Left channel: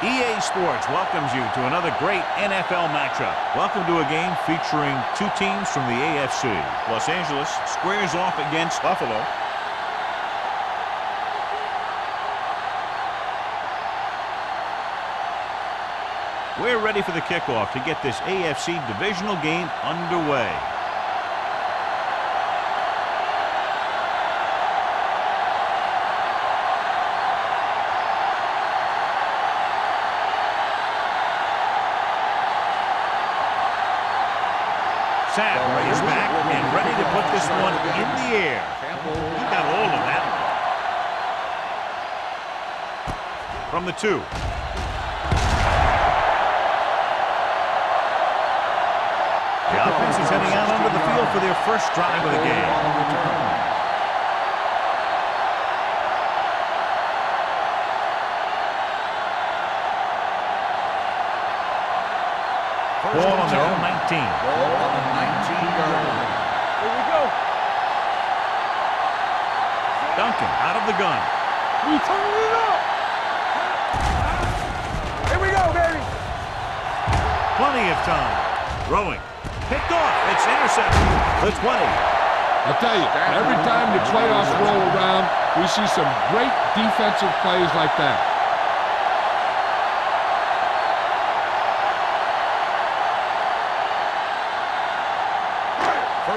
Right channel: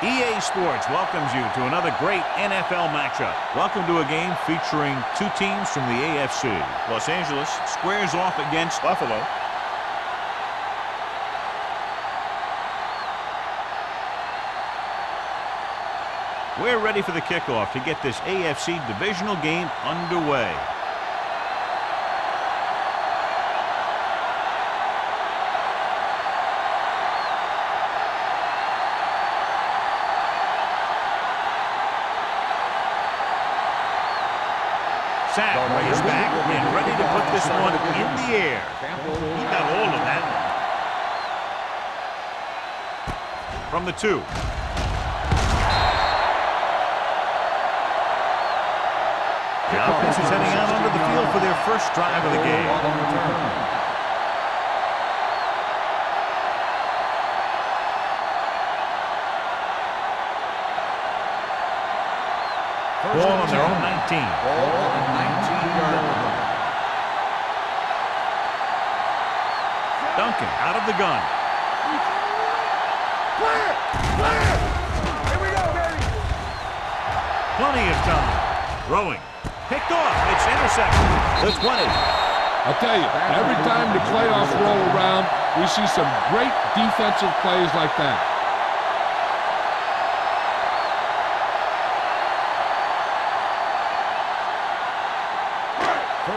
EA Sports welcomes you to another great NFL matchup. Welcome to a game featuring two teams from the AFC. Los Angeles squares off against Buffalo. We're ready for the kickoff to get this AFC divisional game underway. Sam raised back and ready to put this one in the air. He got all of that one. From the 2. The offense is heading out onto the field for their first drive of the game. Ball on their own 19. Ball on the 19-yard line. Here we go. Duncan out of the gun. We turn it up. Play it. Here we go, baby. Plenty of time. Throwing. Picked off. It's intercepted. The 20. I'll tell you, every time the playoffs roll around, we see some great defensive plays like that.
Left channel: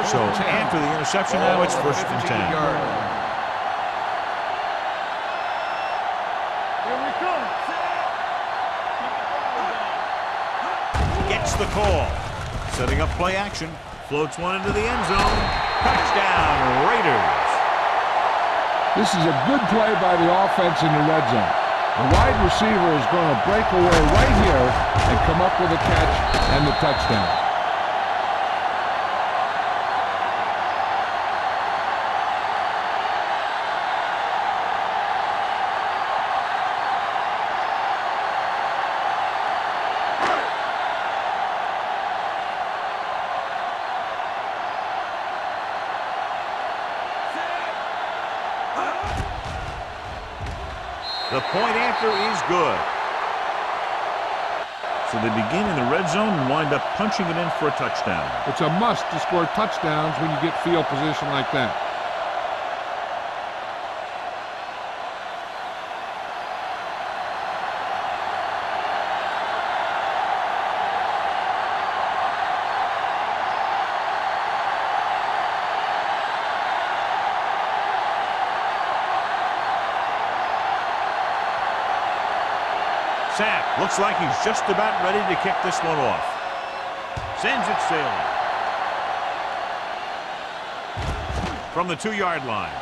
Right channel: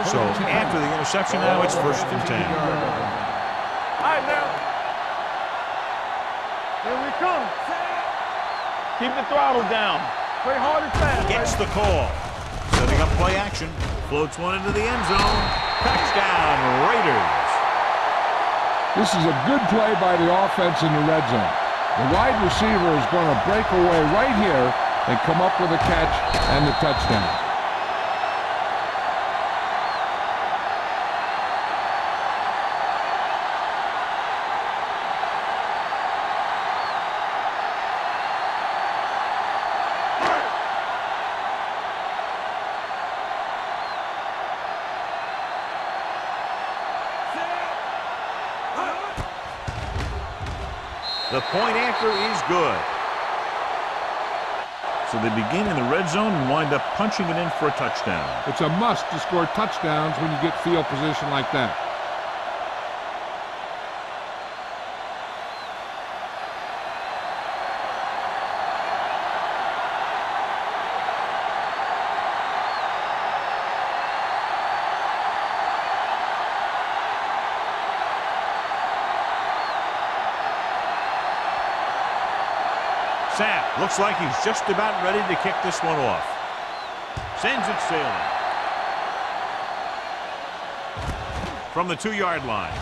So after the interception, now it's 1st and 10. All right, now. Here we come. Keep the throttle down. Play hard and fast. Gets the call. Setting up play action. Floats one into the end zone. Touchdown, Raiders. This is a good play by the offense in the red zone. The wide receiver is going to break away right here and come up with a catch and the touchdown. The point after is good. So they begin in the red zone and wind up punching it in for a touchdown. It's a must to score touchdowns when you get field position like that. Sapp looks like he's just about ready to kick this one off. Sends it sailing. From the 2-yard line.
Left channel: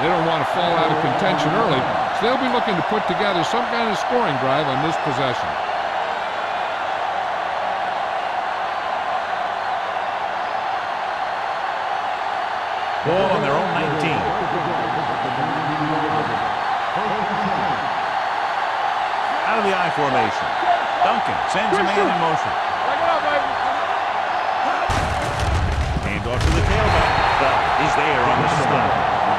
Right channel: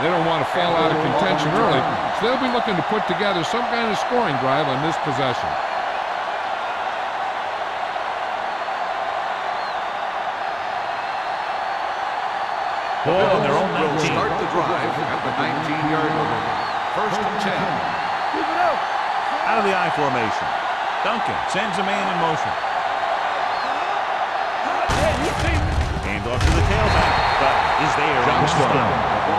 They don't want to fall out of contention early, so they'll be looking to put together some kind of scoring drive on this possession. Ball on their own 19. Start the drive at the 19-yard line. 1st and 10. Out of the I formation. Duncan sends a man in motion. Hand off to the tailback, but is there on the stop.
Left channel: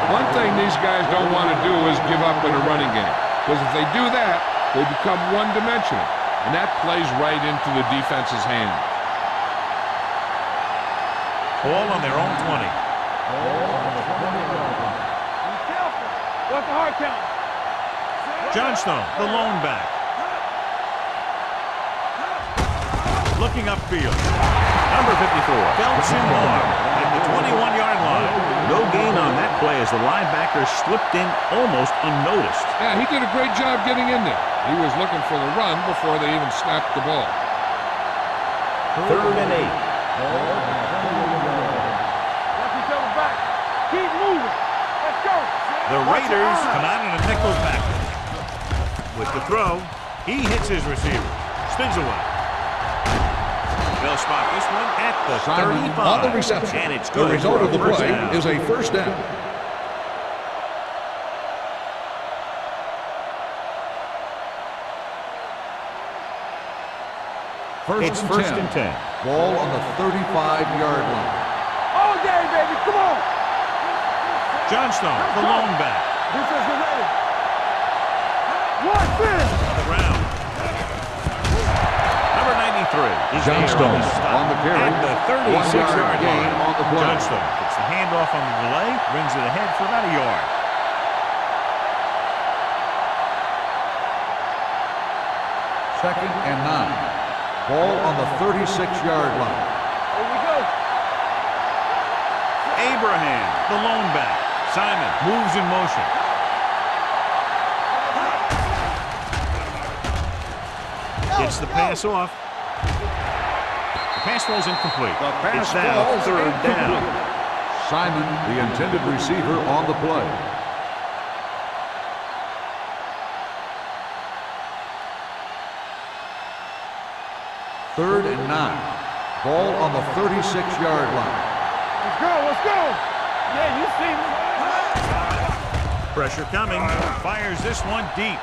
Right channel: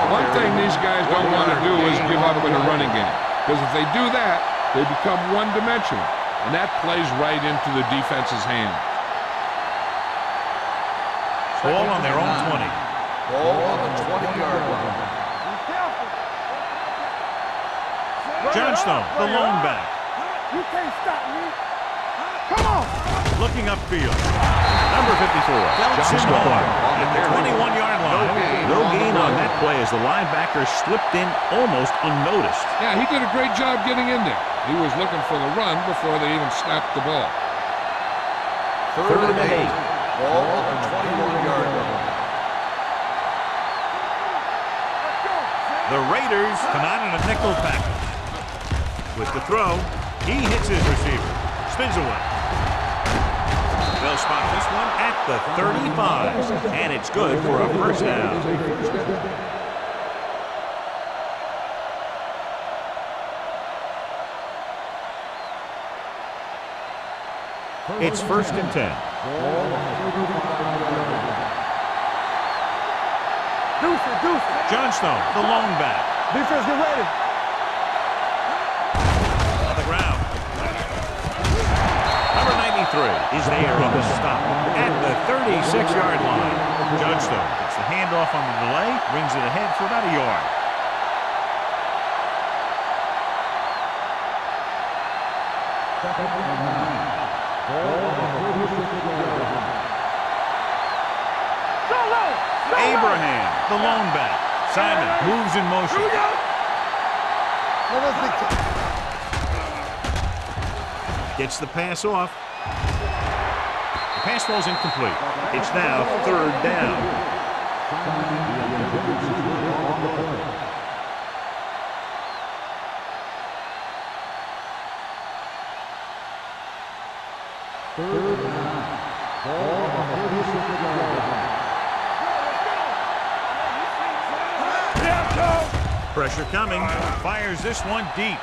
One thing these guys don't want to do is give up in a running game, because if they do that, they become one-dimensional, and that plays right into the defense's hands. Ball on their own 20. Ball on the 20-yard line. Be careful. What's the hard count? Johnstone, the lone back. You can't stop me. Come on. Looking upfield. Number 54 belts him hard at the 21-yard line. No gain on that play as the linebacker slipped in almost unnoticed. Yeah, he did a great job getting in there. He was looking for the run before they even snapped the ball. 3rd and 8. Ball on the 21-yard line. Watch each other back. Keep moving. Let's go. The Raiders come out in a nickel package. With the throw, he hits his receiver. Spins away. They'll spot this one at the 35, and it's good for a first down. Is a first down. It's 1st and 10. Ball on the 35-yard line. All day, baby. Come on. Deuce it, deuce Johnstone, the lone back. Defense, get ready. On the ground. Number 93 is there on the stop at the 36-yard line. Johnstone gets the handoff on the delay, brings it ahead for about a yard. Second and 9. Ball on the 36-yard line. Abraham, the lone back. Simon moves in motion. Gets the pass off. The pass falls incomplete. It's now third down. Simon, the intended receiver, on the play. Third and 9. Ball on the 36-yard line. Let's go. Pressure coming. Fires this one deep.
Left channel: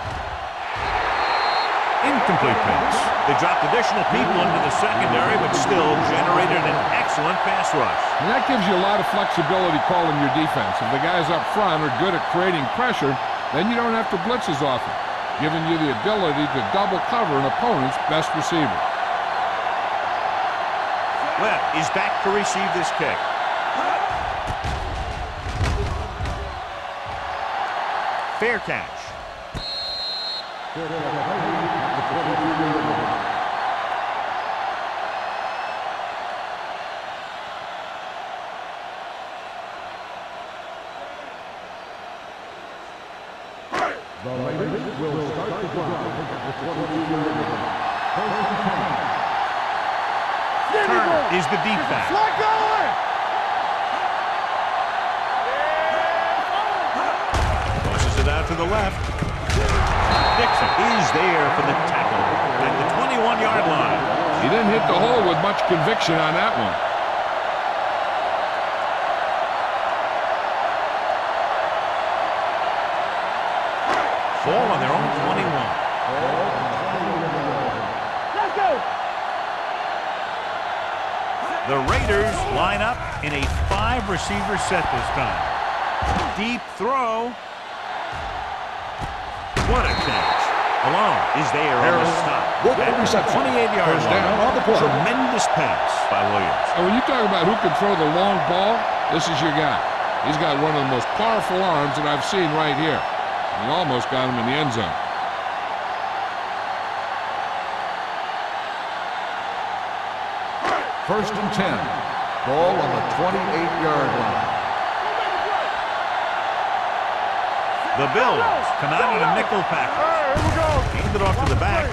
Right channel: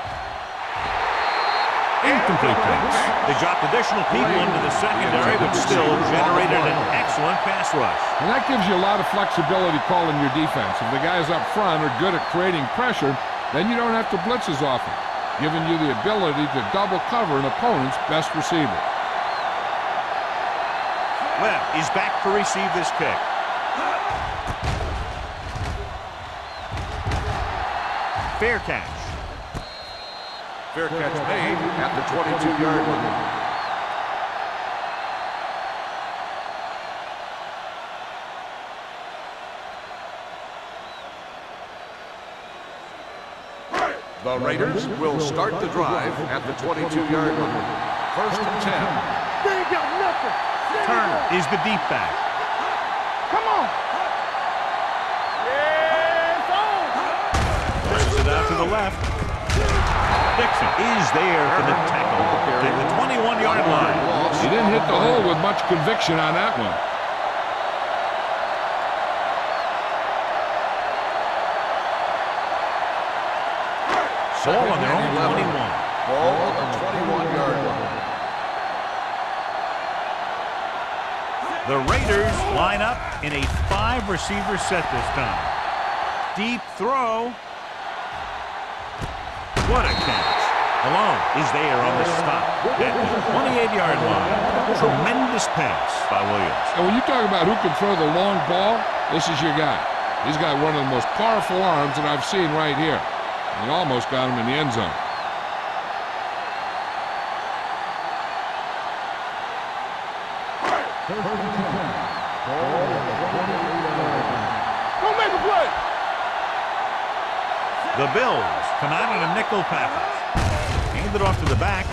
Incomplete pass. They dropped additional people into the secondary, but still generated an excellent pass rush. And that gives you a lot of flexibility calling your defense. If the guys up front are good at creating pressure, then you don't have to blitz as often, giving you the ability to double cover an opponent's best receiver. Webb is back to receive this kick. Fair catch. Fair catch made at the 22-yard line. The Raiders will start the drive at the 22-yard line. First and 10. Turner is the deep back. Pushes it out to the left. Dixon is there for the tackle at the 21-yard line. He didn't hit the hole with much conviction on that one. Ball on their own 21. Ball on the 21-yard line. The Raiders line up in a 5-receiver set this time. Deep throw. What a catch. Malone is there on the stop at the 28-yard line. Tremendous pass by Williams. And when you talk about who can throw the long ball, this is your guy. He's got one of the most powerful arms that I've seen right here. And he almost got him in the end zone. First and 10. Ball on the 28-yard line. Don't make a play. The Bills come out in a nickel package. Hand it off to the back.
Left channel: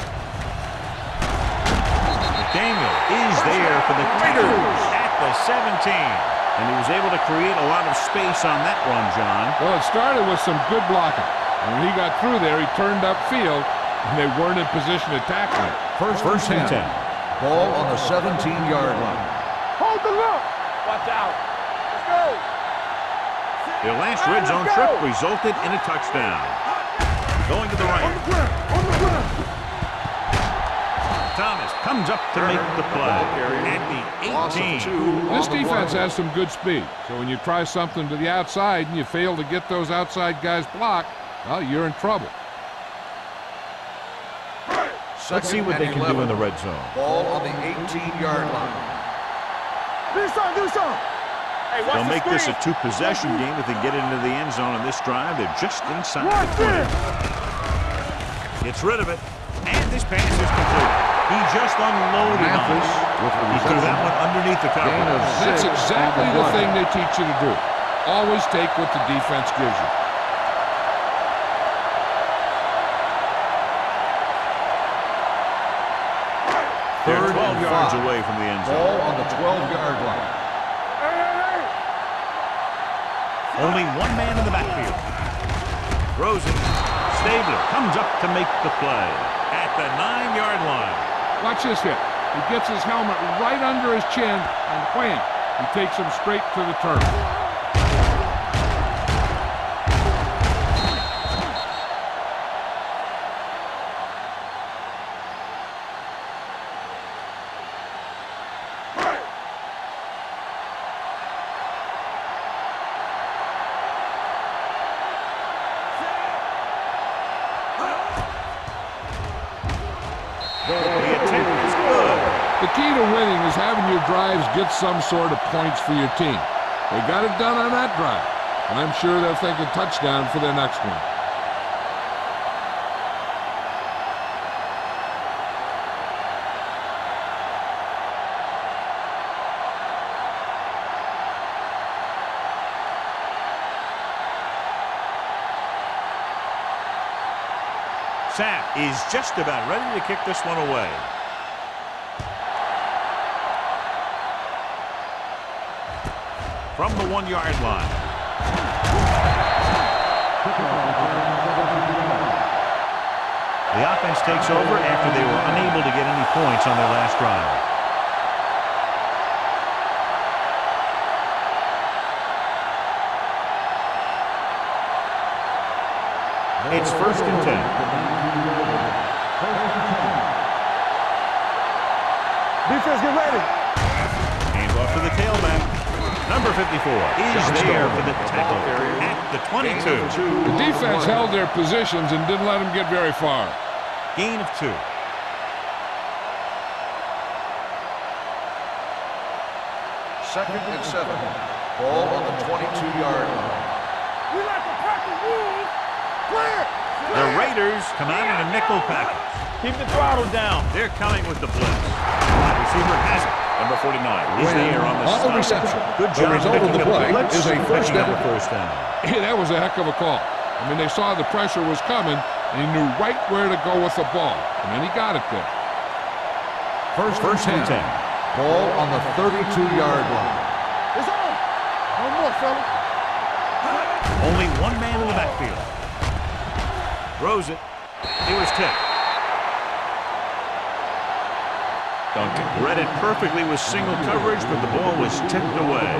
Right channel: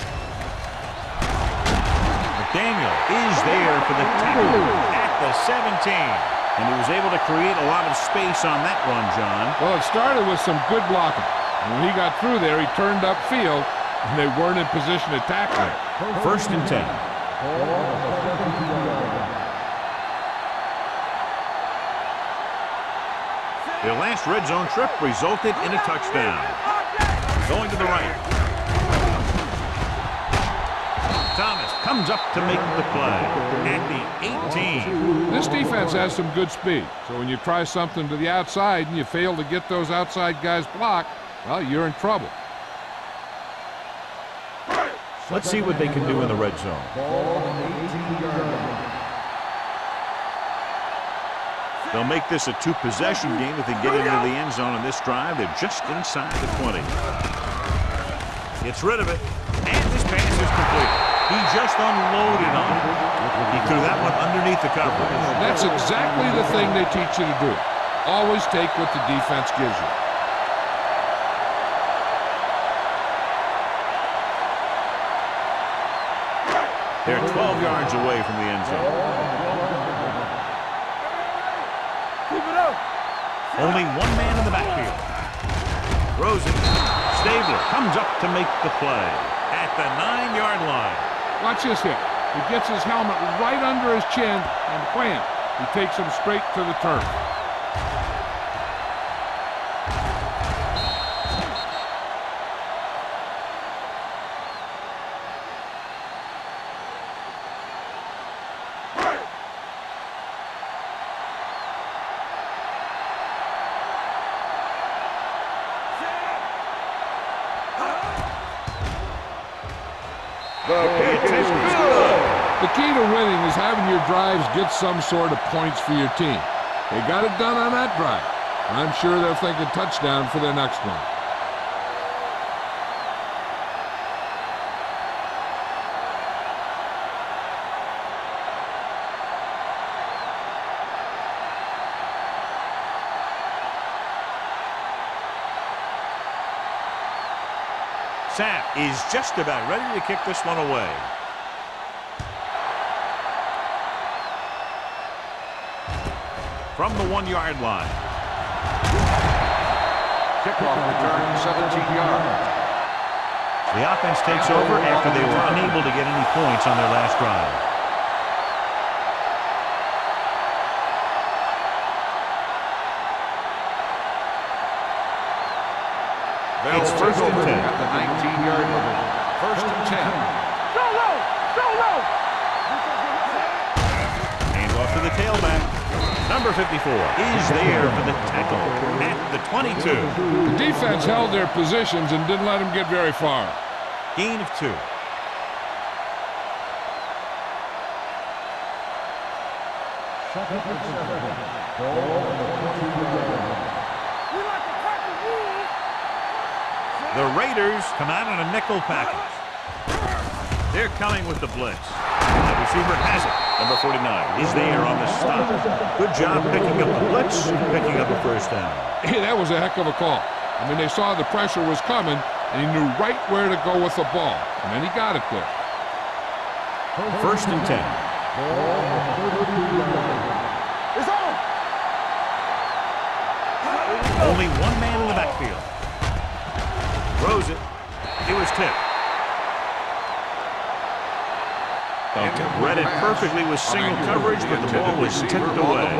McDaniel is there for the tackle at the 17. And he was able to create a lot of space on that run, John. Well, it started with some good blocking. And when he got through there, he turned upfield, and they weren't in position to tackle him. First and 10. Ball on the 17-yard line. Hold the look. Watch out. Their last red zone trip resulted in a touchdown. Going to the right. Thomas comes up to make the play at the 18. This defense has some good speed. So when you try something to the outside and you fail to get those outside guys blocked, well, you're in trouble. Let's see what they can do in the red zone. Ball on the 18-yard line. They'll make this a 2-possession game if they get into the end zone on this drive. They're just inside the 20. Gets rid of it, and this pass is complete. He just unloaded on it. He threw that one underneath the coverage. That's exactly the thing they teach you to do. Always take what the defense gives you. They're 12 yards away from the end zone. Ball on the 12-yard line. Only one man in the backfield. Throws it. Stabler comes up to make the play at the 9-yard line. Watch this hit. He gets his helmet right under his chin, and wham, he takes him straight to the turf. The attempt is good. The key to winning is having your drives get some sort of points for your team. They got it done on that drive. I'm sure they're thinking touchdown for their next one. Sapp is just about ready to kick this one away. From the 1-yard line. Kickoff return, 17 yards. The offense takes over after they were unable to get any points on their last drive. It's 1st and 10. The 19-yard line. 1st and 10. Defense, get ready. Hands off to the tailback. Number 54 is there for the tackle at the 22. The defense held their positions and didn't let them get very far. Gain of 2. Second and 7. Ball on the 22-yard line. We like to pack the rules. Clear. The Raiders come out in a nickel package. Keep the throttle down. They're coming with the blitz. Wide receiver has it. Number 49 is there on the stop. Good job picking up the blitz, picking up a first down. Hey, that was a heck of a call. I mean, they saw the pressure was coming, and he knew right where to go with the ball. And then he got it there. First and 10. Ball on the 32-yard line. It's on. One more, fella. Only one man in the backfield. Throws it. It was tipped. Duncan read it perfectly with single coverage, but the ball was tipped away.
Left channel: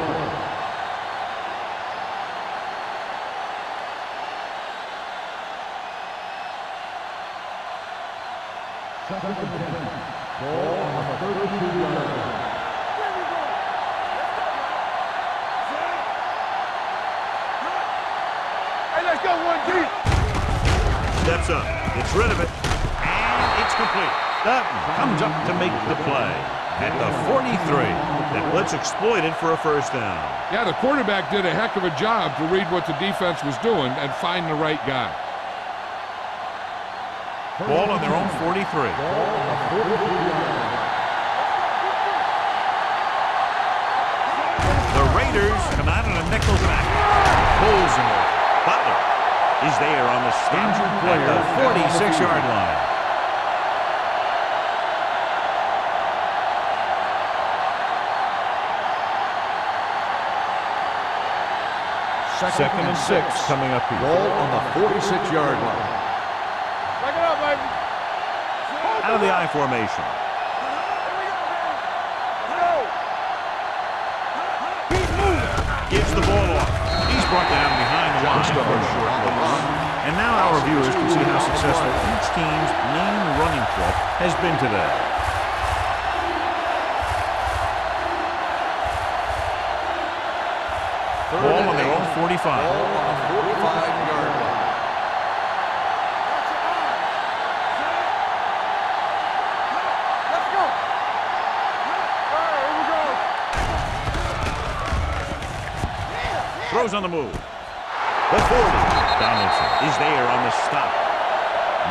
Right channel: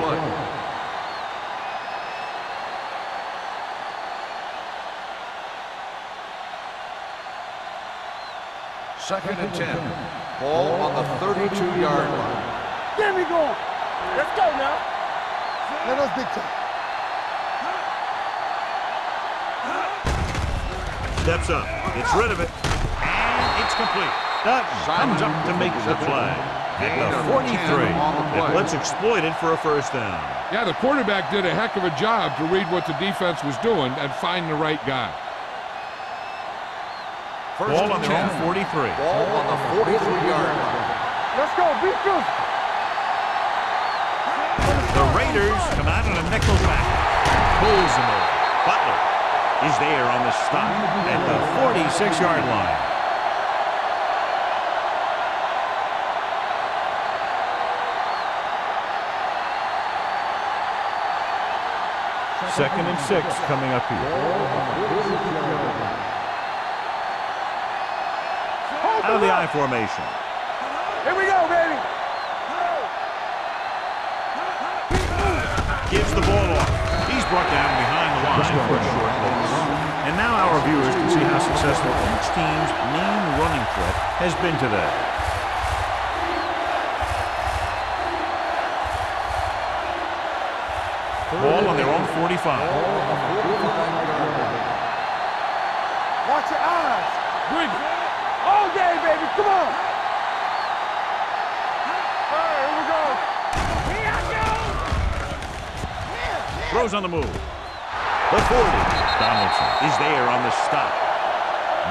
Second and 10. Ball on the 32-yard line. Get me going. Let's go now. Let us be quick. Hey, let's go one deep. Steps up, gets rid of it, and it's complete. Dutton comes up to make the play at the 43. That blitz exploited for a first down. Yeah, the quarterback did a heck of a job to read what the defense was doing and find the right guy. Ball on their own 43. Ball on the 43-yard line. Let's go. Be good. The Raiders come out in a nickel package. Pulls him over. Butler is there on the stop at the 46-yard line. Second and 6 coming up here. Ball on the 46-yard line. Back it up, baby. Out of the I formation. Here we go, baby. Go. Keep moving. Gives the ball off. He's brought down behind the line for a short loss. And now our viewers can see how successful each team's main running threat has been today. Ball on their own 45. Ball on the 45-yard line. Watch your eyes. Good, man. All day, baby. Come on. Let's go. All right, here we go. Throws on the move. The 40. Donaldson is there on the stop.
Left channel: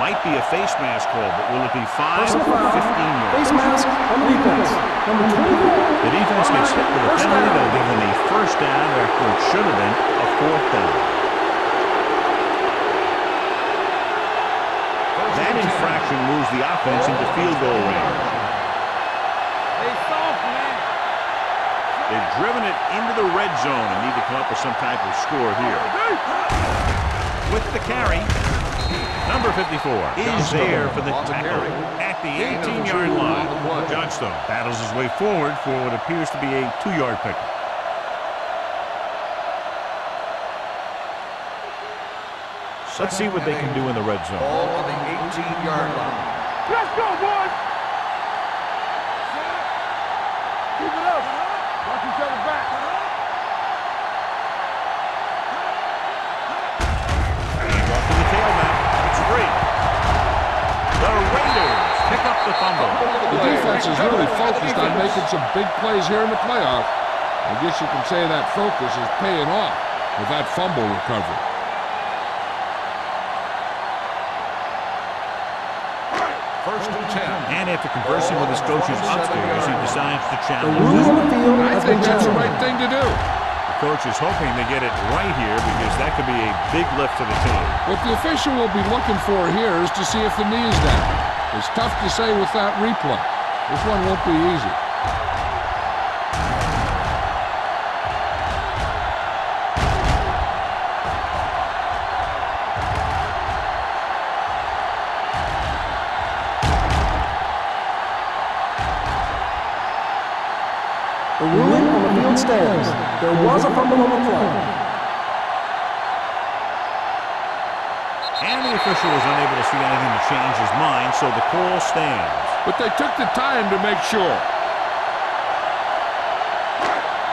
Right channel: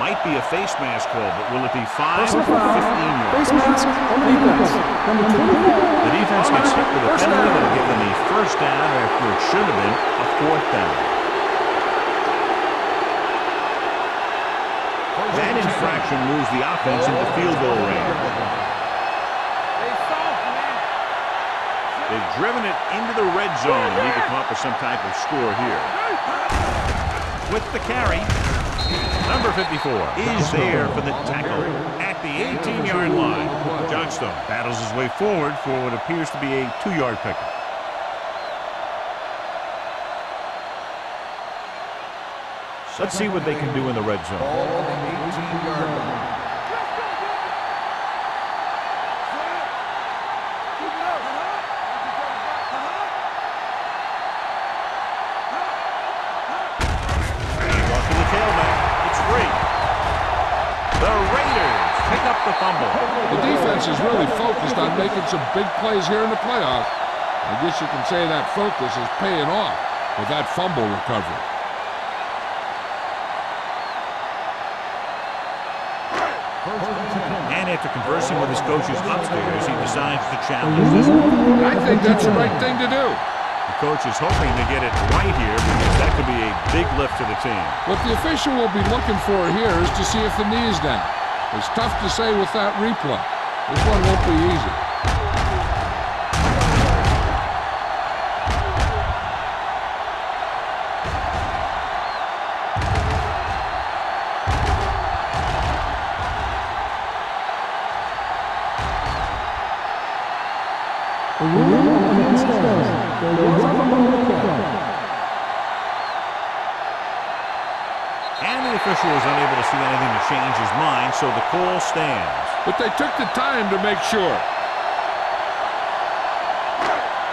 Might be a face mask call, but will it be 5 or 15 yards? Face mask on the defense. Number 24. The defense gets hit with a penalty that'll give them a first down after it should have been a fourth down. That infraction moves the offense into field goal range. They soft, man. They've driven it into the red zone and need to come up with some type of score here. With the carry, number 54 is there for the tackle at the 18-yard line. Johnstone battles his way forward for what appears to be a 2-yard pickup. Let's see what they can do in the red zone. Ball on the 18-yard line. Let's go, boys. Keep it up. Watch each other back. Hands off to the tailback. It's free. The Raiders pick up the fumble. The defense is really focused on making some big plays here in the playoffs. I guess you can say that focus is paying off with that fumble recovery. First and 10. And after conversing with his coaches upstairs, he decides to challenge Ruling this on one. the field And I has think been that's the challenged. right thing to do. The coach is hoping to get it right here because that could be a big lift to the team. What the official will be looking for here is to see if the knee is down. It's tough to say with that replay. This one won't be easy. The ruling on the field stands. There was a fumble on the play. And the official was unable to see anything to change his mind, so the call stands. But they took the time to make sure.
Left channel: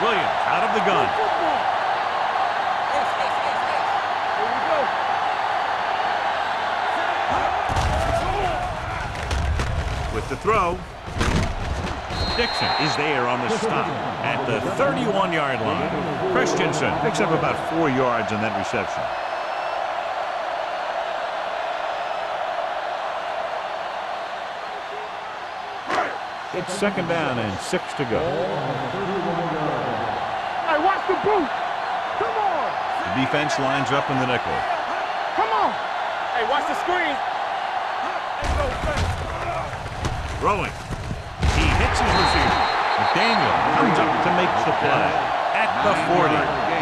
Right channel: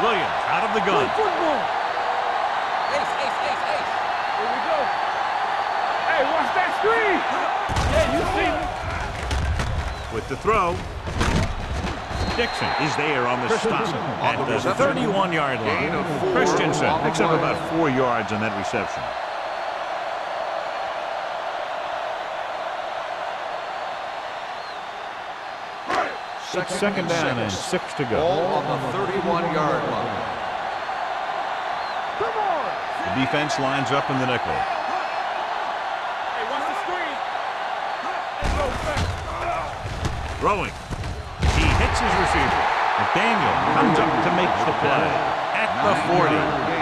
Williams out of the gun. Football. Ace, ace, ace, ace. Here we go. Hey, watch that screen. With the throw. Dixon is there on the stop at the 31-yard line. Christensen picks up about 4 yards on that reception. It's second down and 6 to go. On the 31-yard line. Hey, watch the boot. Come on. The defense lines up in the nickel. Come on. Hey, watch the screen. Hey, go fast. Throwing. He hits his receiver. McDaniel comes up to make the play at the 40.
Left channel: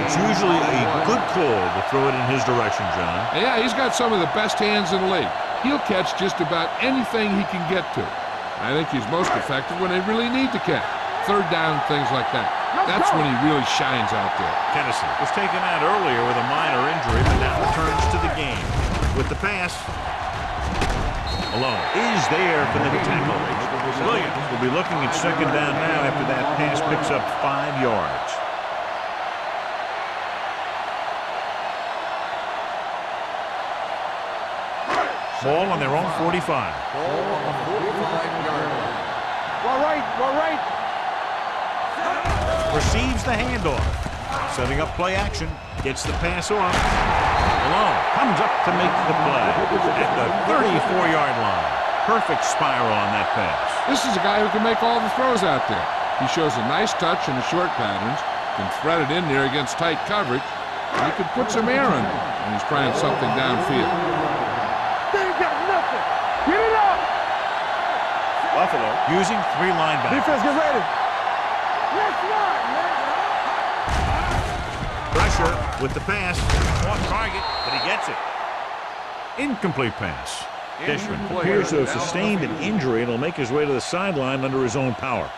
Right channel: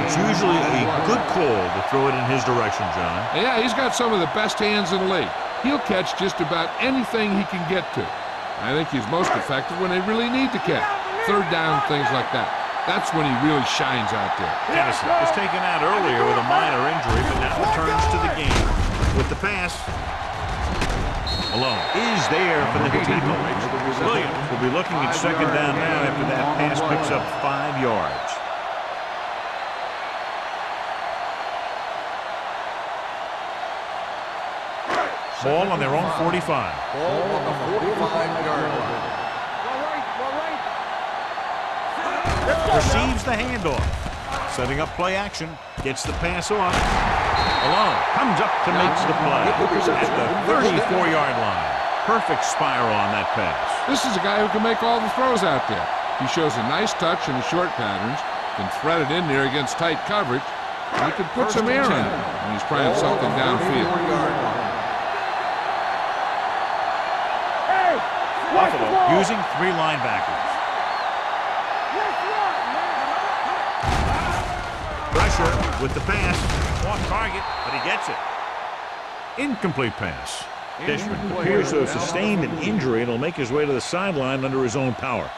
It's usually a good call to throw it in his direction, John. And yeah, he's got some of the best hands in the league. He'll catch just about anything he can get to. I think he's most effective when they really need to catch. Third down, things like that. That's when he really shines out there. Tennyson was taken out earlier with a minor injury, but now returns to the game. With the pass, Malone is there for the tackle. Williams will be looking at second down now after that pass picks up 5 yards. Ball on their own 45. Ball on the 45-yard line. Well, right. Receives the handoff. Setting up play action. Gets the pass off. Malone comes up to make the play at the 34-yard line. Perfect spiral on that pass. This is a guy who can make all the throws out there. He shows a nice touch in the short patterns, can thread it in there against tight coverage, and he can put some air in it when he's trying something downfield. Buffalo using 3 linebackers. Get ready. Let's run, man. Pressure with the pass. Off target, but he gets it. Incomplete pass. Dishman appears to have sustained an injury and will make his way to the sideline under his own power.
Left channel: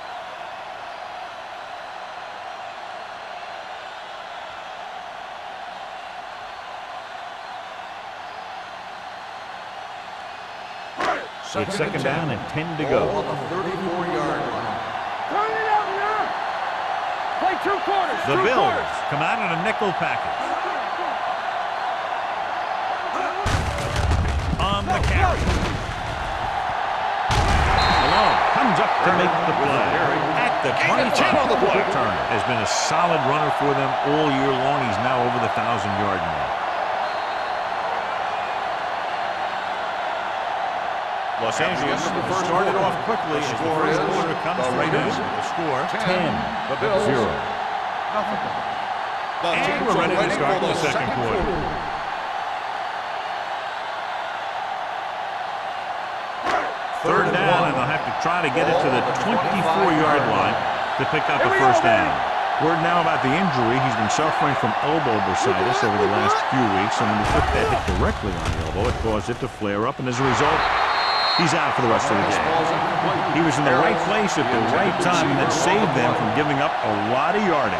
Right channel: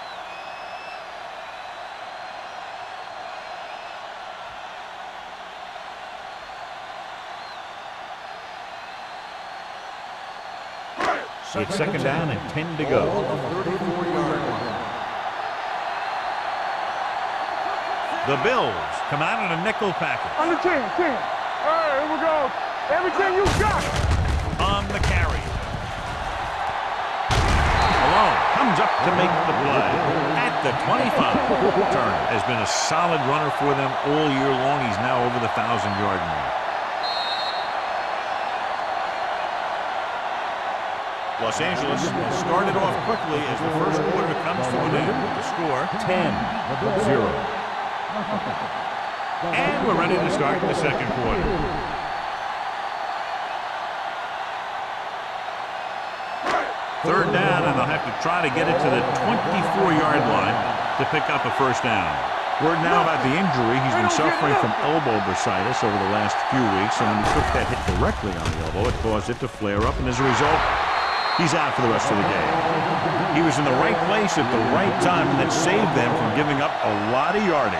It's second down and 10 to go. Ball on the 34-yard line. Turn it up now. Play 2 quarters. The Bills come out in a nickel package. On the 10. All right, here we go. Everything you got. On the carry. Malone comes up to make the play at the 25. Turner has been a solid runner for them all year long. He's now over the 1,000-yard mark. Los Angeles has started off quickly as the first quarter comes to an end with the score 10-0. And we're ready to start the second quarter. Third down, and they'll have to try to get it to the 24-yard line to pick up a first down. Word now about the injury. He's been suffering from elbow bursitis over the last few weeks, and when he took that hit directly on the elbow, it caused it to flare up, and as a result, he's out for the rest of the game. He was in the right place at the right time, and that saved them from giving up a lot of yardage.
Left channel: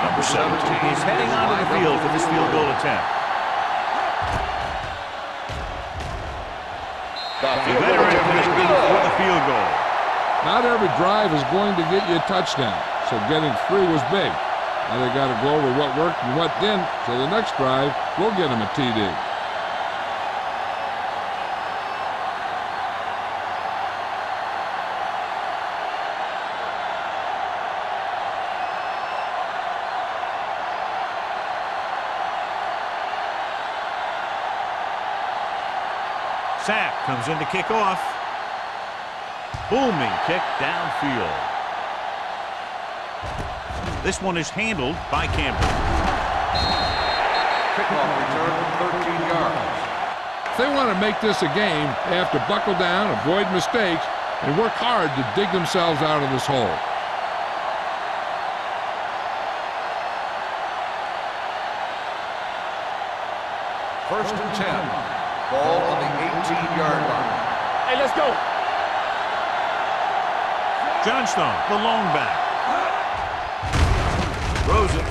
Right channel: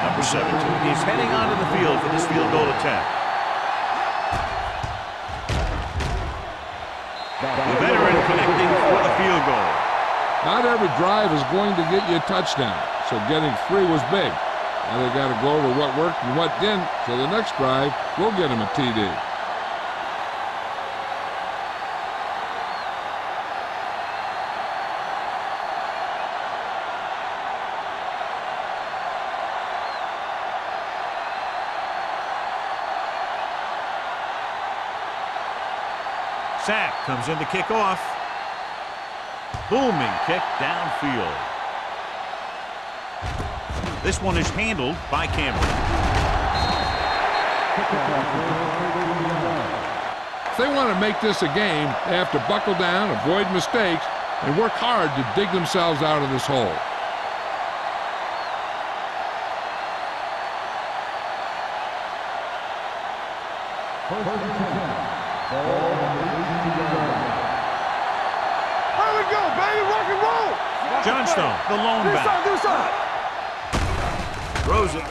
Number 17 is heading onto the field for this field goal attempt. The veteran connecting for the field goal. Not every drive is going to get you a touchdown, so getting 3 was big. Now they got to go over what worked and what didn't, so the next drive will get him a TD. Sack comes in to kick off. Booming kick downfield. This one is handled by Campbell. Kickoff return 13 yards. If they want to make this a game, they have to buckle down, avoid mistakes, and work hard to dig themselves out of this hole. First and 10. Ball on the 18-yard line. Hey, let's go. Here we go, baby. Rock and roll. Johnstone, the lone back. Throws it.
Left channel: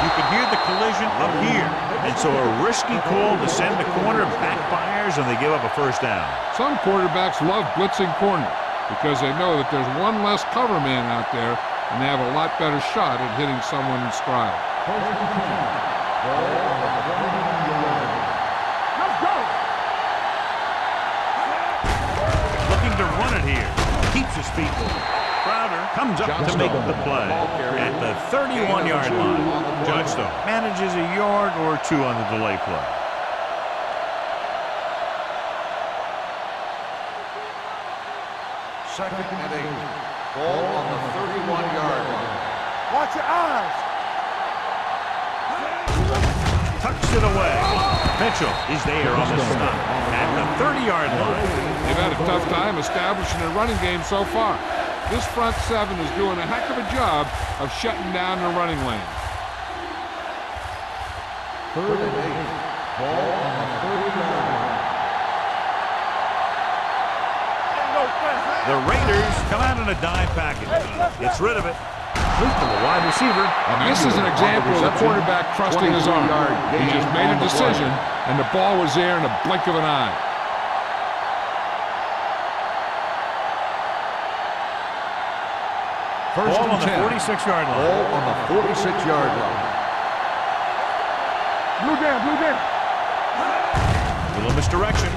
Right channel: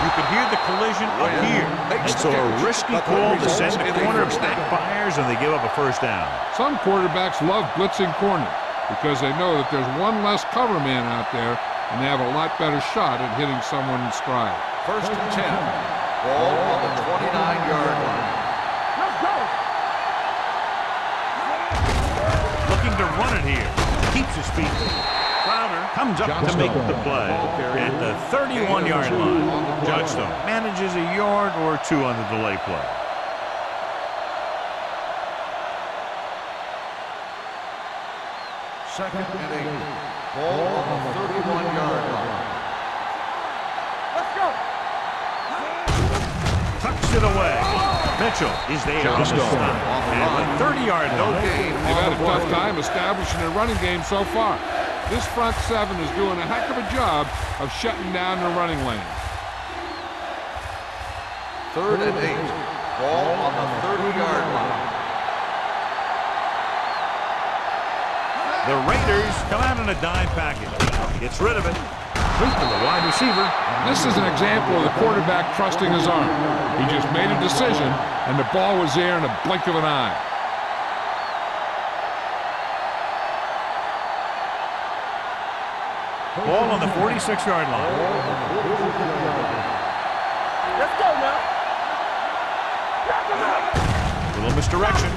You could hear the collision up here. And so a risky call to send the corner backfires, and they give up a first down. Some quarterbacks love blitzing corners because they know that there's one less cover man out there, and they have a lot better shot at hitting someone in stride. First and 10. Ball on the 29-yard line. Let's go. Looking to run it here. Keeps his feet moving. Crowder comes up to make the play at the 31-yard line. Johnstone manages a yard or 2 on the delay play. Second and 8. Ball on the 31-yard line. Watch your eyes. Let's go. Tucks it away. Mitchell is there on the stop at the 30-yard line. They've had a tough time establishing a running game so far. This front 7 is doing a heck of a job of shutting down the running lane. Third and 8. Ball on the 30-yard line. The Raiders come out in a dime package. Gets rid of it. Loop to the wide receiver. This is an example of the quarterback trusting his arm. He just made a decision, and the ball was there in a blink of an eye. Ball on the 46-yard line. Ball on the 46-yard line. Blue game. Little misdirection.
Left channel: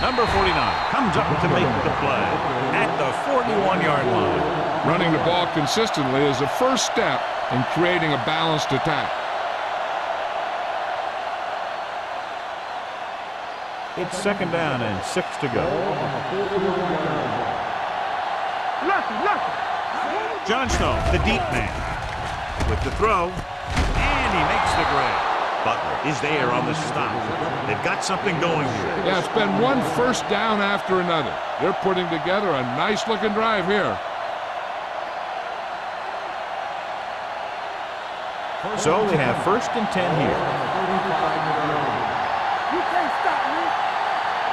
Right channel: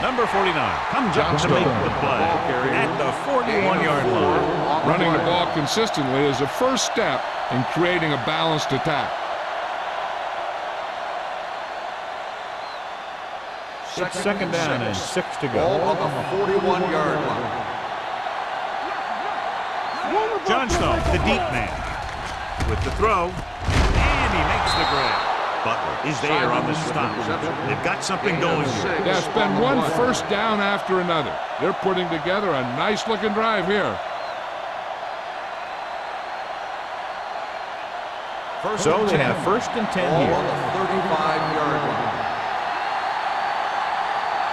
Number 49 comes up to make the play at the 41-yard line. Running the ball consistently is the first step in creating a balanced attack. It's second down and 6 to Ball go. on the 41-yard line. Johnstone, the deep man, with the throw, and he makes the grab. Butler is there on the stop. They've got something going here. Yeah, it's been one first down after another. They're putting together a nice-looking drive here. So they have first and 10 Ball here. on the 35-yard line. You can't stop me.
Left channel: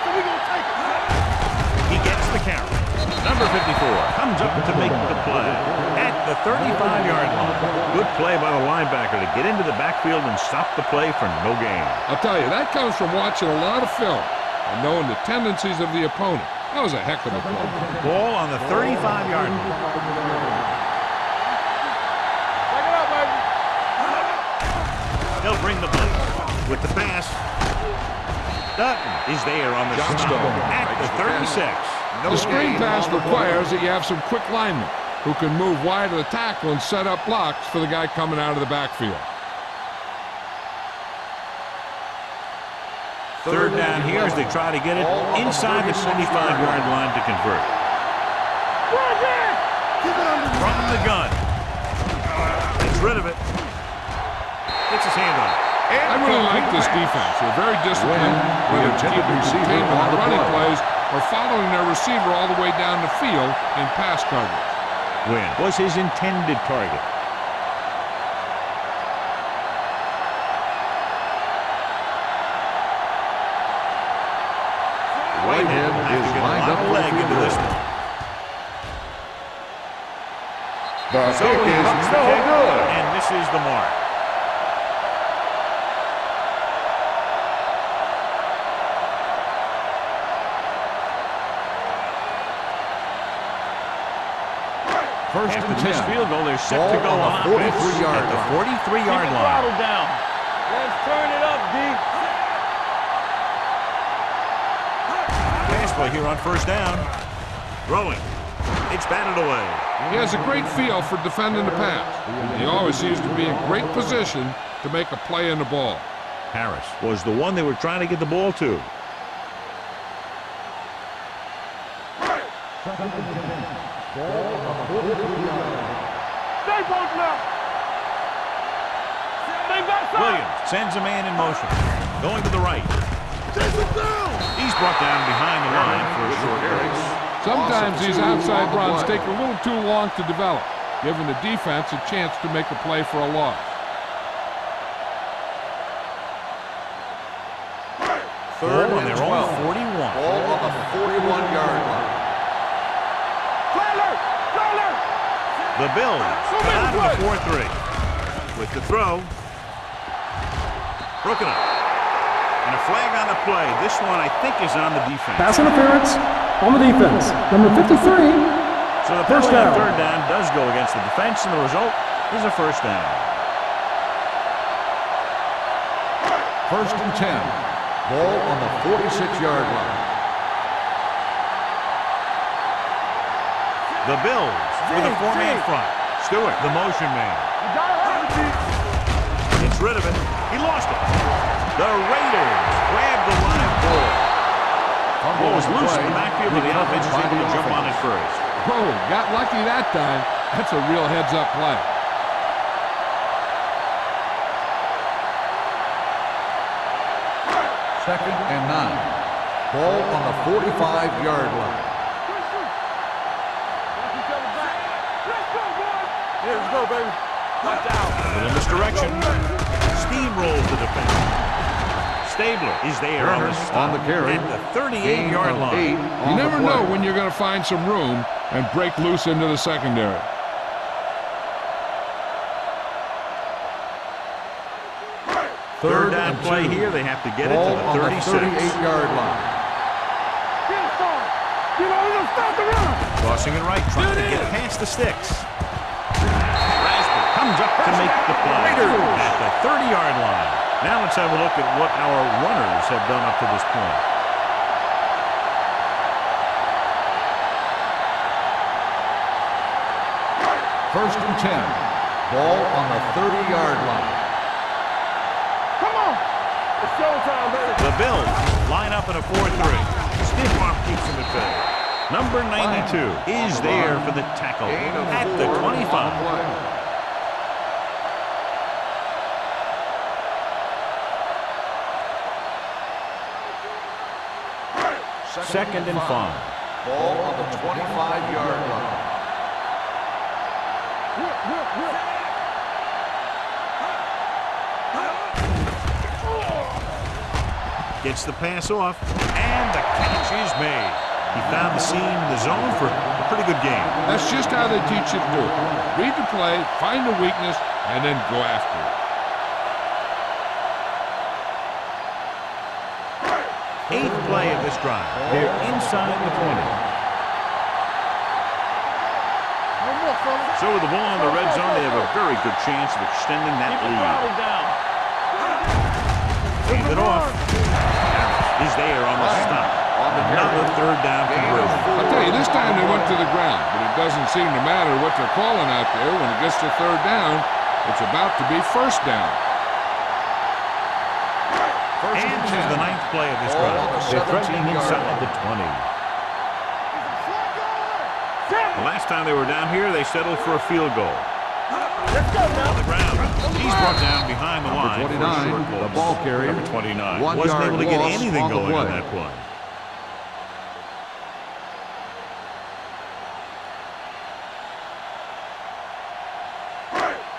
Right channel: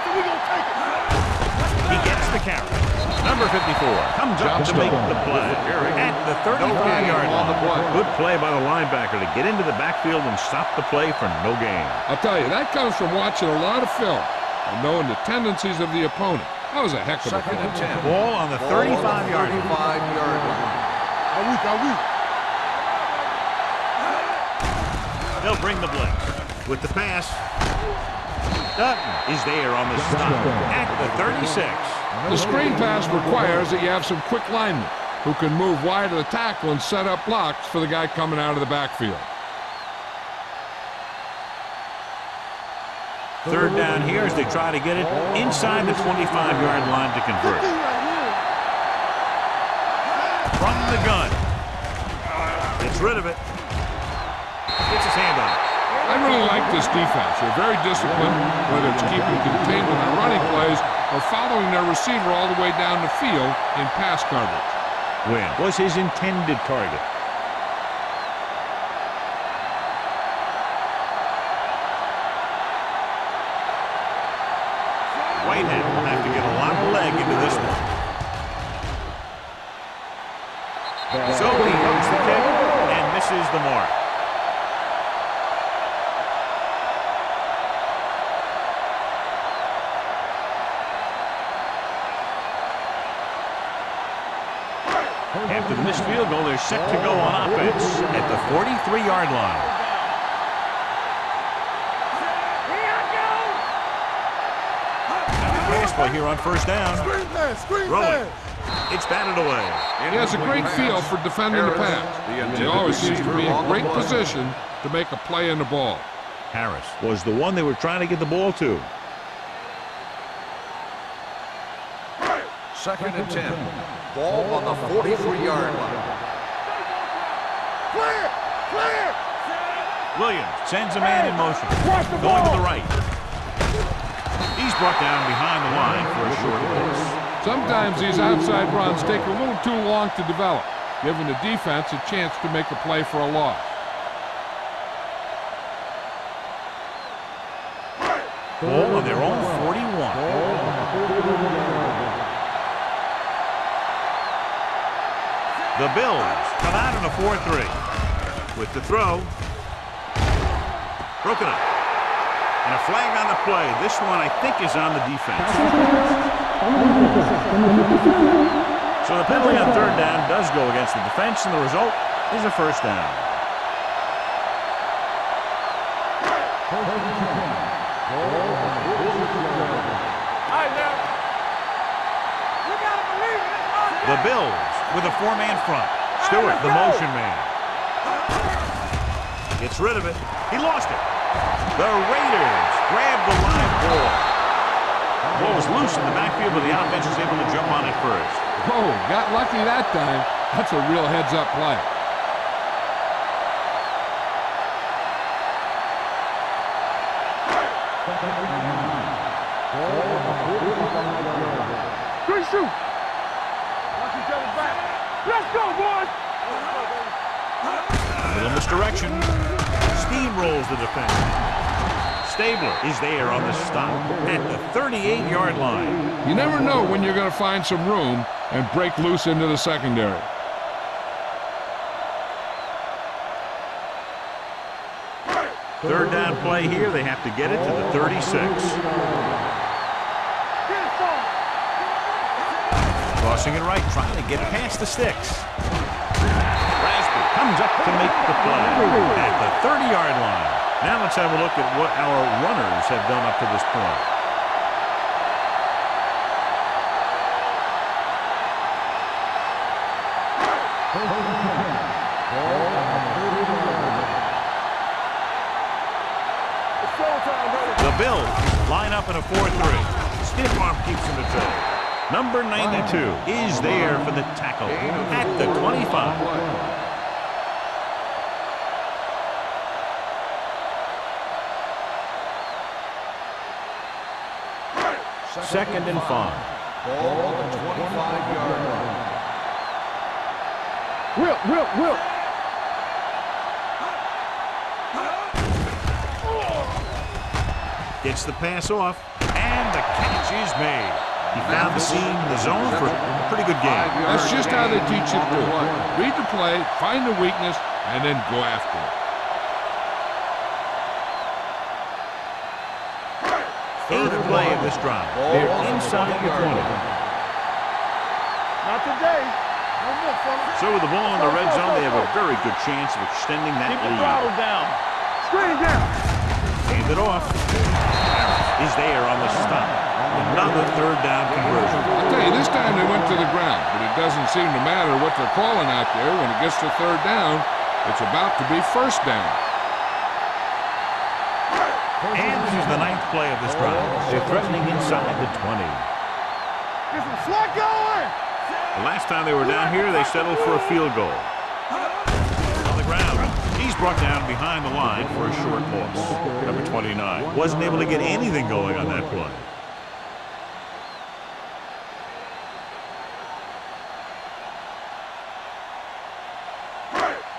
So we gonna take it. He gets the carry. Number 54 comes up to make the play at the 35-yard line. Good play by the linebacker to get into the backfield and stop the play for no gain. I'll tell you, that comes from watching a lot of film and knowing the tendencies of the opponent. That was a heck of a play. Ball on the 35-yard line. 35-yard line. Back it up, baby. They'll bring the blitz with the pass. Dutton is there on the stop at the 36. The screen pass requires that you have some quick linemen who can move wide of the tackle and set up blocks for the guy coming out of the backfield. Third down here as they try to get it inside the 25-yard line to convert. From the gun. Gets rid of it. Gets his hand on it. I really like this defense. They're very disciplined, whether it's keeping containment on running plays or following their receiver all the way down the field in pass coverage. Win was his intended target. Whitehead will have to get a lot of leg into this one. So he hooks the kick and misses the mark. First After and the missed 10. field goal, they're set to go Ball on on the offense 43-yard at the line. 43-yard line. Down. Let's turn it up, D. Pass play here on first down. Rolling. It's batted away. He has a great feel for defending the pass. He always seems to be in great position to make a play in the ball. Harris was the one they were trying to get the ball to. Second and 10. Ball on the 43-yard line. Stay both left. Clear. Clear. Williams sends a man in motion. Going to the right. He's brought down behind the line for a short loss. Sometimes these outside runs take a little too long to develop, giving the defense a chance to make a play for a loss. Ball on their own 41. Ball on the 41-yard line. The Bills come out in a 4-3. With the throw. Broken up. And a flag on the play. This one, I think, is on the defense. Pass interference on the defense. Number 53. So the penalty on third down does go against the defense, and the result is a first down. First and 10. Ball on the 46-yard line. The Bills with a four-man front. Stewart, the motion man. Gets rid of it. He lost it. The Raiders grab the live ball. The ball was loose in the backfield, but the offense is able to jump on it first. Whoa, got lucky that time. That's a real heads-up play. Second and 9. Ball on the 45-yard line. Good shoot. Watch each other back. Let's go, boys. Yeah, let's go, baby. A little misdirection. Steamrolls the defense. Stabler is there on the stop at the 38-yard line. You never know when you're going to find some room and break loose into the secondary. Third down play here. They have to get it to the 36. 38-yard line. Get it started. Get over, stop it up. Crossing it right, trying to get past the sticks. Rasby comes up to make the play at the 30-yard line. Now let's have a look at what our runners have done up to this point. First and 10. Ball on the 30-yard line. Come on. It's showtime, baby. The Bills line up in a 4-3. Stiff arm keeps them at bay. Number 92 is there for the tackle at the 25. Second and 5. Ball on the 25-yard line. Will. Gets the pass off, and the catch is made. He found the seam in the zone for a pretty good game. That's just how they teach you to do it. Read the play, find the weakness, and then go after it. Eighth play of this drive. They're inside the 20. Not today. No more, fellas. So with the ball in the red zone, they have a very good chance of extending that Keep the lead. throttle down. Screen down. Hand it off. Harris is there on the stop. Another third down conversion. I'll tell you, this time they went to the ground, but it doesn't seem to matter what they're calling out there. When it gets to third down, it's about to be first down. And this is the ninth play of this drive. They're threatening inside the 20. Get some slack going. The last time they were down here, they settled for a field goal. On the ground, he's brought down behind the line for a short loss. Number 29 wasn't able to get anything going on that play.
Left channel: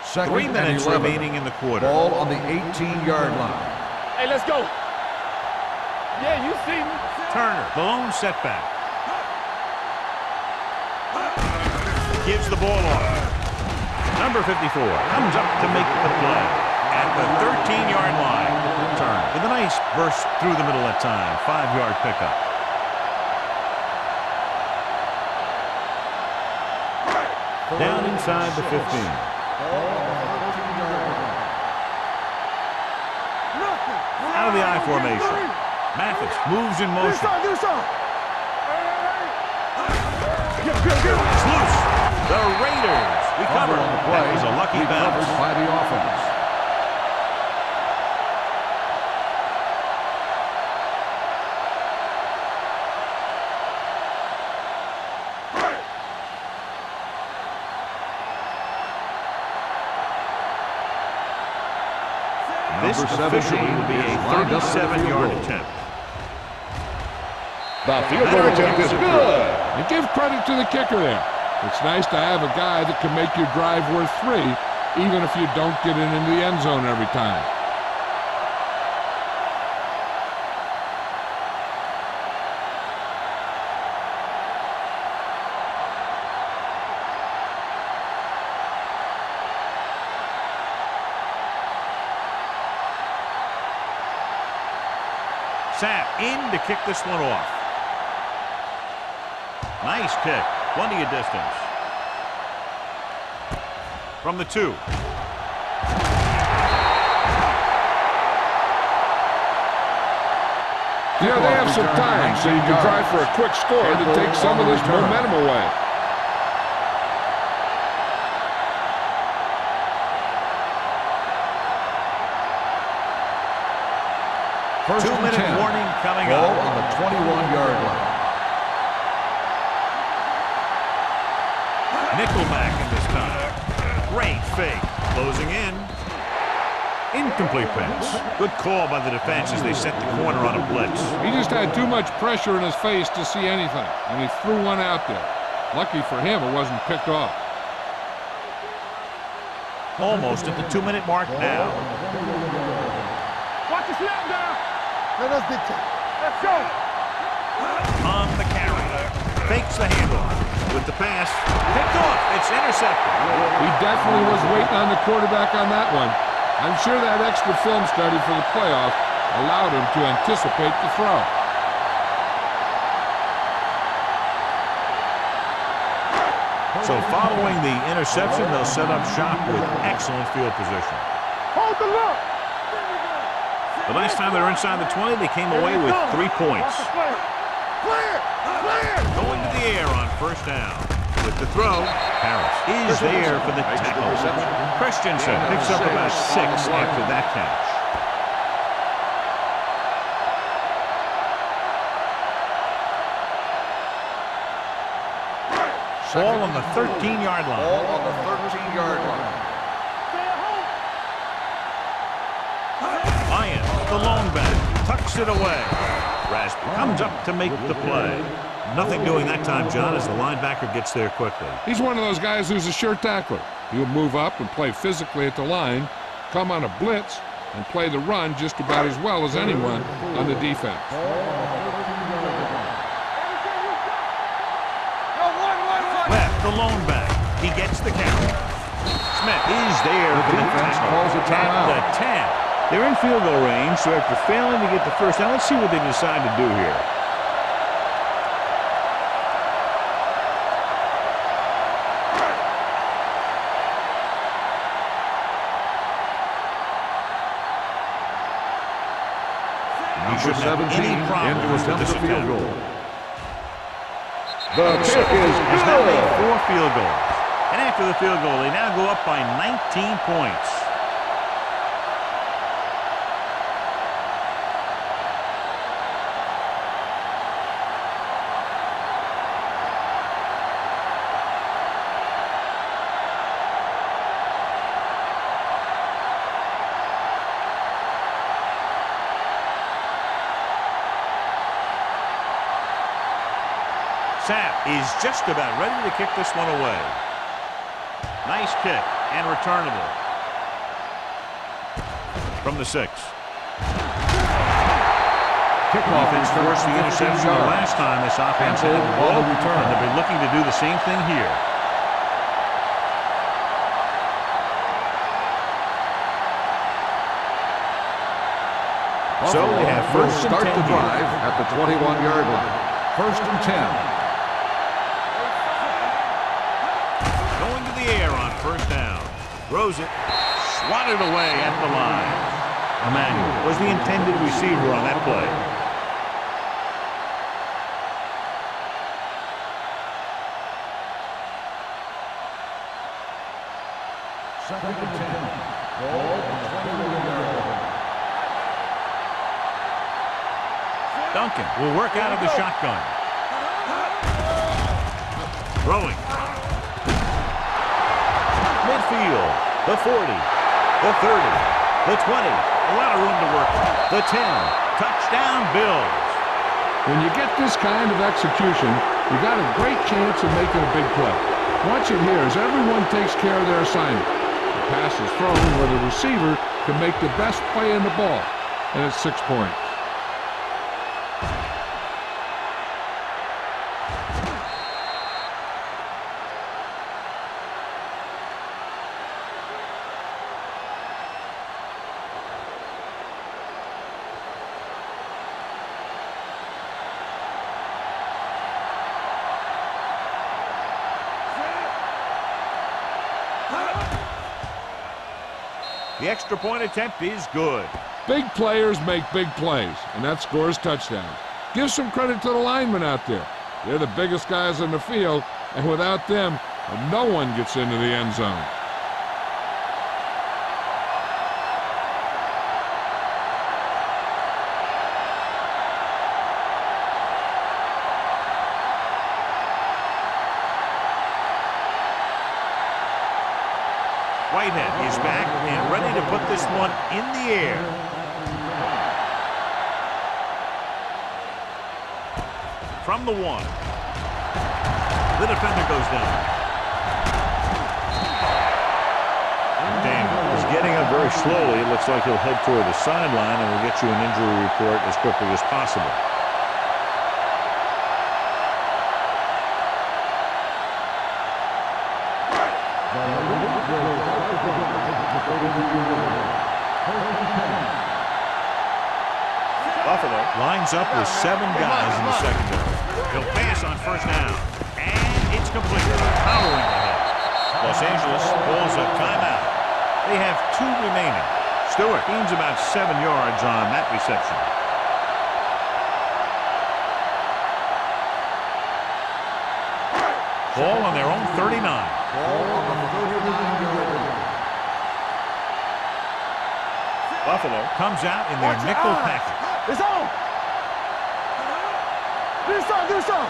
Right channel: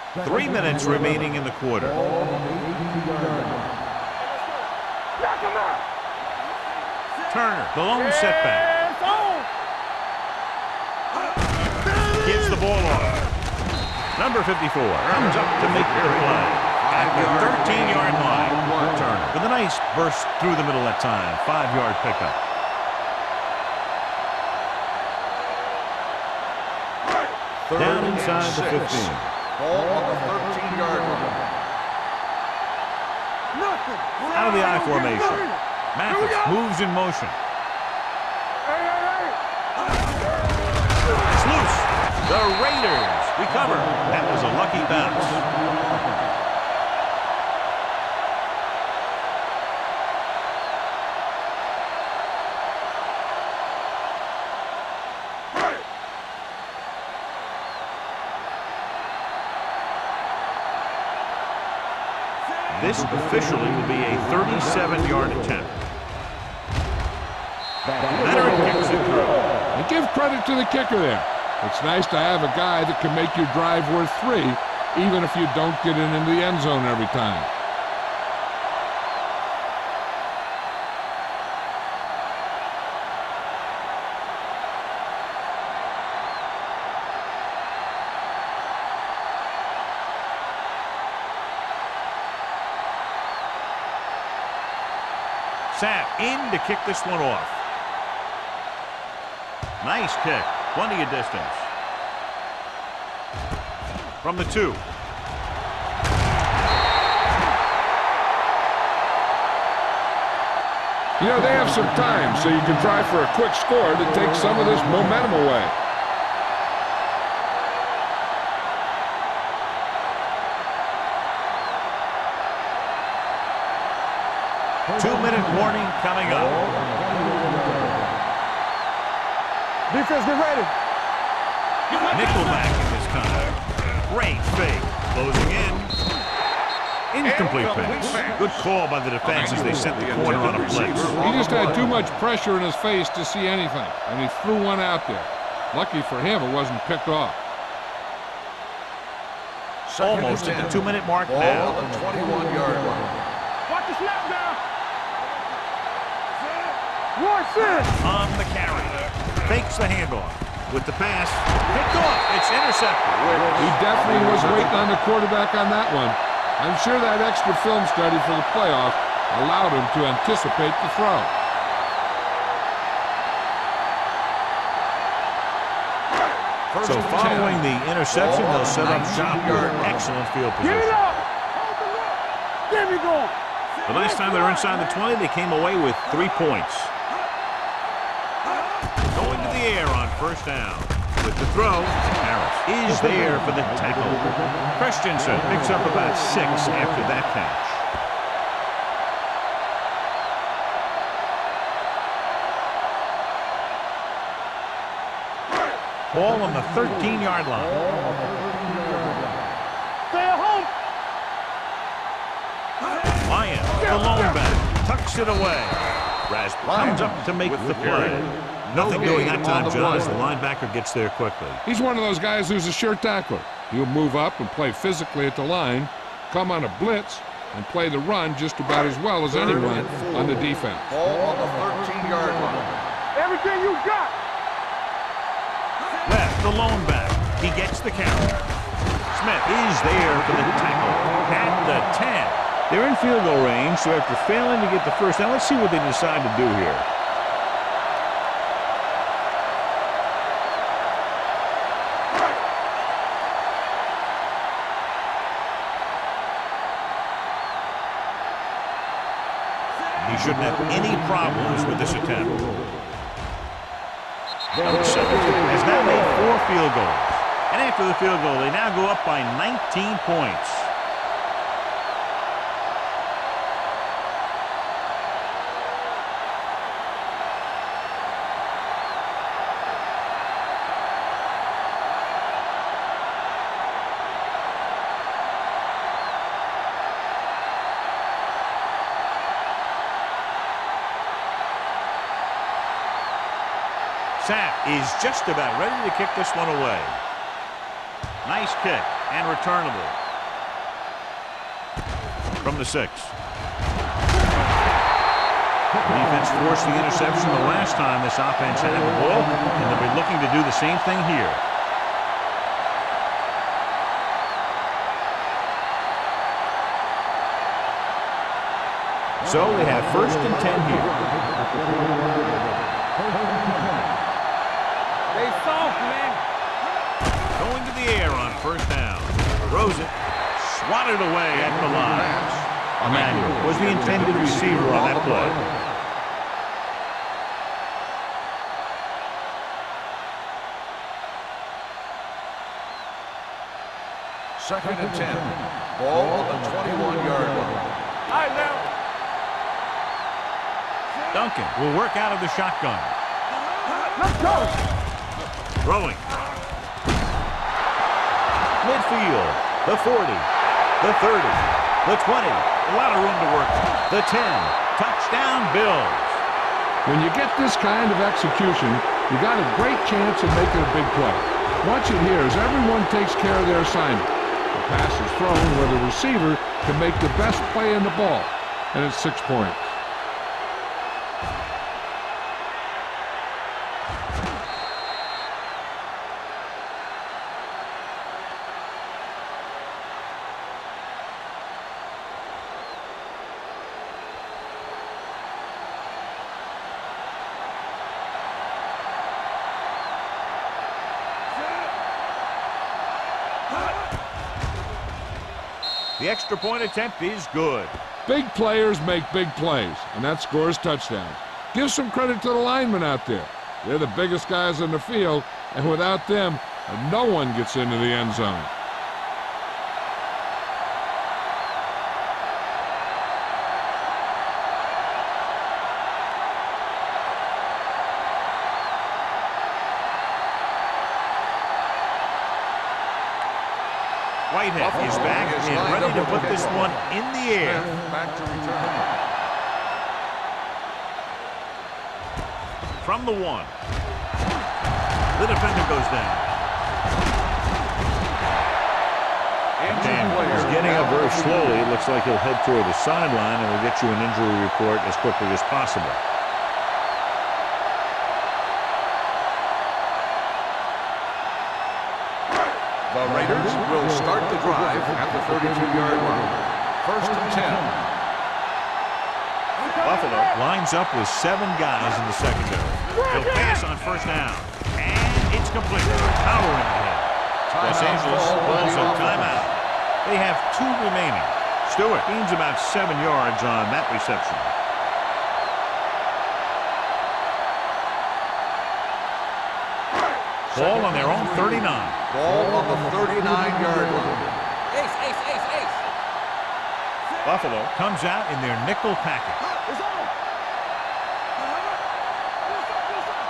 Second 3 minutes and 11. remaining in the quarter. Ball on the 18-yard line. Hey, let's go. Yeah, you see me. Turner, the lone setback. Gives the ball off. Number 54 comes up to make the play at the 13-yard line. Turner with a nice burst through the middle that time. 5-yard pickup. Down inside the 15. Ball on the 13-yard line. Nothing. Out of the I formation. Mathis moves in motion. It's loose. The Raiders recover. That was a lucky bounce. By the offense. This officially will be a 37-yard attempt. Veteran kicks it through. And give credit to the kicker there. It's nice to have a guy that can make your drive worth 3, even if you don't get it into the end zone every time. Sapp in to kick this one off. Nice kick. Plenty of distance. From the 2. Yeah, they have some time, so you can try for a quick score to take some of this momentum away. Two-minute warning coming Ball up. on the 21-yard line. Defense, get ready. Nickelback in this time. Great fake. Closing in. Incomplete pass. Good call by the defense as they sent the corner on a blitz. He just had too much pressure in his face to see anything, and he threw one out there. Lucky for him, it wasn't picked off. Almost at the 2-minute mark Ball now. on the 21-yard line. Watch the snap down. Let us get you. Let's go. Rush in. On the carry. Fakes the handoff. With the pass. Picked off. It's intercepted. He definitely was waiting on the quarterback on that one. I'm sure that extra film study for the playoff allowed him to anticipate the throw. So following the interception, they'll set up shop with excellent field position. Hold the look. Give me ball. The last time they were inside the 20, they came away with 3 points. Going to the air on first down. With the throw, Harris is there for the tackle. Christensen picks up about 6 after that catch. Ball on the 13-yard line. Ball on the 13-yard line. Stay at home. Lyons, the lone back, tucks it away. Rasby comes up to make the play. Nothing doing that time, John, as the linebacker gets there quickly. He's one of those guys who's a sure tackler. He'll move up and play physically at the line, come on a blitz, and play the run just about as well as anyone on the defense. Ball on the 13-yard line. Everything you got. Webb, the lone back, he gets the count. Smith is there for the tackle. At the 10. They're in field goal range, so after failing to get the first down, let's see what they decide to do here. He shouldn't have any problems with this attempt. Has now made 4 field goals. And after the field goal, they now go up by 19 points. Sapp is just about ready to kick this one away. Nice kick and returnable. From the 6. The defense forced the interception the last time this offense had the ball, and they'll be looking to do the same thing here. So they have first and 10 here. At the 21-yard line. First and 10. They soft, man. going to the air on first down. Throws it. Swatted away at the line. Emmanuel was the intended receiver on that play. Second and 10. Ball on the 21-yard line. All right, now. Duncan will work out of the shotgun. Throwing. Midfield. The 40. The 30. The 20. A lot of room to work with. The 10. Touchdown, Bills. When you get this kind of execution, you got a great chance of making a big play. Watch it here as everyone takes care of their assignment. The pass is thrown where the receiver can make the best play in the ball, and it's 6 points. The extra point attempt is good. Big players make big plays, and that scores touchdowns. Give some credit to the linemen out there. They're the biggest guys in the field, and without them, no one gets into the end zone. Whitehead is back and ready to put this one in the air. From the 1. The defender goes down. Daniel is getting up very slowly. It looks like he'll head toward the sideline, and we'll get you an injury report as quickly as possible. The Raiders will start the drive at the 42-yard line. First and 10. Buffalo lines up with 7 guys in the secondary. He'll pass on first down. And it's complete. Powering ahead. Los Angeles pulls a timeout. They have 2 remaining. Stewart gains about 7 yards on that reception. Ball on their own 39. Ball on the 39-yard line. Buffalo comes out in their nickel package. It's on. Get us on.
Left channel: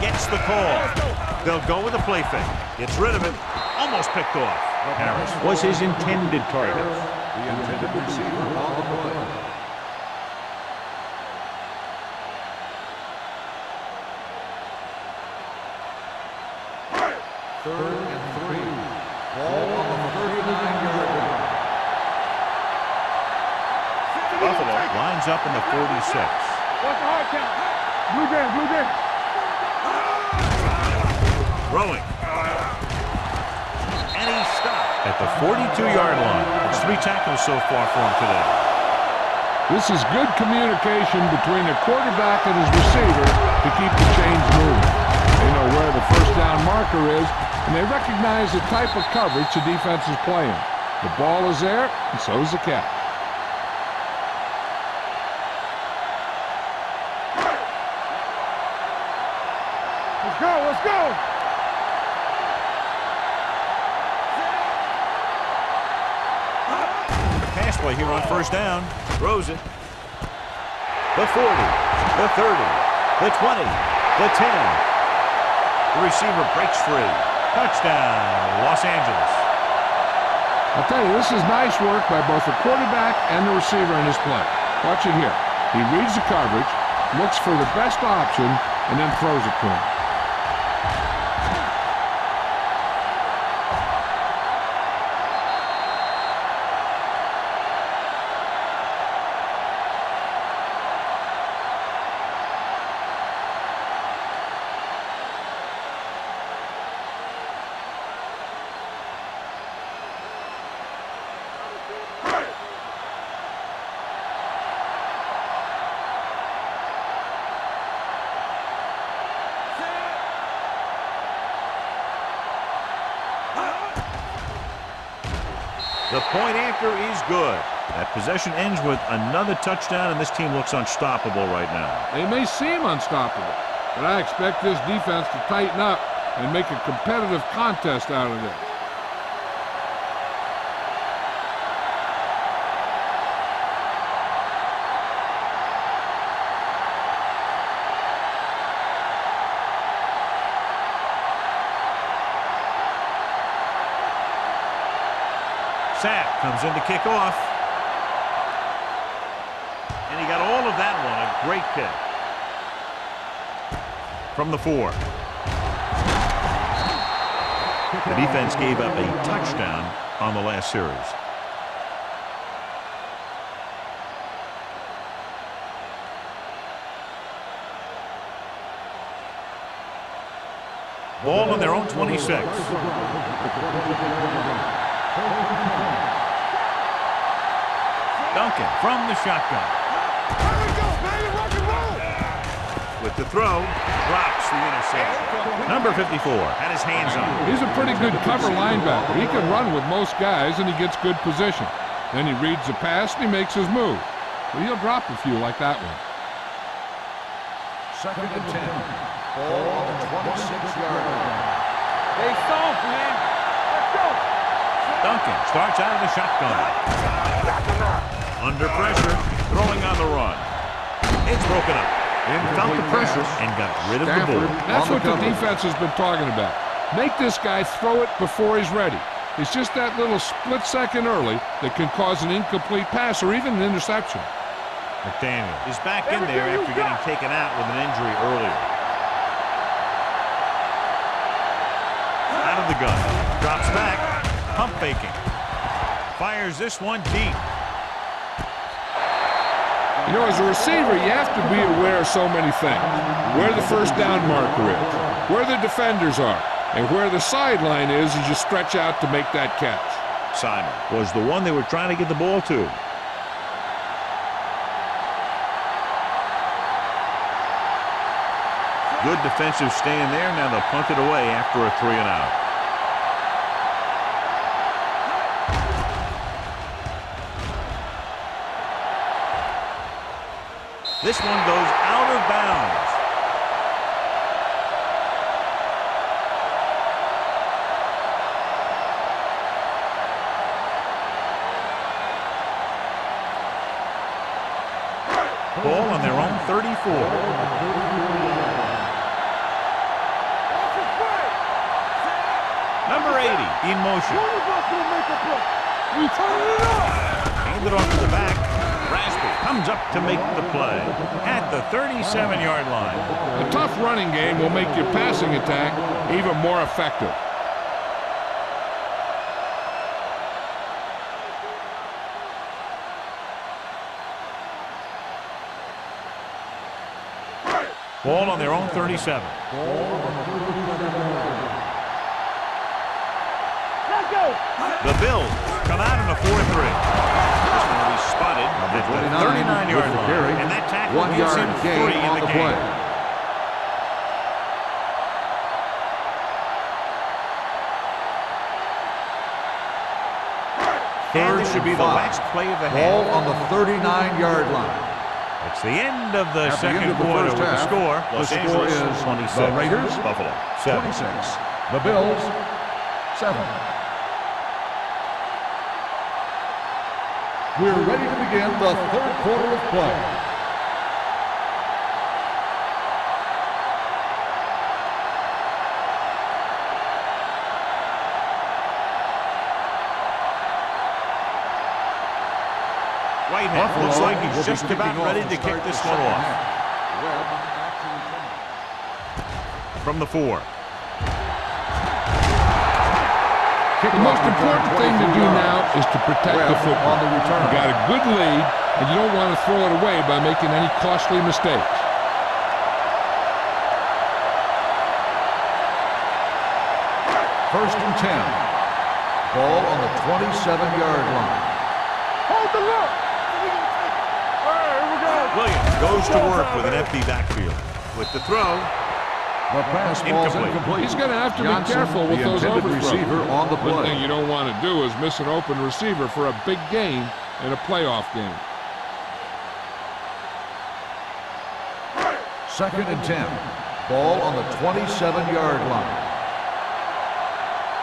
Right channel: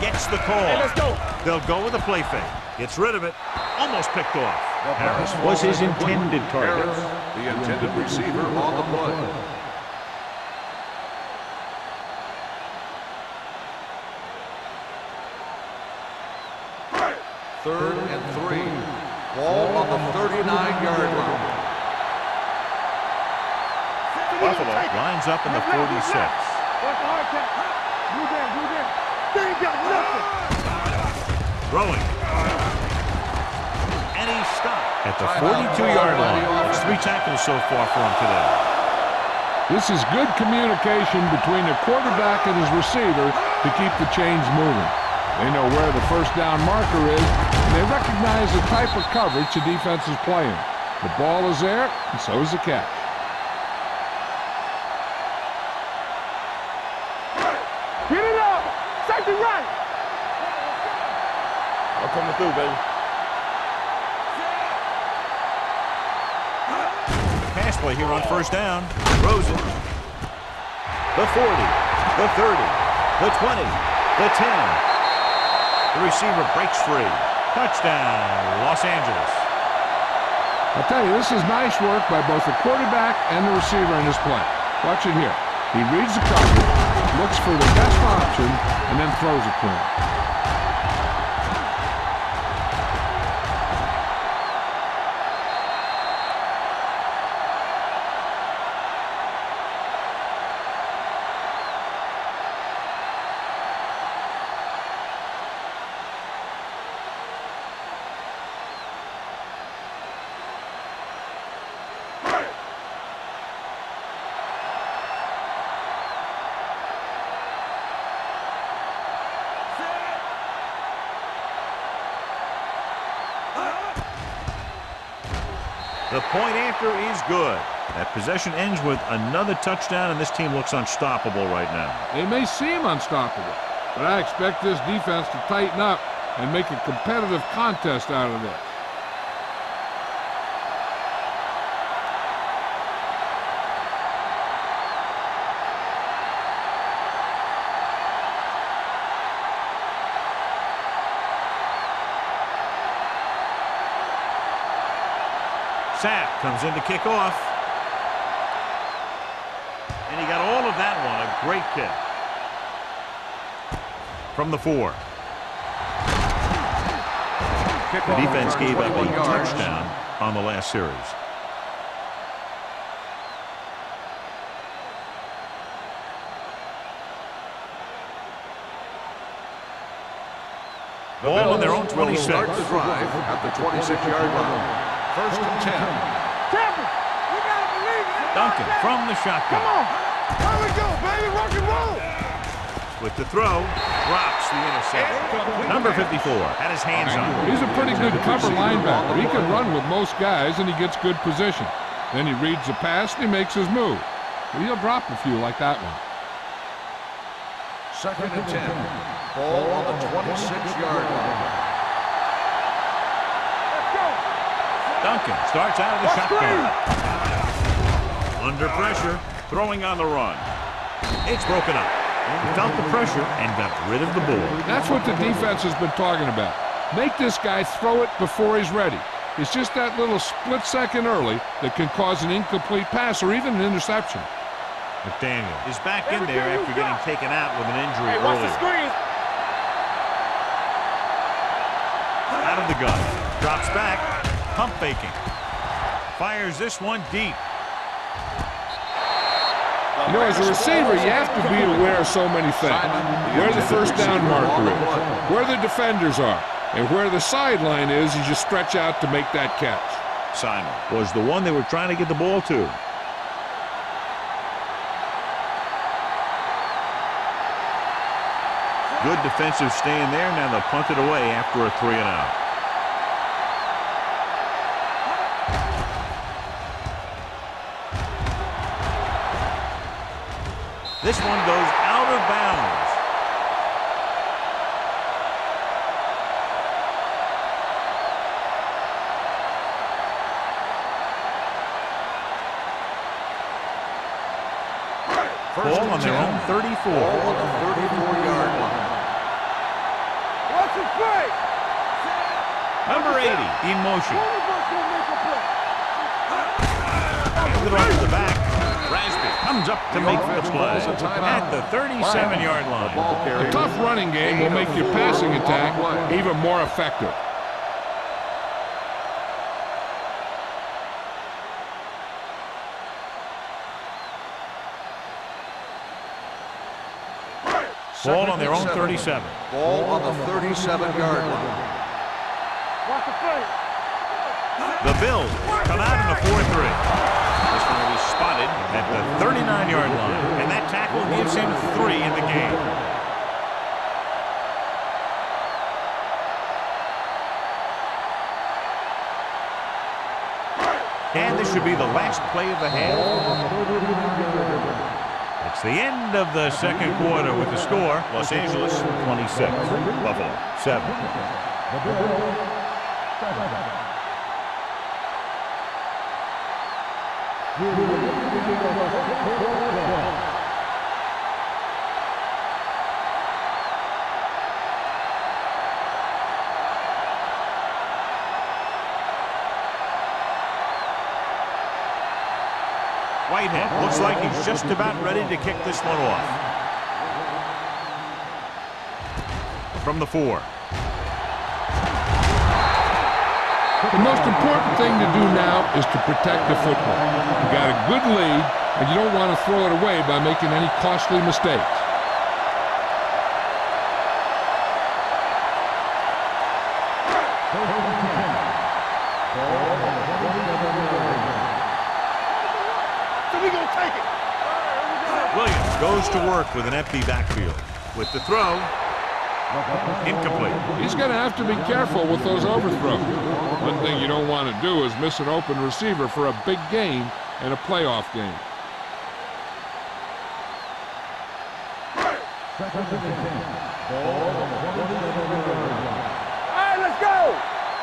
Gets the call. They'll go with a play fake. Gets rid of it. Almost picked off. Harris was his intended target. The intended receiver on the play. Third and 3. Ball on the 39-yard line. Buffalo lines up in the 46. Watch the hard count. Blue down. Throwing. And he stopped at the 42-yard line. That's 3 tackles so far for him today. This is good communication between the quarterback and his receiver to keep the chains moving. They know where the first down marker is, and they recognize the type of coverage the defense is playing. The ball is there, and so is the catch. Get it up. Take it right. Let's go. We're coming through, baby. Pass play here on first down. Throws it. The 40. The 30. The 20. The 10. The receiver breaks free. Touchdown, Los Angeles. I'll tell you, this is nice work by both the quarterback and the receiver in this play. Watch it here. He reads the coverage, looks for the best option, and then throws it to him. The point after is good. That possession ends with another touchdown, and this team looks unstoppable right now. They may seem unstoppable, but I expect this defense to tighten up and make a competitive contest out of this. Sapp comes in to kick off. And he got all of that one. A great kick. From the 4. The defense gave up a touchdown on the last series. Ball on their own 26. At the 26-yard line. 1st and 10. Duncan from the shotgun. Here we go, baby. Rock and roll. With the throw, drops the interception. Number 54 had his hands on. He's a pretty good cover linebacker. He can run with most guys, and he gets good position. Then he reads the pass, and he makes his move. But he'll drop a few like that one. 2nd and 10. Ball on the 26-yard line. Stay soft, man. Let's go. Duncan starts out of the shotgun. Under pressure, throwing on the run. It's broken up. He felt the pressure and got rid of the ball. That's what the defense has been talking about. Make this guy throw it before he's ready. It's just that little split second early that can cause an incomplete pass or even an interception. McDaniel is back in there after getting taken out with an injury earlier. Out of the gun. Drops back. Pump faking. Fires this one deep. You know, as a receiver, you have to be aware of so many things. Where the first down marker is, where the defenders are, and where the sideline is as you stretch out to make that catch. Simon was the one they were trying to get the ball to. Good defensive stand there. Now they'll punt it away after a 3-and-out. This one goes out of bounds. Ball on their own 34. Watch it play. Number 80 in motion. One of us will make a play. We turn it up. Handed off to the back. Rasby comes up to make the play at the 37-yard line. A tough running game will make your passing attack even more effective. Ball on their own 37. Ball on the 37-yard line. The Bills come out in a 4-3. This one will be spotted at the 39-yard line, and that tackle gives him 3 in the game. And this should be the last play of the half. Ball on the 39-yard line. It's the end of the second quarter with the score. Los Angeles 26, the Raiders, Buffalo 7. 26. The Bills 7. We're ready to begin the 3rd quarter of play. Whitehead looks like he's just about ready to kick this one off. From the 4. The most important thing to do now is to protect the football. You got a good lead, and you don't want to throw it away by making any costly mistakes. First and 10. Ball on the 27-yard line. Hold the look. So we gonna take it. All right, here we go. Williams goes to work with an empty backfield. With the throw, The pass falls Incomplete. He's going to have to be Johnson, careful with the those intended overthrows. receiver on the One play. thing you don't want to do is miss an open receiver for a big gain in a playoff game. 2nd and 10. Ball on the 27-yard line. All right, let's go.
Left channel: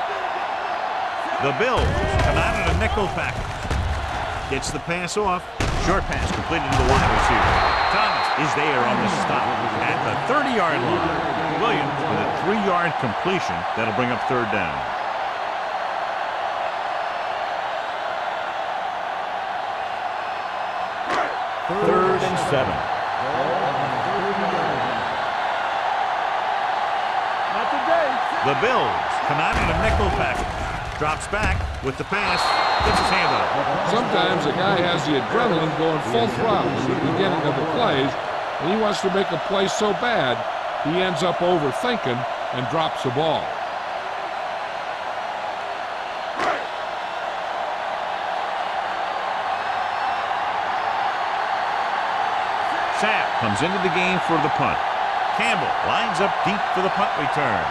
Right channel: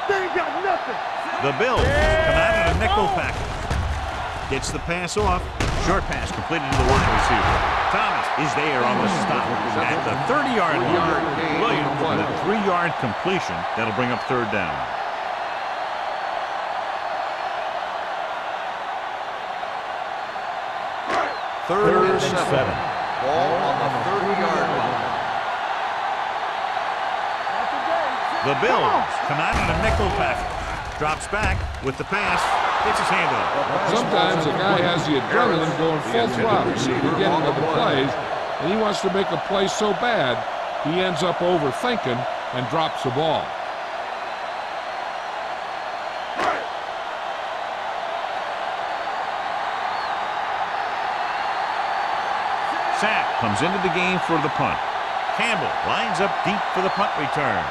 They ain't got nothing. The Bills come out in a nickel package. Gets the pass off. Short pass completed to the wide receiver. Thomas is there on the stop at the 30-yard line. Williams with a 3-yard completion. That'll bring up 3rd down. Third and 7. Ball on the 30-yard line. Not today. The Bills come out in a nickel package. Drops back with the pass. Gets his hand up. Sometimes a guy has the adrenaline going full throttle in the beginning of the plays, and he wants to make a play so bad, he ends up overthinking and drops the ball. Sapp comes into the game for the punt. Campbell lines up deep for the punt return.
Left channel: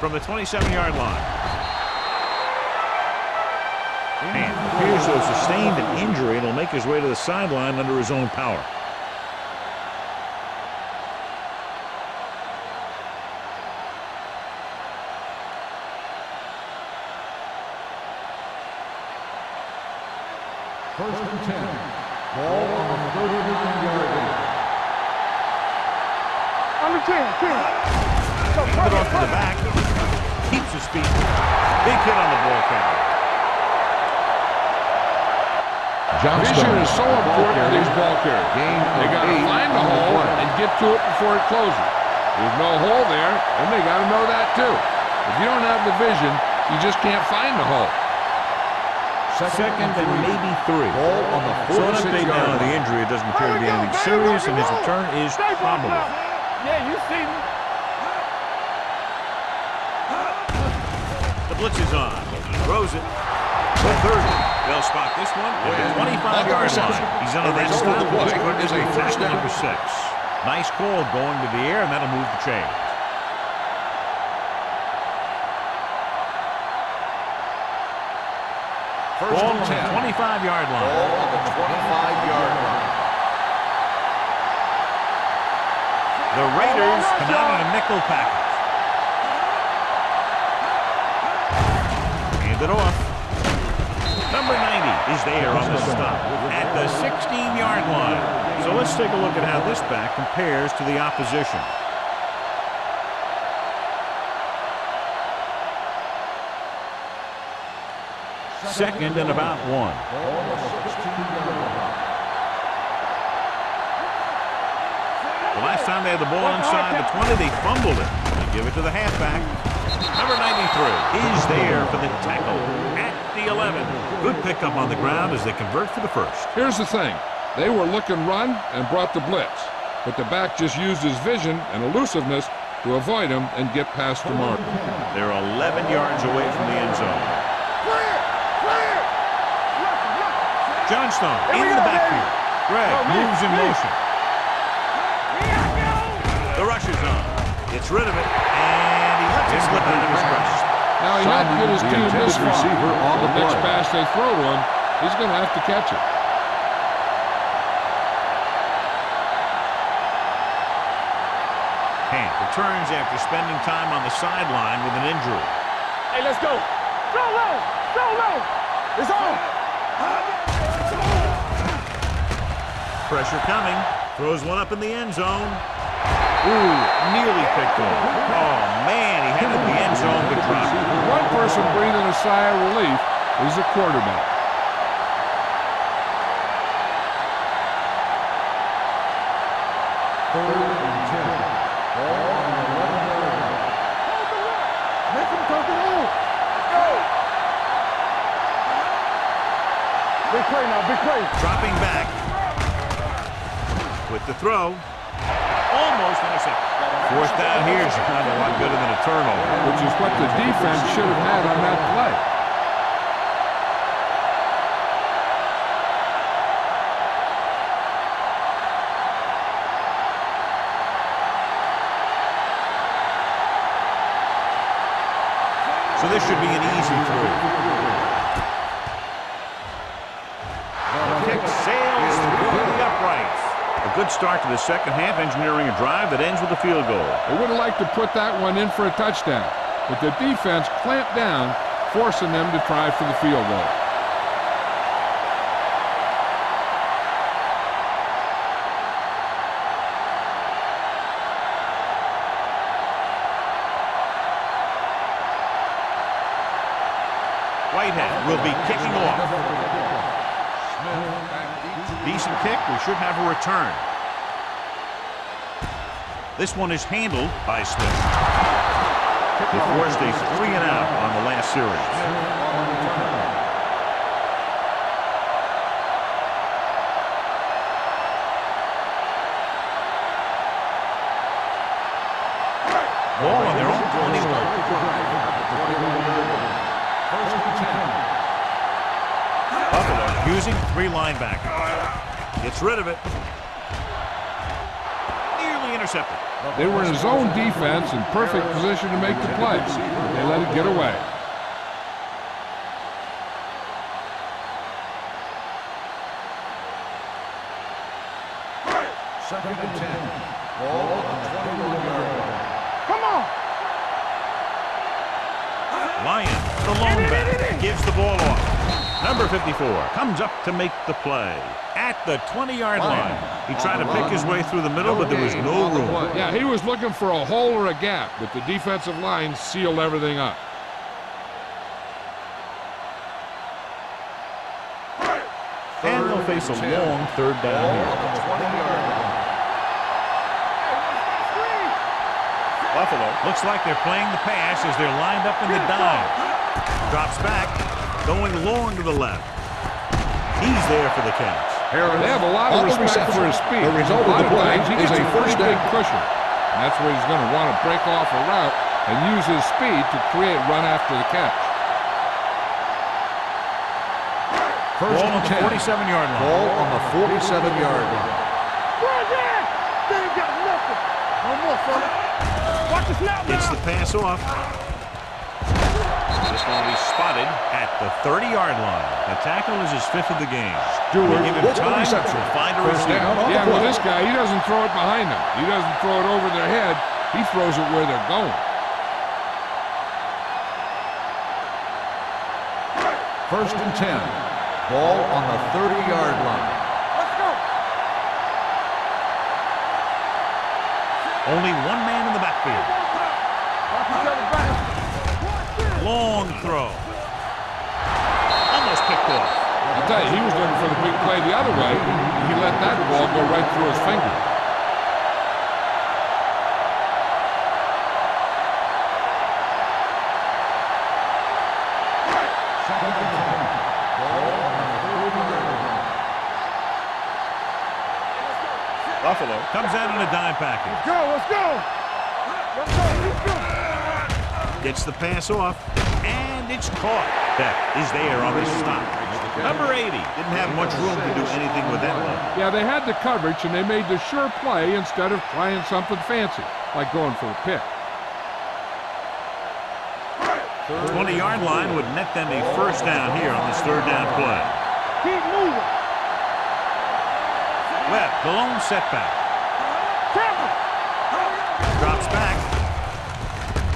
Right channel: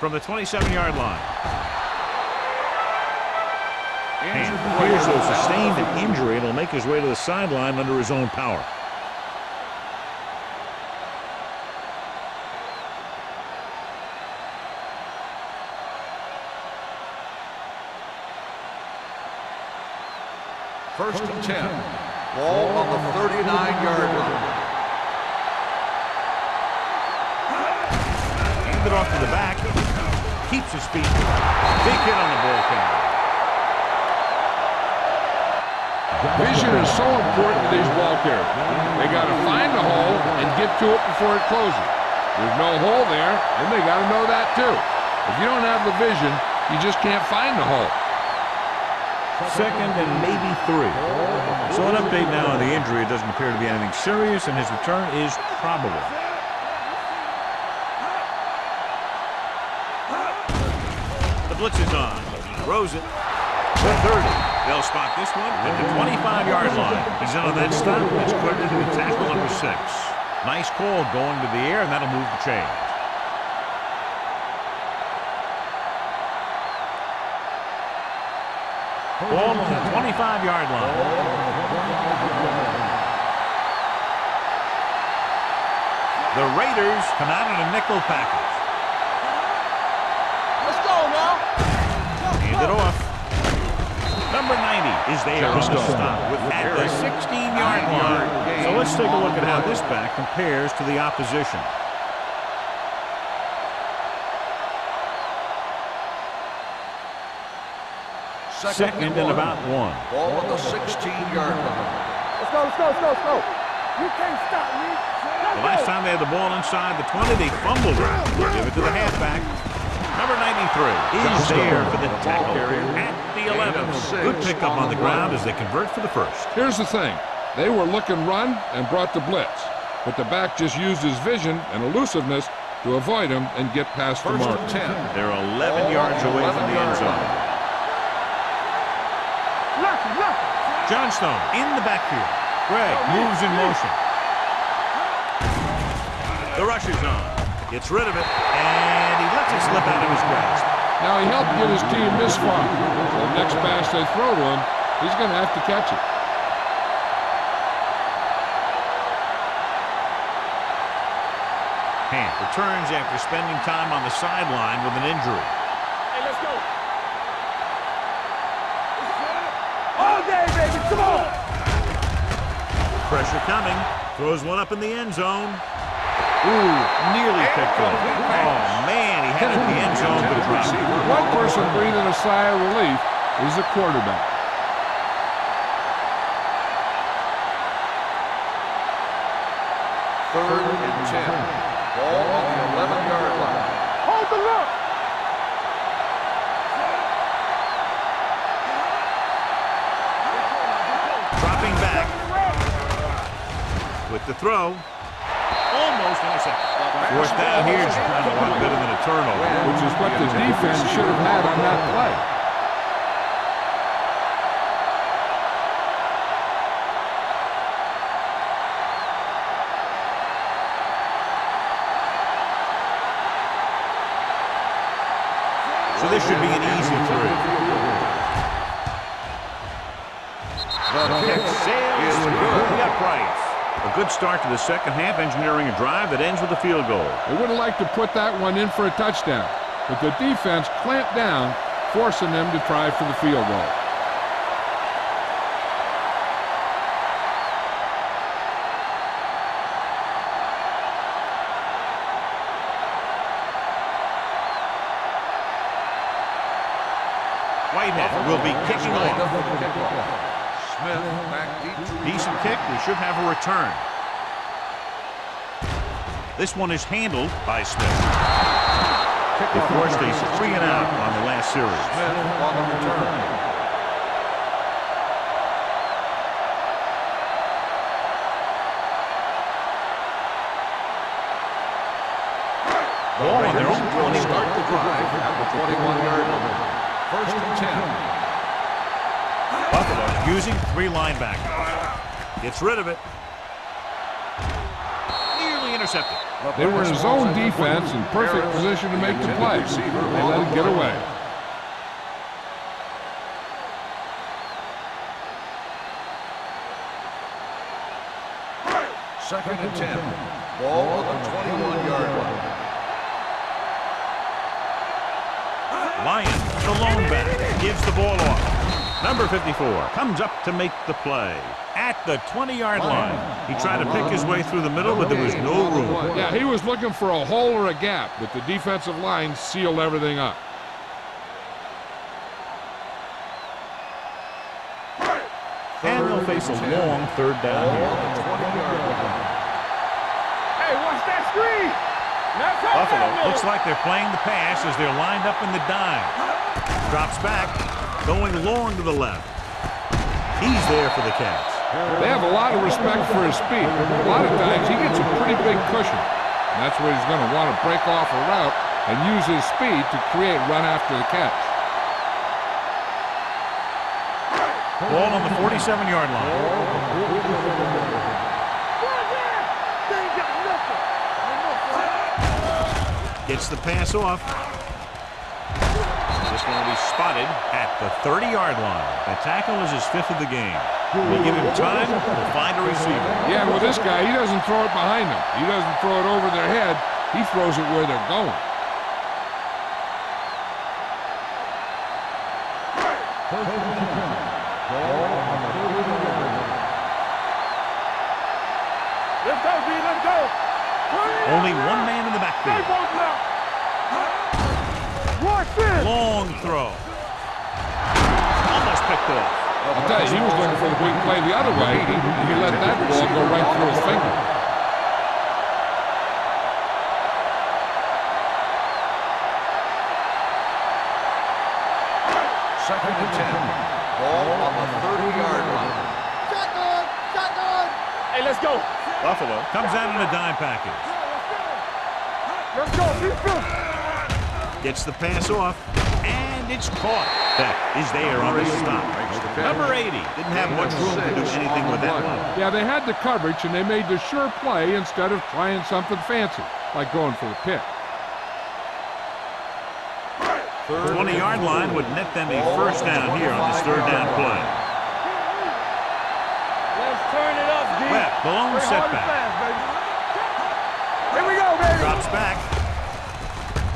From the 27-yard line. And appears to have sustained an injury and will make his way to the sideline under his own power. First and 10. Ball on the 39-yard line. On the 10. Hand it off to the back. Keeps his feet. Big hit on the ball carrier. Vision is so important to these ball carriers. They got to find the hole and get to it before it closes. There's no hole there, and they got to know that too. If you don't have the vision, you just can't find the hole. 2nd and maybe 3. So an update now on the injury. It doesn't appear to be anything serious, and his return is probable. Yeah, you see me. The blitz is on. He throws it. The 30. They'll spot this one at the 25-yard line. He's in on that stop. It's credited to be tackle number 6. Nice call going to the air, and that'll move the chains. Ball on the 25-yard line. Ball on the 25-yard line. The Raiders come out in a nickel package. Hand it off. Number 90 is there on the stop at the 16-yard line. So let's take a look at how this back compares to the opposition. Second and about 1. Ball on the 16-yard line. Let's go. You can't stop me. The last time they had the ball inside the 20, they fumbled it. They give it to the halfback. Number 93 is there for the tackle at the 11. Good pickup on the ground as they convert for the first. Here's the thing. They were looking run and brought the blitz, but the back just used his vision and elusiveness to avoid him and get past the mark. They're 11 yards away from the end zone. Johnstone in the backfield. Gregg moves in motion. The rush is on. Gets rid of it, and he lets it slip out of his grasp. Now he helped get his team this far. So the next pass they throw to him, he's going to have to catch it. Hamp returns after spending time on the sideline with an injury. Hey, let's go. Go low. It's on. Pressure coming. Throws one up in the end zone. Ooh, nearly picked off. Oh, man, he had it in the end zone but dropped it. One person breathing a sigh of relief is the quarterback. Third and 10. Ball on the 11-yard line. Hold the look. Make him come to move. Dropping back. With the throw. Almost intercepted. 4th down here is not a lot better than a turnover. Which is what the defense should have had on that play. So this should be an easy 3. The kick Sails through the uprights. A good start to the second half, engineering a drive that ends with a field goal. They would have liked to put that one in for a touchdown, but the defense clamped down, forcing them to try for the field goal. Whitehead will be kicking off. Smith back deep to Decent kick. We should have a return. This one is handled by Smith. They forced a 3-and-out on the last series. Smith on the return. Ball on their own 21. Start the drive at the 21-yard line. 1st and 10. Buffalo using 3 linebackers. Gets rid of it. Nearly intercepted. They were in his own defense in perfect position to make the play. They let it get away. Second and 10. Ball on the 21-yard line. Come on. Lyon, the lone back, gives the ball off. Number 54 comes up to make the play at the 20-yard line. He tried to pick his way through the middle, but there was no room. Yeah, he was looking for a hole or a gap, but the defensive line sealed everything up. And they'll face a long 3rd down Ball here. on the 20-yard line. Hey, watch that screen. Buffalo looks like they're playing the pass as they're lined up in the dime. Drops back, going long to the left. He's there for the catch. They have a lot of respect for his speed. A lot of times he gets a pretty big cushion. And that's where he's going to want to break off a route and use his speed to create run after the catch. Ball on the 47-yard line. Ball on the 47-yard line. Run there. They ain't got nothing. No more, son. Gets the pass off. This one will be spotted at the 30-yard line. The tackle is his 5th of the game. We give him time, we'll find a receiver. Yeah, well, this guy, he doesn't throw it behind them. He doesn't throw it over their head. He throws it where they're going. 1st and 10. Ball on the 30-yard line. Let's go. Let's go, B. Let's go. Only one man in the backfield. Watch this. Long throw. Almost picked off. I'll tell you, he was looking for the big play the other way, and he let that ball go right through his finger. Second and 10. Ball on the 30-yard line. Shotgun. Shotgun. Hey, let's go. Buffalo comes out in a dime package. Go. Let's go. Let's go. Let's go. Gets the pass off, and it's caught. Beck is there on the stop. Number 80 didn't have much room to do anything with that one. Yeah, they had the coverage, and they made the sure play instead of trying something fancy, like going for the pick. 20-yard line would net them a 1st down here on this 3rd down play. Keep moving. Webb, the lone setback. Here we go, baby. Drops back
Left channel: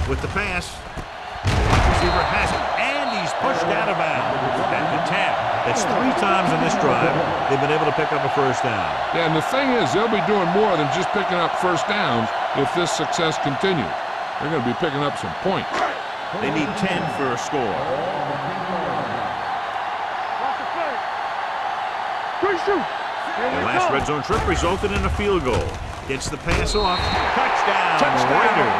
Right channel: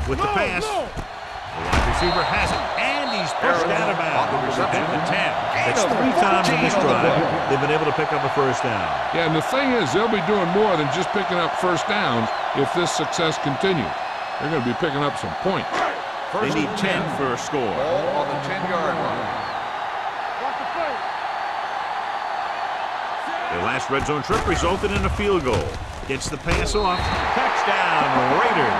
with the pass. The wide receiver has it, and he's pushed out of bounds at the 10. That's 3 times in this drive they've been able to pick up a 1st down. Yeah, and the thing is, they'll be doing more than just picking up 1st downs if this success continues. They're going to be picking up some points. They need 10 for a score. Ball on the 10-yard line. Watch the play. Quick shoot. Their last red zone trip resulted in a field goal. Gets the pass off. Touchdown, Raiders.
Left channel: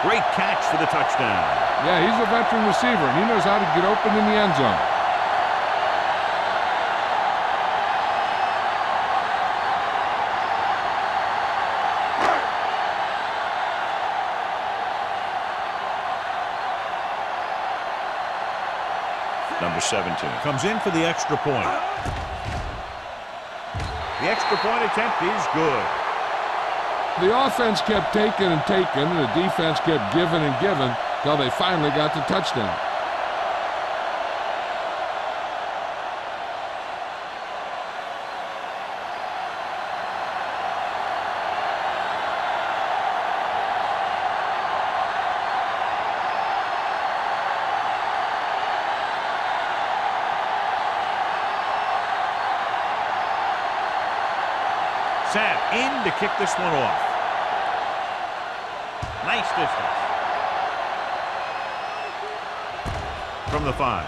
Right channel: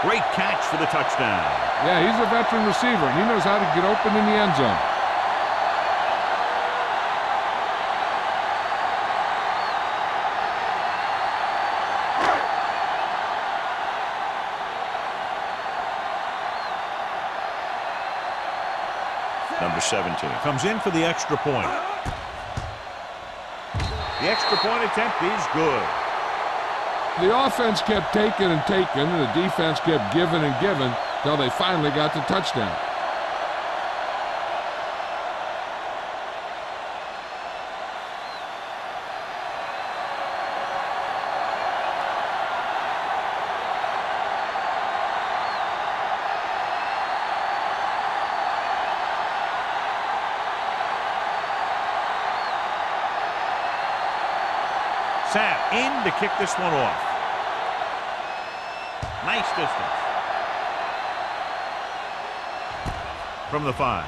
Great catch for the touchdown. Yeah, he's a veteran receiver, and he knows how to get open in the end zone. Number 17 comes in for the extra point. The extra point attempt is good. The offense kept taking and taking, and the defense kept giving and giving, till they finally got the touchdown. Sapp in to kick this one off. Nice distance. From the 5.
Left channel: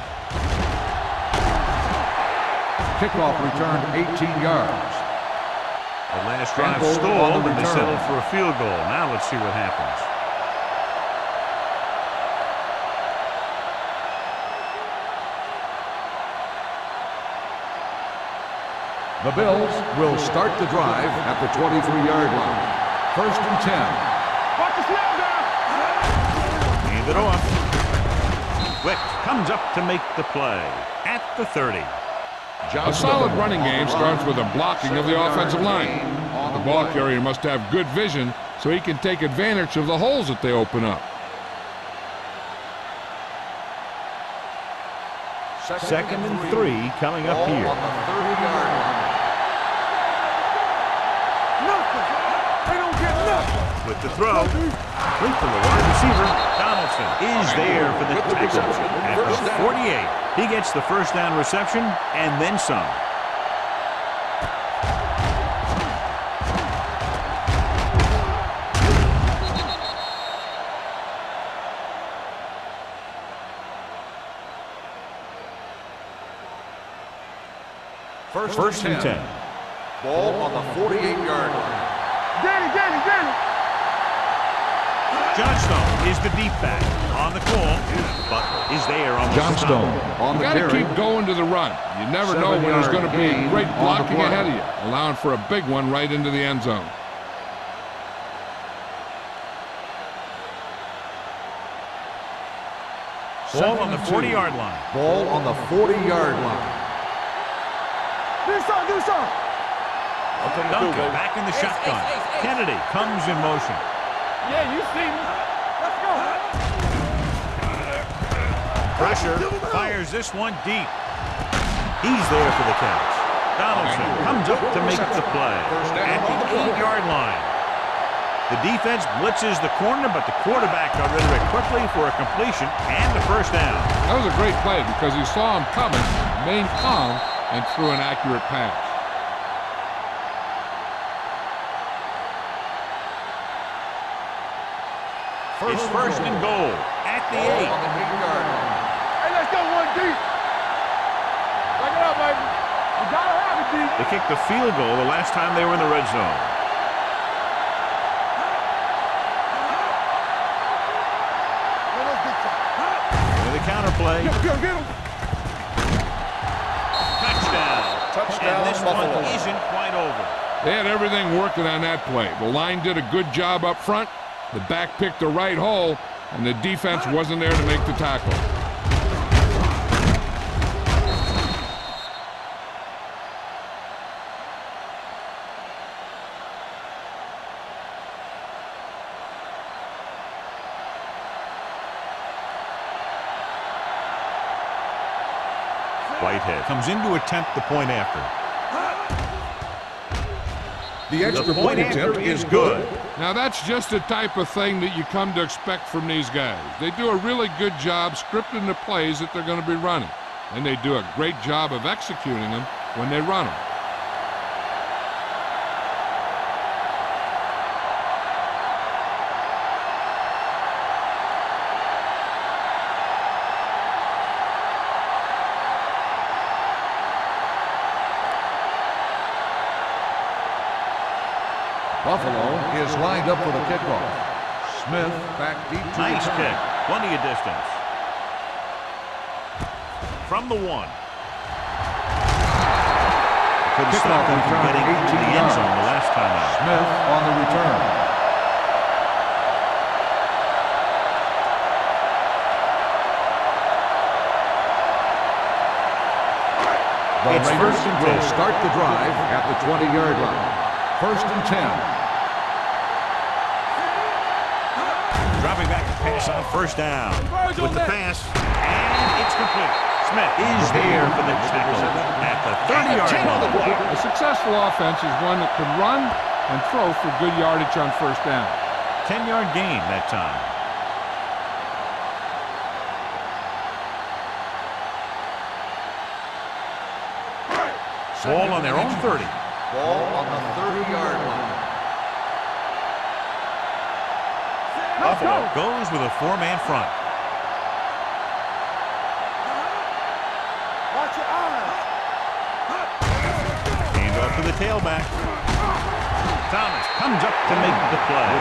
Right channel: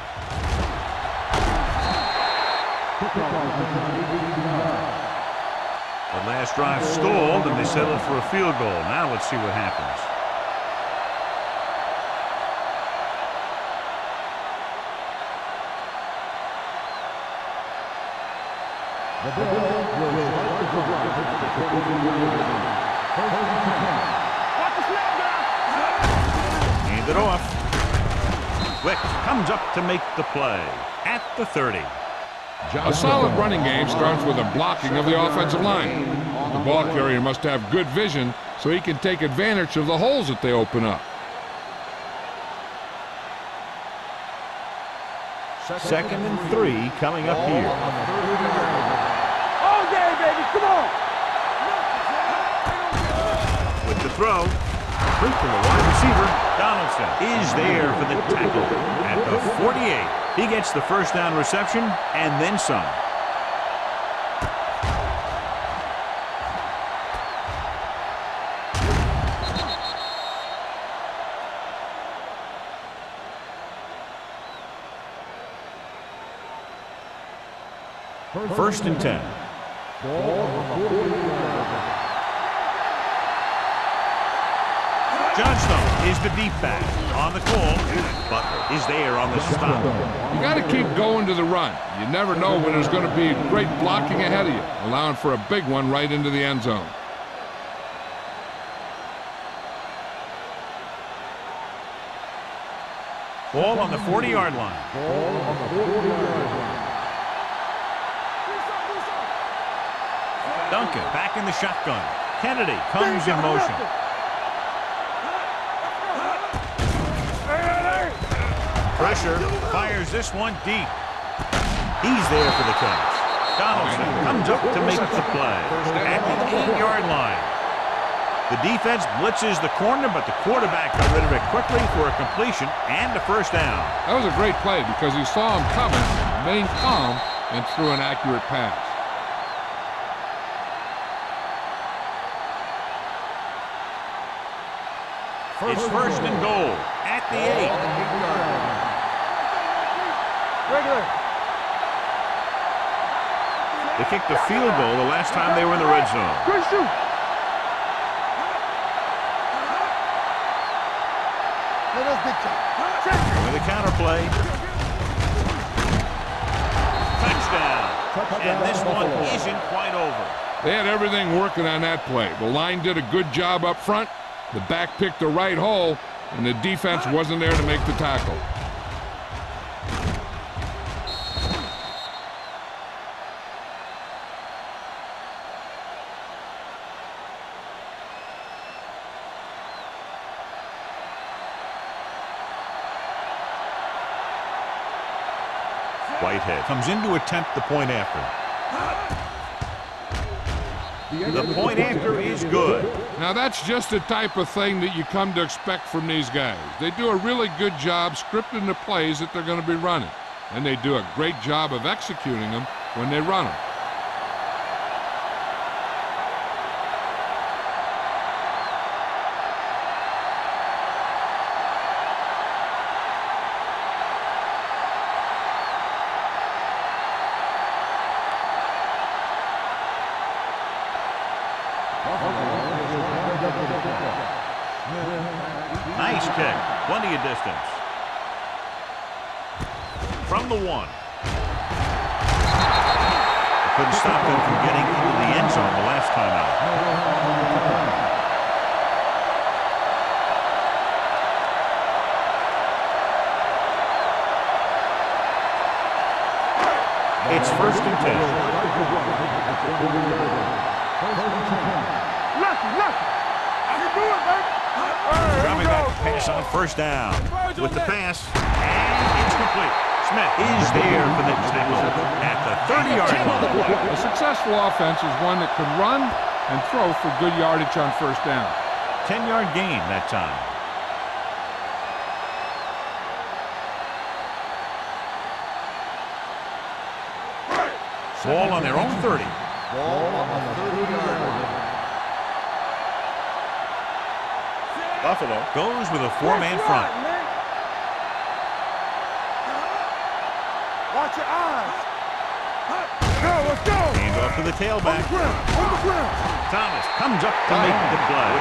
Kickoff return 18 yards. That last drive stalled and they settled for a field goal. Now let's see what happens. The Bills will start the drive at the 23-yard line. 1st and 10. Watch the snap down. Hand it off. Wick comes up to make the play at the 30. A solid running game starts with a blocking of the offensive line. The ball carrier must have good vision so he can take advantage of the holes that they open up. 2nd and 3 coming up here. On the 30-yard line. All game, baby. Come on. Nothing. They don't get nothing. With the throw, complete to the wide receiver. Donaldson is there for the tackle at the 48. He gets the 1st down reception and then some. First and 10. Ball on the 48-yard line. Johnstone is the deep back on the call. Butler is there on the stop. You got to keep going to the run. You never know when there's going to be great blocking ahead of you, allowing for a big one right into the end zone. Ball on the 40-yard line. Ball on the 40-yard line. Duncan back in the shotgun. Kennedy comes in motion. Yeah, you see me. Let's go. Pressure, fires this one deep. He's there for the catch. Donaldson comes up to make the play at the 8-yard line. The defense blitzes the corner, but the quarterback got rid of it quickly for a completion and a 1st down. That was a great play because he saw him coming, remained calm, and threw an accurate pass. It's 1st and goal at the 8. On the 8-yard line. Hey, let's go one deep. Regular. Back it up, baby. You gotta have it deep. They kicked a field goal the last time they were in the red zone. Good shoot. Let us dictate. With a counter play. Touchdown. And this one isn't quite over. They had everything working on that play. The line did a good job up front. The back picked the right hole, and the defense wasn't there to make the tackle. Whitehead comes in to attempt the point after. The point after is good. Now that's just the type of thing that you come to expect from these guys. They do a really good job scripting the plays that they're going to be running. And they do a great job of executing them when they run them. Buffalo is lined up for the kickoff. Smith back deep. Nice kick. Plenty of distance. From the 1. Couldn't stop them from getting into the end zone the last time out. Smith on the return. It's 1st and 10. Will start the drive at the 20-yard line. 1st and 10. Left. I can do it, baby. Dropping back to pass on first down. With the pass, and it's complete. Smith is there for the tackle at the 30-yard line. A successful offense is one that can run and throw for good yardage on first down. 10-yard gain that time. Ball on their own 30. Ball on the 30-yard line. Buffalo goes with a four-man front. Watch your eyes. Let's go. Hand off to the tailback. Thomas comes up to make the play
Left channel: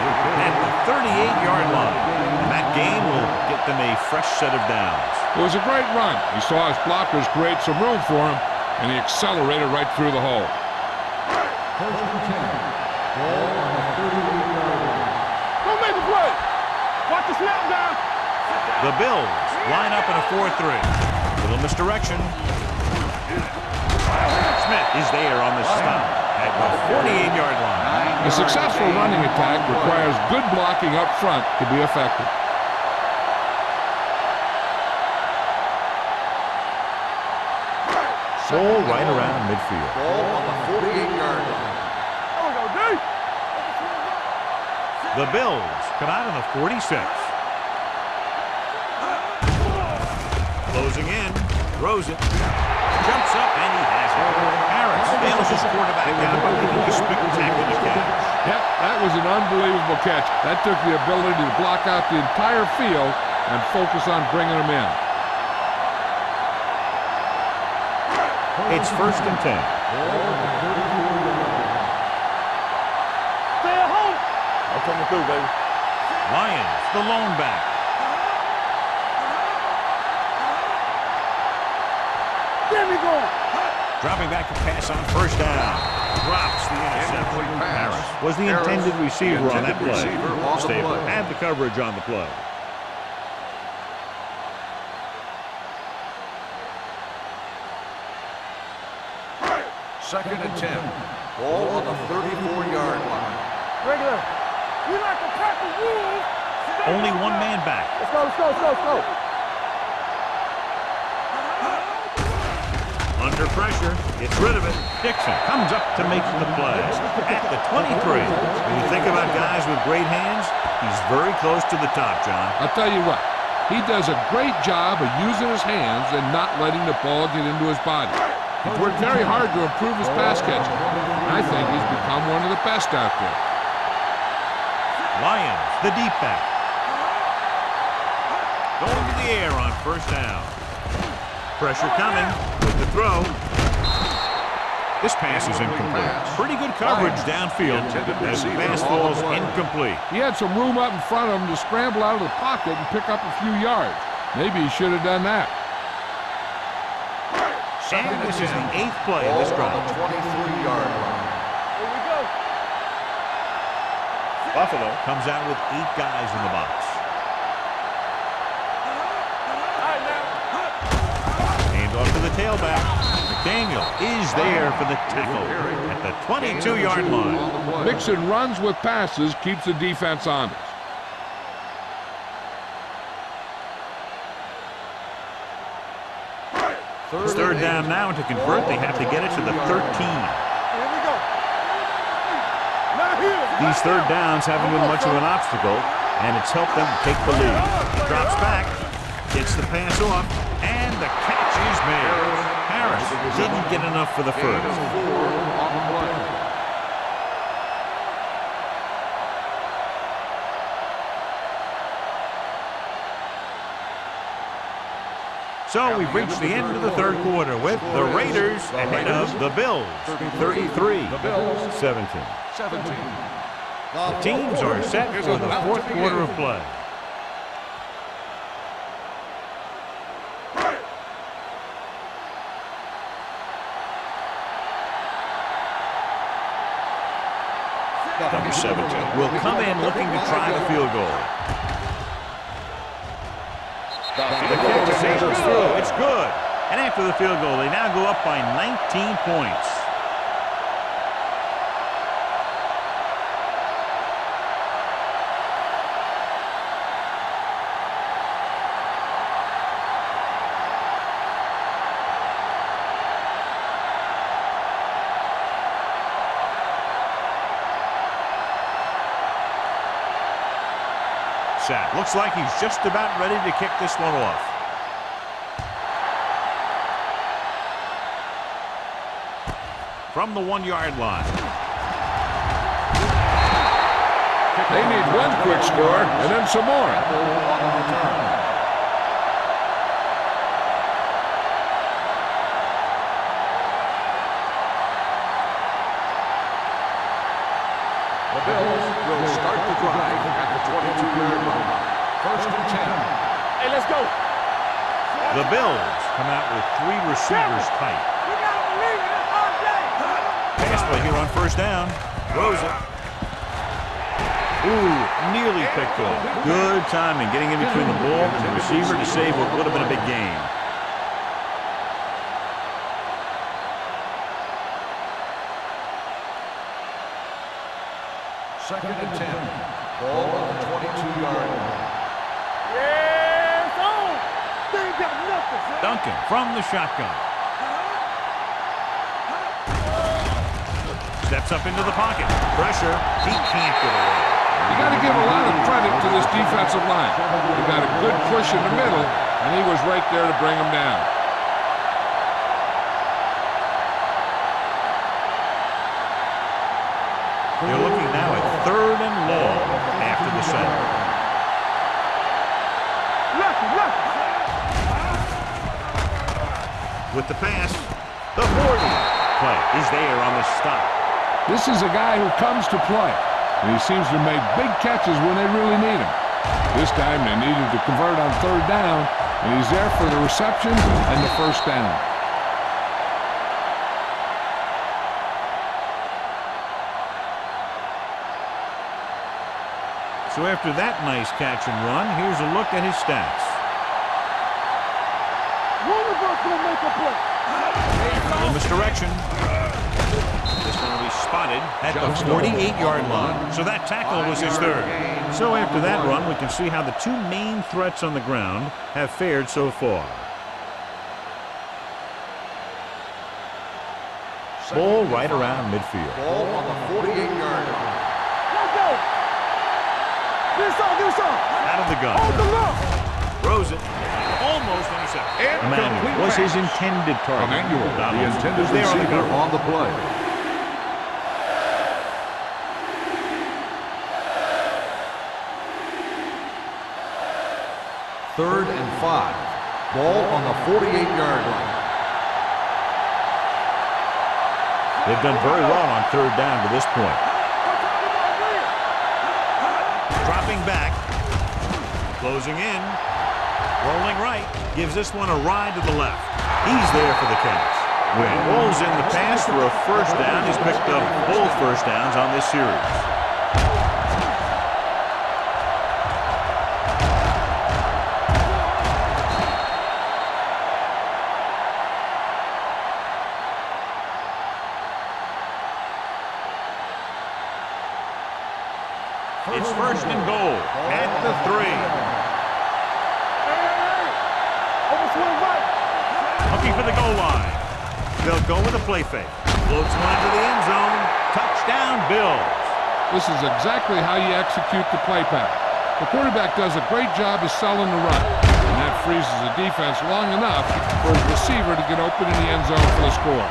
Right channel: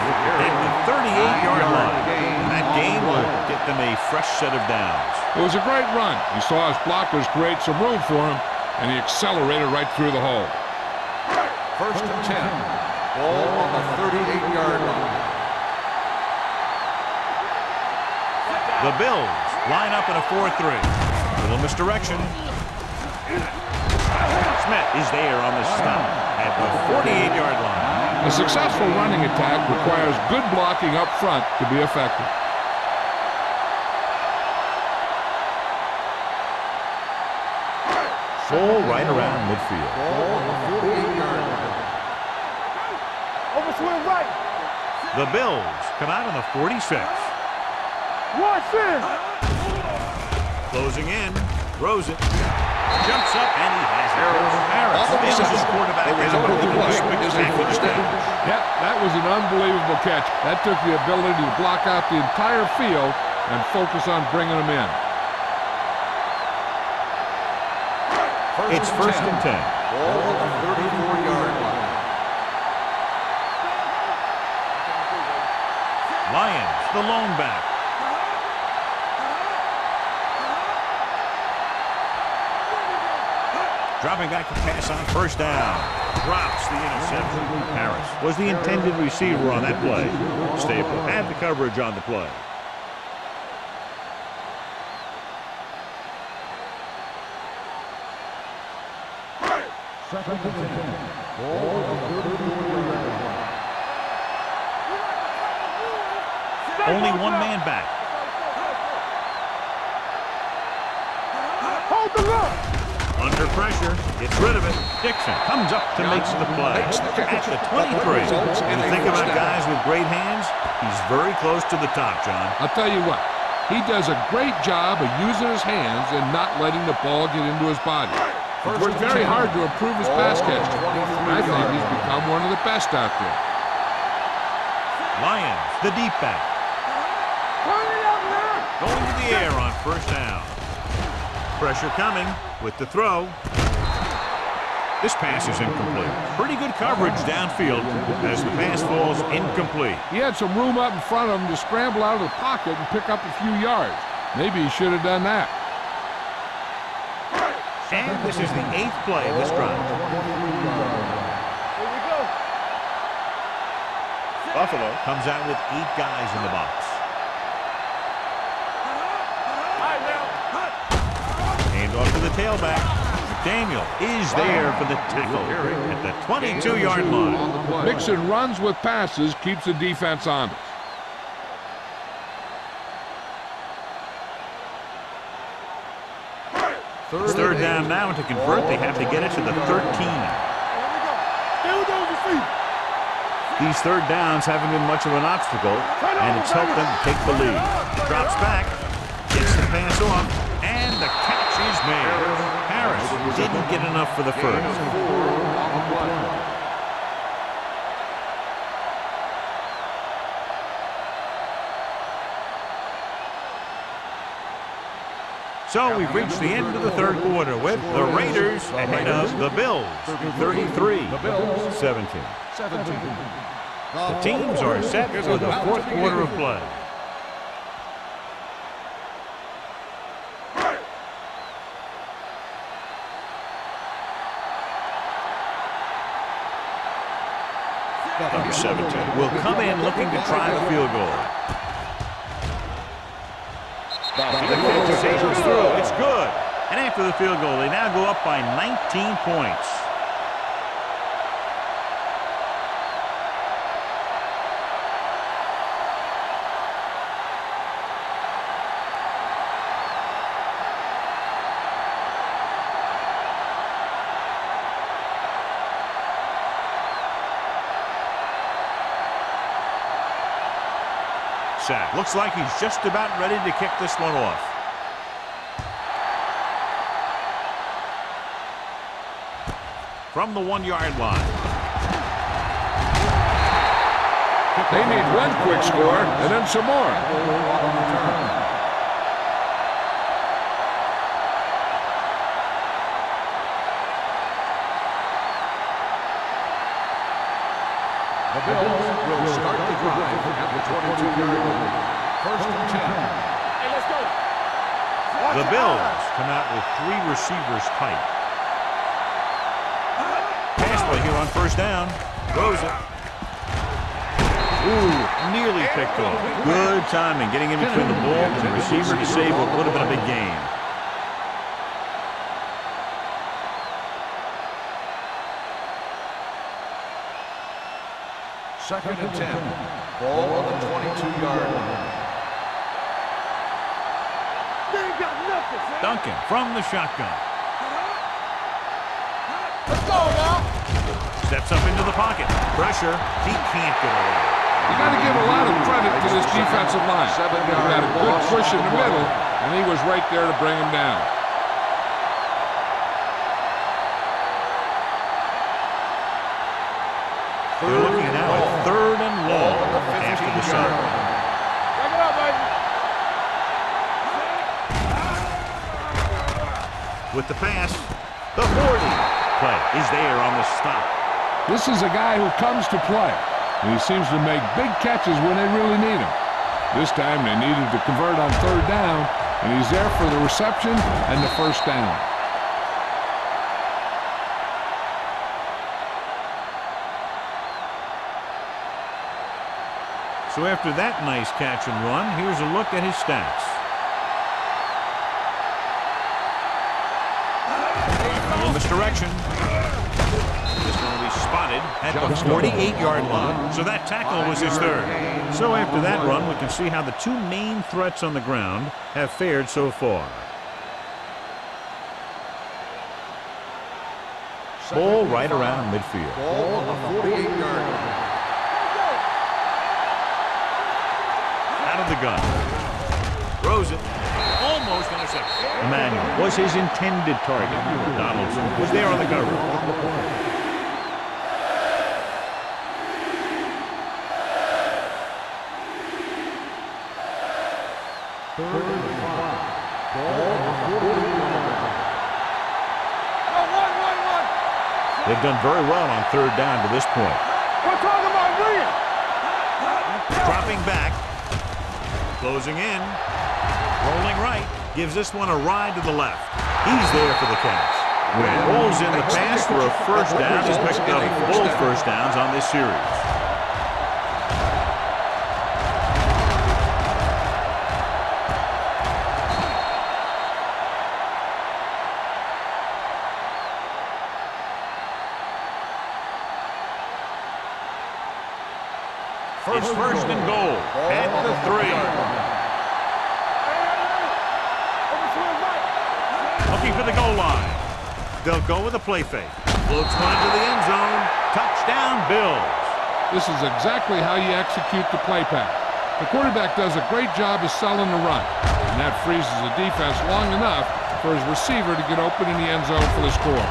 at the 38-yard line. And that gain will get them a fresh set of downs. It was a great run. He saw his blockers create some room for him, and he accelerated right through the hole. First and 10. Ball on the 38-yard line. Don't make a play. Watch the snap down. The Bills line up in a 4-3. Little misdirection. Smith is there on the stop at the 48-yard line. A successful running attack requires good blocking up front to be effective. Ball right around midfield. Ball on the 48-yard line. The Bills come out in the 46. Closing in, throws it, jumps up, and he has it. Harris nails his quarterback out by making a spectacular catch. Yep, that was an unbelievable catch. That took the ability to block out the entire field and focus on bringing them in. It's first and 10. Ball on the 34-yard line. Stay at home. I'm coming through, baby. Lions, the lone back. There we go. Dropping back to pass on first down. Drops the interception. Harris was the intended receiver on that play. Stable had the coverage on the play. Second and 10. Ball on the 34-yard line. Regular. We like to pack the rules. Only one man back. Let's go, let's go, let's go, let's go. Hold the run. Under pressure, gets rid of it. Dixon comes up to make the play at the 23. When you think about guys with great hands, he's very close to the top, John. I'll tell you what, he does a great job of using his hands and not letting the ball get into his body. He's worked very hard to improve his pass catching, and I think he's become one of the best out there. Lions, the deep back. Going to the air on first down. Pressure coming with the throw. This pass is incomplete. Pretty good coverage downfield as the pass falls incomplete. He had some room up in front of him to scramble out of the pocket and pick up a few yards. Maybe he should have done that. And this is the 8th play of this drive. 23-yard line. Here we go. Buffalo comes out with 8 guys in the box. All right, now. Hand off to the tailback. McDaniel is there for the tackle at the 22-yard line. Mixing runs with passes keeps the defense honest. It's third down now, and to convert, they have to get it to the 13. Here we go. Here goes the feet. Now here. These third downs haven't been much of an obstacle, and it's helped them take the lead. Drops back, gets the pass off, and the catch is made. Harris didn't get enough for the first. 4 on the play. So we've reached the end of the third quarter with the Raiders ahead of the Bills, 33-17. The teams are set for the fourth quarter of play. Number 17 will come in looking to try the field goal. The kick sails through. It's good. And after the field goal, they now go up by 19 points. sack. Looks like he's just about ready to kick this one off. From the 1-yard line. They need one quick score and then some more. On the return. The Bills will start the drive at the 22-yard line. 1st and 10. Hey, let's go. The Bills come out with 3 receivers tight. Pass play here on 1st down. Throws it. Ooh, nearly picked off. Good timing, getting in between the ball and the receiver to save what would have been a big gain. Second and 10. Ball on the 22-yard line. They ain't got nothing, son. Duncan from the shotgun. Steps up into the pocket. Pressure. He can't get away. You got to give a lot of credit to this defensive line. He got a good push in the middle, and he was right there to bring him down. They're looking now at 3rd and long after the set. With the pass, the 40 play is there on the stop. This is a guy who comes to play, and he seems to make big catches when they really need him. This time they needed to convert on 3rd down, and he's there for the reception and the 1st down. So after that nice catch and run, here's a look at his stats. A little misdirection. This one will be spotted at the 48-yard line. So that tackle was his 3rd. So after that run, we can see how the 2 main threats on the ground have fared so far. Ball right around midfield. Ball on the 48-yard line. Out of the gun. Throws it. Almost intercepted. Emmanuel was his intended target. Donaldson was there on the cover. On the play. Third and 5. Ball on the 48-yard line. They've done very well on 3rd down to this point. We're talking about Green. Dropping back. Closing in. Rolling right. Gives this one a ride to the left. He's there for the catch. When Ball's in the pass for a 1st down, he's picked up both 1st downs on this series. It's 1st and goal at the 3. Looking for the goal line. They'll go with a play fake. Floats one into the end zone. Touchdown, Bills. This is exactly how you execute the play pass. The quarterback does a great job of selling the run, and that freezes the defense long enough for his receiver to get open in the end zone for the score.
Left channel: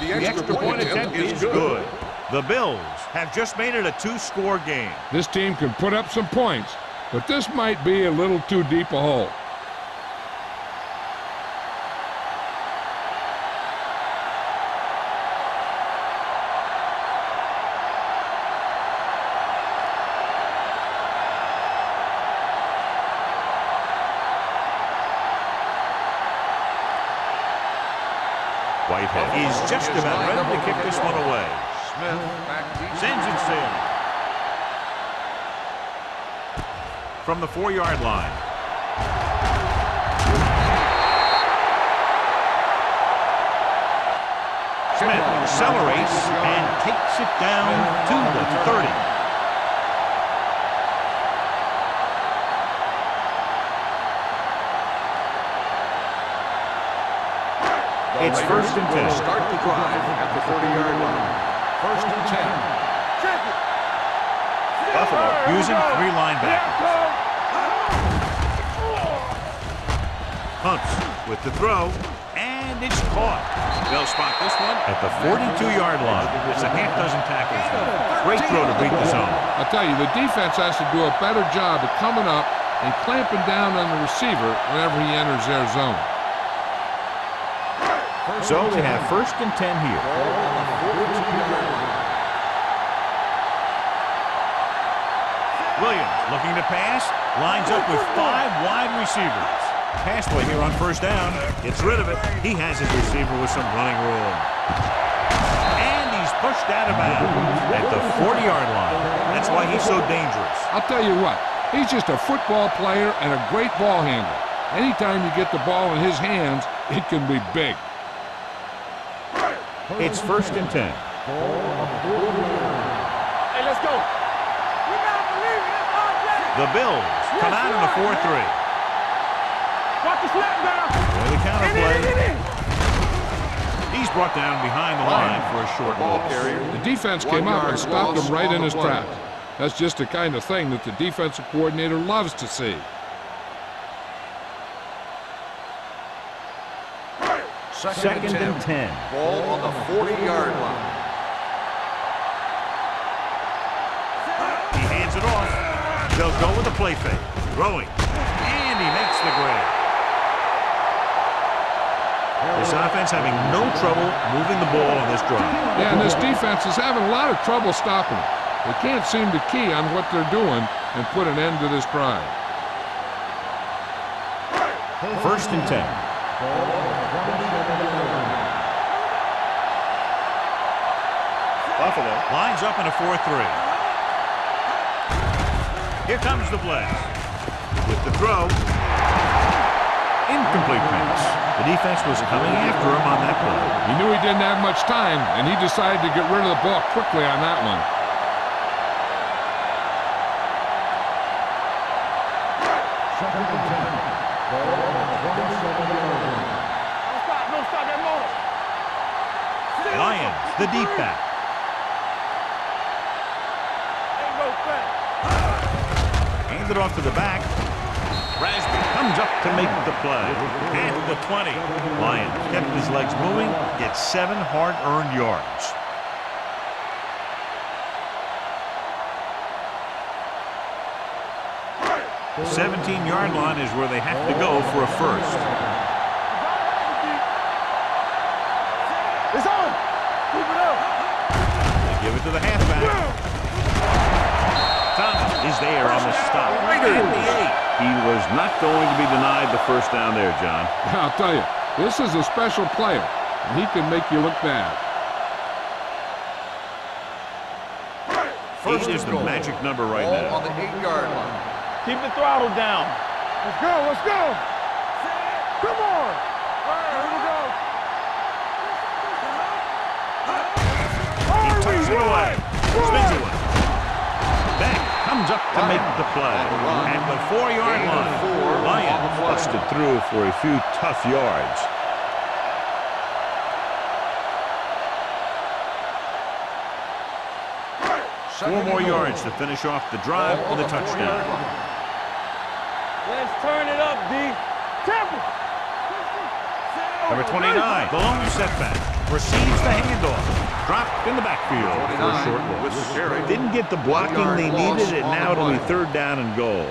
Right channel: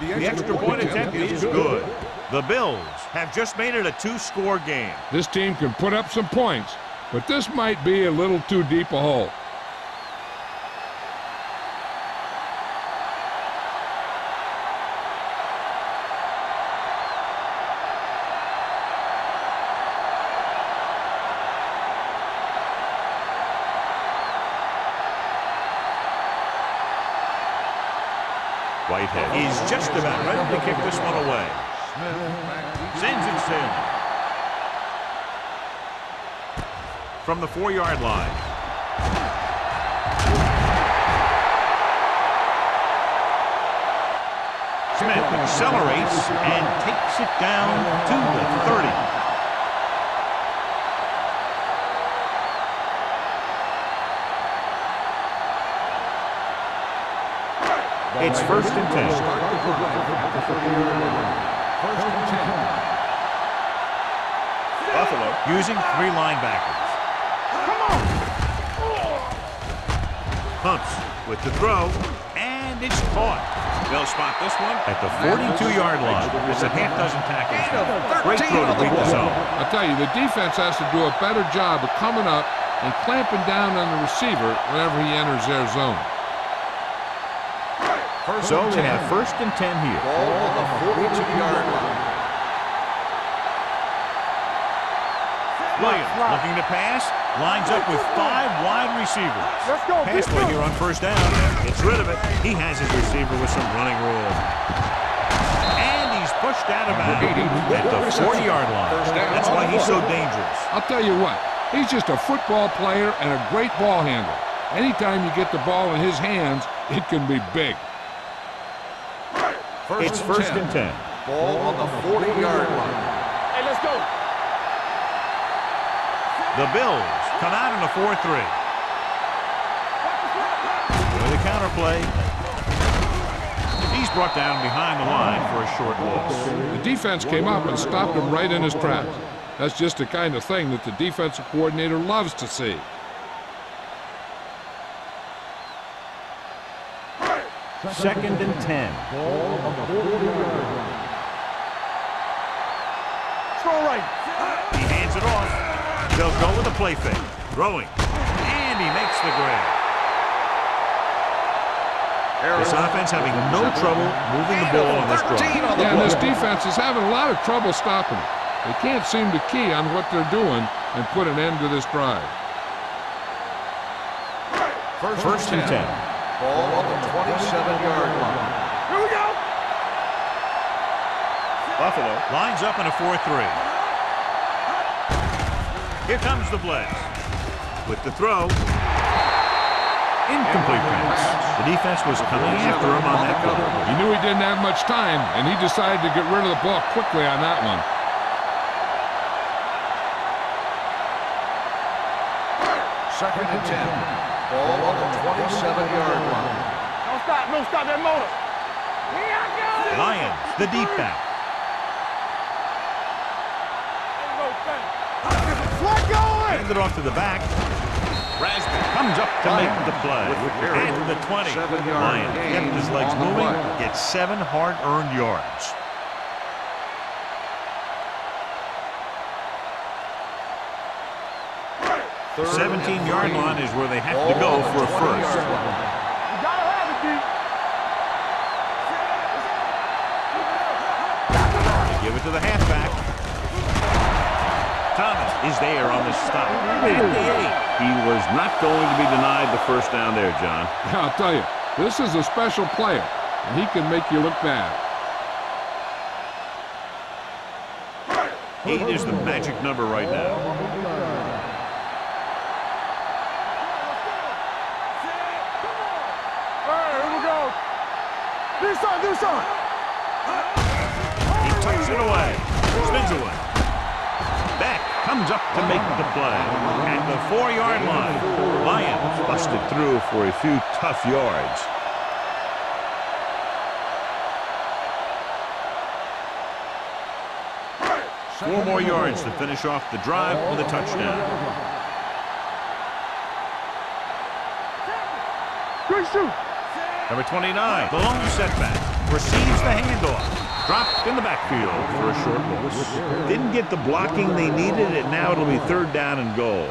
The extra point attempt is good. The Bills have just made it a 2-score game. This team can put up some points, but this might be a little too deep a hole. Whitehead is just about ready to kick this one away. Smith back deep. Sends it sailing. From the 4-yard line. Smith accelerates and takes it down to the 30. It's first and 10. Start the drive at the 30-yard line. First and 10. Buffalo using 3 linebackers. Pumps with the throw, and it's caught. They'll spot this one at the 42-yard line. It's a half dozen tackles. Great throw to beat the zone. I'll tell you, the defense has to do a better job of coming up and clamping down on the receiver whenever he enters their zone. So they have first and 10 here. Ball on the 42-yard line. Williams looking to pass, lines up with 5 wide receivers. Pass play here on first down, gets rid of it. He has his receiver with some running room. And he's pushed out of bounds at the 40-yard line. That's why he's so dangerous. I'll tell you what, he's just a football player and a great ball handler. Anytime you get the ball in his hands, it can be big. It's first and 10. Ball on the 40-yard line. Hey, let's go. The Bills come out in a 4-3. Watch the snap down. With a counter play. He's brought down behind the line for a short loss. The defense came up and stopped him right in his tracks. That's just the kind of thing that the defensive coordinator loves to see. Second and 10. Ball on the 40-yard line. He hands it off. They'll go with a play fake. Throwing. And he makes the grab. This offense having no trouble moving the ball on this drive. Yeah, and this defense is having a lot of trouble stopping it. They can't seem to key on what they're doing and put an end to this drive. First and 10. Ball on the 27-yard line. Buffalo lines up in a 4-3. Here comes the blitz. With the throw. Incomplete pass. The defense was coming after him on that play. He knew he didn't have much time, and he decided to get rid of the ball quickly on that one. Second and 10. Ball on the 27-yard line. Don't stop that motor. Lions, the deep back. Ain't no thing. Hand it off to the back. Rasby comes up to make the play. At the 20. Lions kept his legs moving, gets 7 hard-earned yards. The 17-yard line is where they have to go for a first. They give it to the halfback. Thomas is there on the stop. Right at the 8. He was not going to be denied the first down there, John. Yeah, I'll tell you, this is a special player, and he can make you look bad. 8 is the magic number right now. On the 8-yard line. Keep the throttle down. Let's go, let's go. Come on. All right, here we go. This side. He tucks it away. Spins away. Back comes up to make the play. At the 4-yard line. Lions busted through for a few tough yards. Four more yards to finish off the drive with a touchdown. Let's turn it up, D. Temple. Quick shoot. Number 29, the lone setback, receives the handoff. Dropped in the backfield for a short loss. Didn't get the blocking they needed, and now it'll be 3rd down and goal.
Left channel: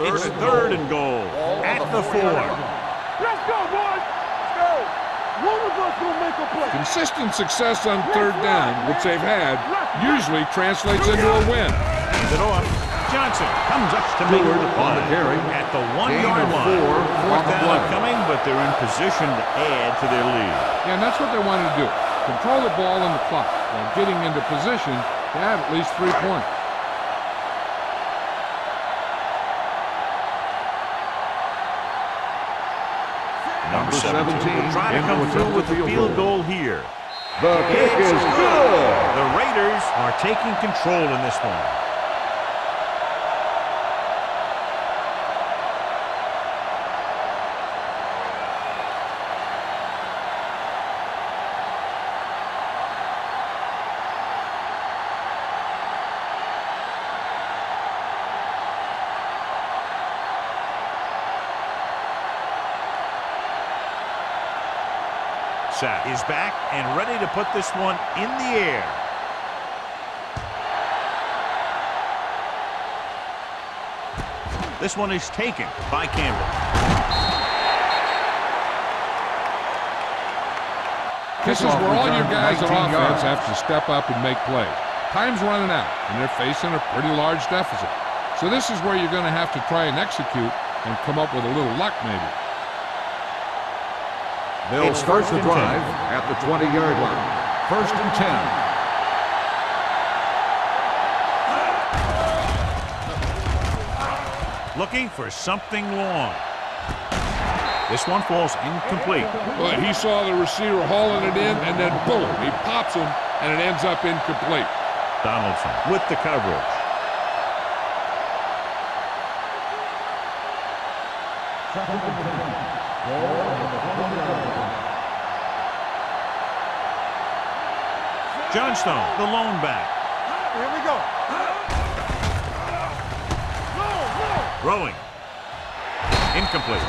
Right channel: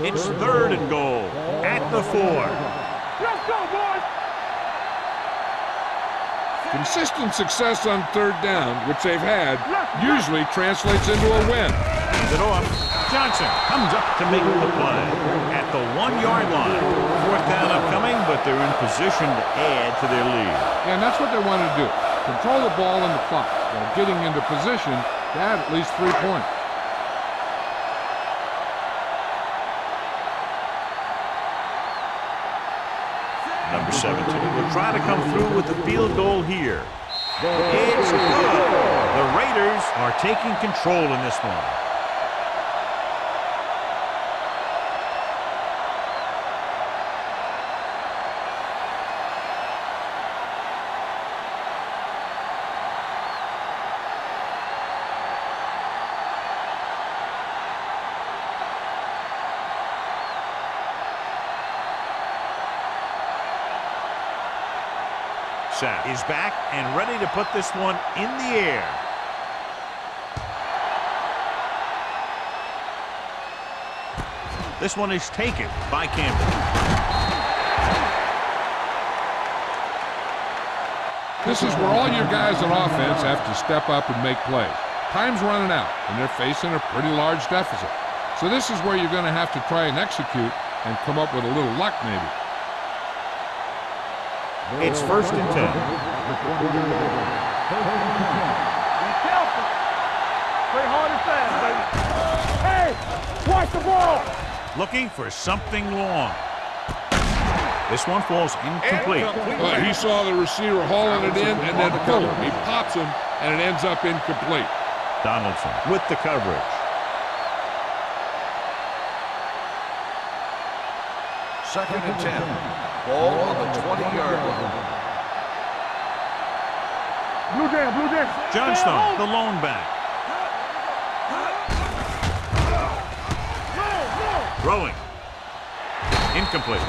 It's 3rd and goal at the 4. Let's go, boys. One of us will make a play. Consistent success on 3rd down, which they've had, usually translates into a win. Hands it off. Johnson comes up to make the play at the 1-yard line. 4th down upcoming, but they're in position to add to their lead. Yeah, and that's what they want to do. Control the ball and the clock while getting into position to add at least 3 points. 17 will try to come through with the field goal here. The kick It's is good. The Raiders are taking control in this one. Sapp is back and ready to put this one in the air. This one is taken by Camden. This is where all your guys on offense have to step up and make plays. Time's running out, and they're facing a pretty large deficit. So this is where you're going to have to try and execute and come up with a little luck maybe. It's first and 10 at the 20-yard line. First and 10. Looking for something long. This one falls incomplete. Well, he saw the receiver hauling it in, and then boom, he pops him, and it ends up incomplete. Donaldson with the coverage. Second and 10. Ball on the 20-yard line. Blue down. Johnstone, the lone back. Here we go. Throwing. Incomplete.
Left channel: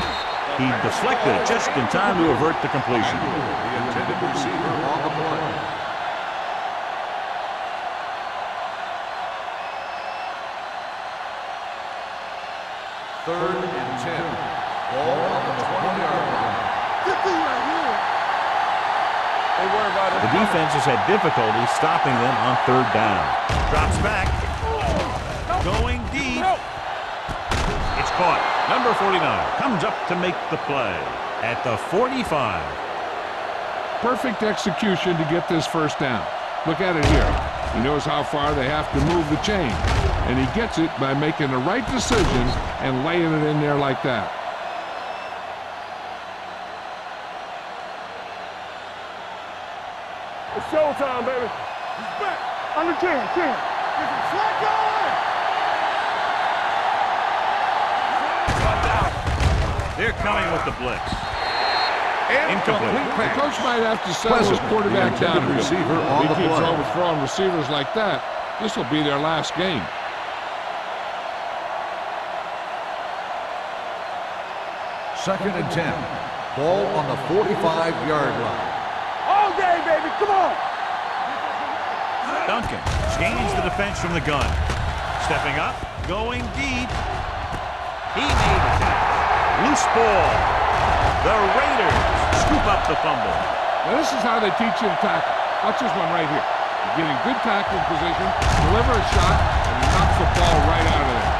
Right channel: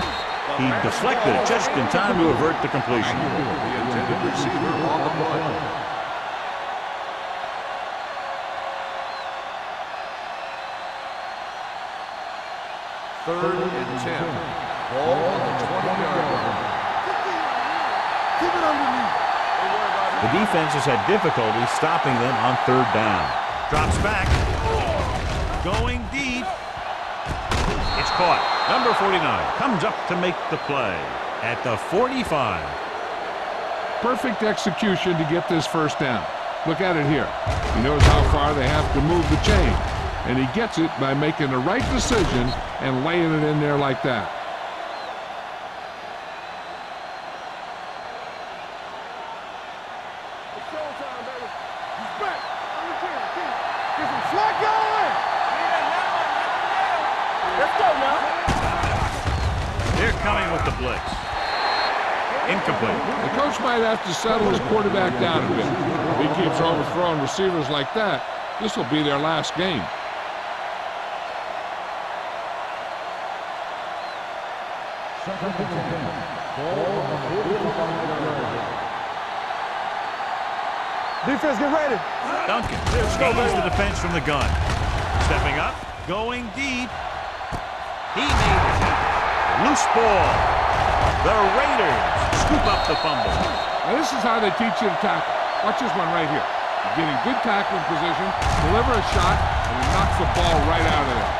He deflected it just in time to avert the completion. The intended receiver on the play. Third and 10. Ball on the 20-yard line. Get these right here. Keep it underneath. They worry about it. The defense has had difficulty stopping them on third down. Drops back. Going deep. It's caught. Number 49 comes up to make the play at the 45. Perfect execution to get this first down. Look at it here. He knows how far they have to move the chain, and he gets it by making the right decision and laying it in there like that. It's showtime, baby. He's back. Under 10. Get some slack going. Let's go, man. They're coming with the blitz. Incomplete. The coach might have to settle his quarterback down a bit. If he keeps overthrowing receivers like that, this will be their last game. Second and 10. Ball on the 45-yard line. All day, baby. Come on. Defense, get ready. Duncan gains the defense from the gun. Stepping up, going deep. He made it. Loose ball. The Raiders scoop up the fumble. Now this is how they teach you to tackle. Watch this one right here. You're getting good tackling position, deliver a shot, and it knocks the ball right out of there.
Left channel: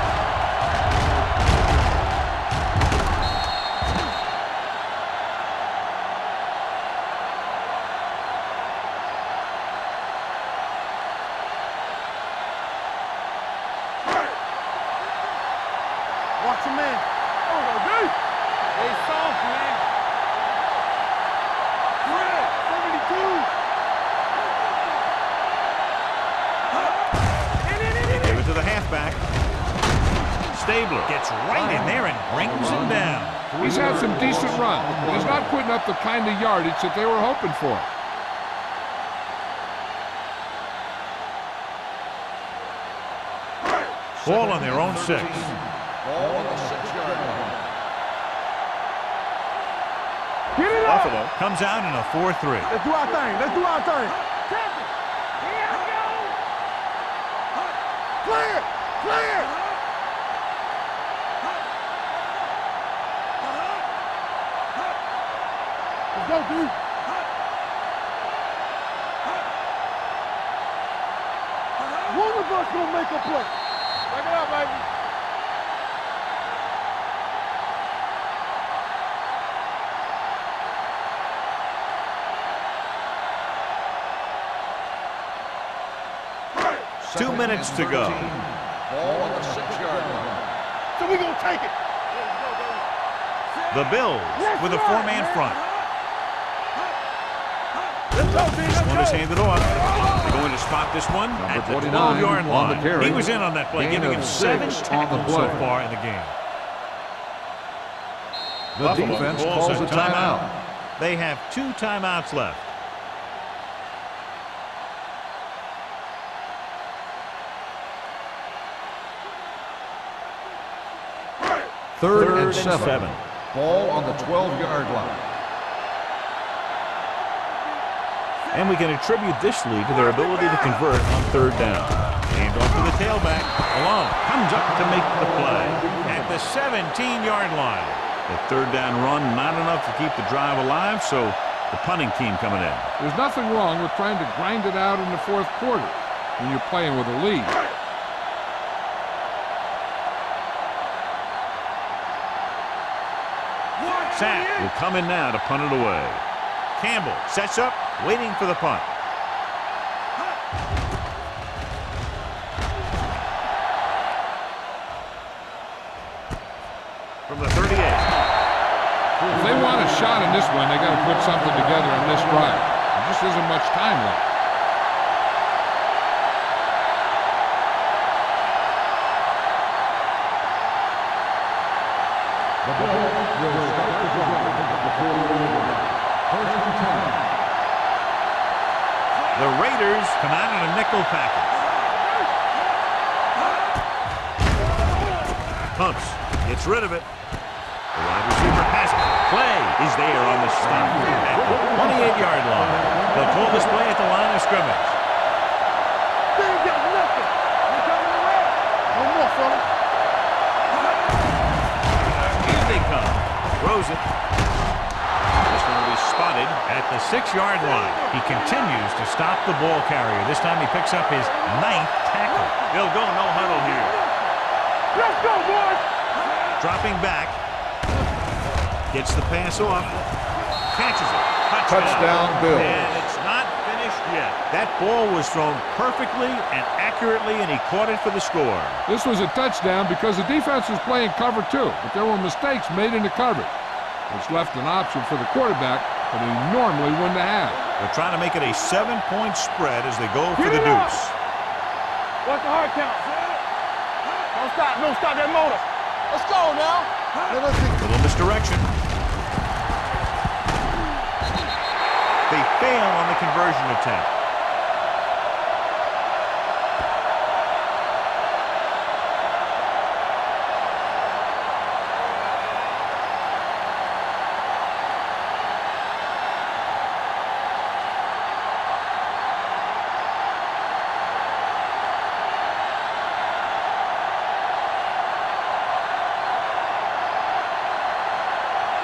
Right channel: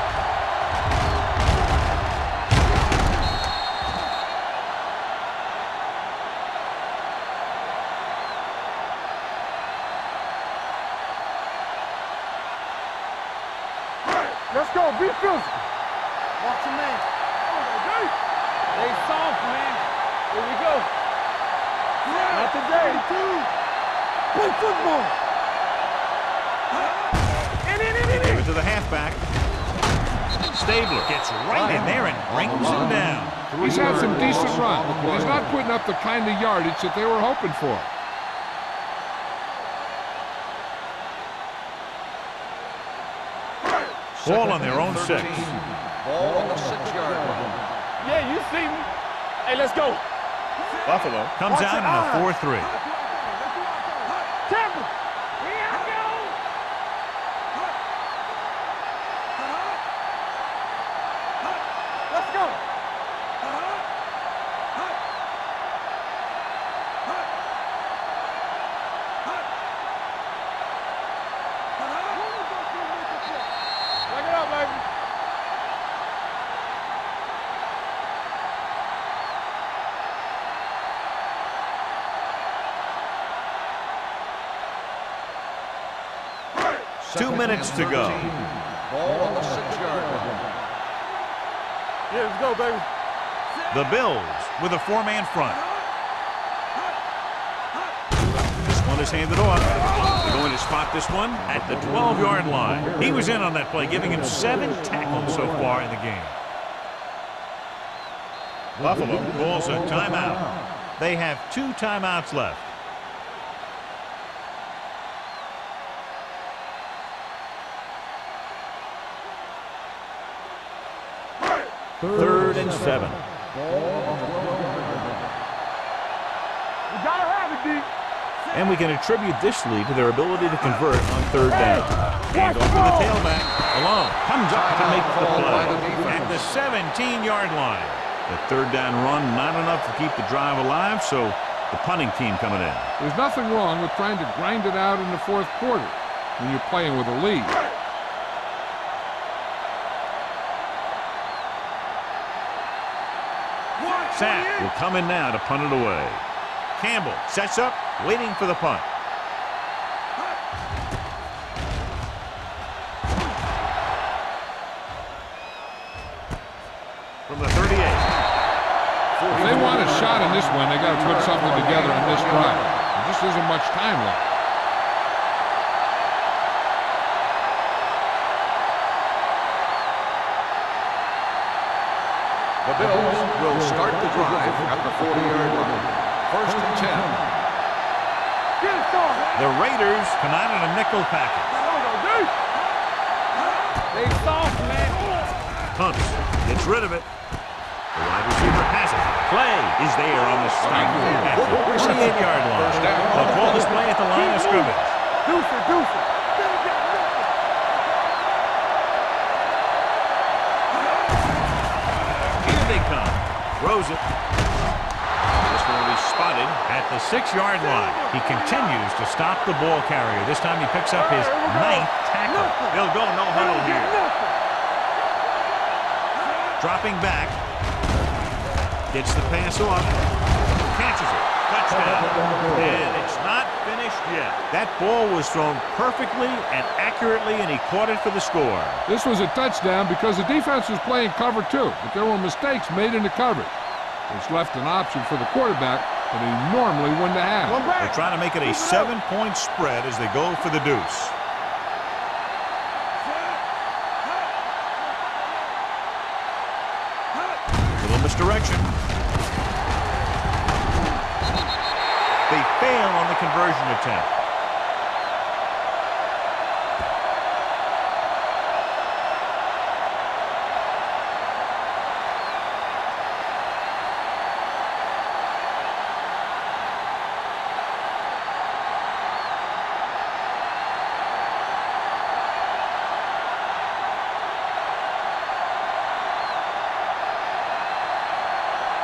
Let's go. Be good. Watch your man. Oh, go deep. They soft, man. Here we go. Fred, 72. Good football. Give it to the halfback. Stabler gets right in there and brings him down. He's had some decent runs, but he's not putting up the kind of yardage that they were hoping for. Ball on their own 6. Ball on the 6-yard line. Yeah, you see me. Hey, let's go. Get it up. Buffalo comes out in a 4-3. Let's do our thing. Tampa. Here I go. Clear. Let's go. Let's go, dude. One of us will make a play. Break it up, baby. Two minutes to go. Ball on the 6-yard line. So we're going to take it. Yeah, let's go, baby. The Bills with a 4-man front. This one is handed off. They're going to spot this one at the 12-yard line. He was in on that play, giving him 7 tackles so far in the game. Buffalo calls a timeout. They have 2 timeouts left. Third and 7. Ball on the 12-yard line. And we can attribute this lead to their ability to convert on 3rd down. Hand off to the tailback. Alone. Comes up to make the play at the 17-yard line. The 3rd down run not enough to keep the drive alive, so the punting team coming in. There's nothing wrong with trying to grind it out in the 4th quarter when you're playing with a lead. Sack will come in now to punt it away. Campbell sets up, waiting for the punt. From the 38. If they want a shot in this one, they got to put something together in this drive. There just isn't much time left. The Bills will start the drive at the 40-yard line. 1st and 10. The Raiders come out in a nickel package. Pumps, gets rid of it. The wide receiver has it. Play is there on the stop at the 28-yard line. They'll call this play at the line of scrimmage. Here they come. Throws it. This one will be spotted at the 6-yard line. He continues to stop the ball carrier. This time he picks up his 9th tackle. They'll go no huddle here. Dropping back. Gets the pass off. Catches it. Touchdown. Bill. And it's not finished yet. That ball was thrown perfectly and accurately, and he caught it for the score. This was a touchdown because the defense was playing cover 2, but there were mistakes made in the coverage, which left an option for the quarterback that he normally wouldn't have had. They're trying to make it a 7-point spread as they go for the deuce. What's the hard count, son? Don't stop that motor. Let's go now. Little misdirection. They fail on the conversion attempt.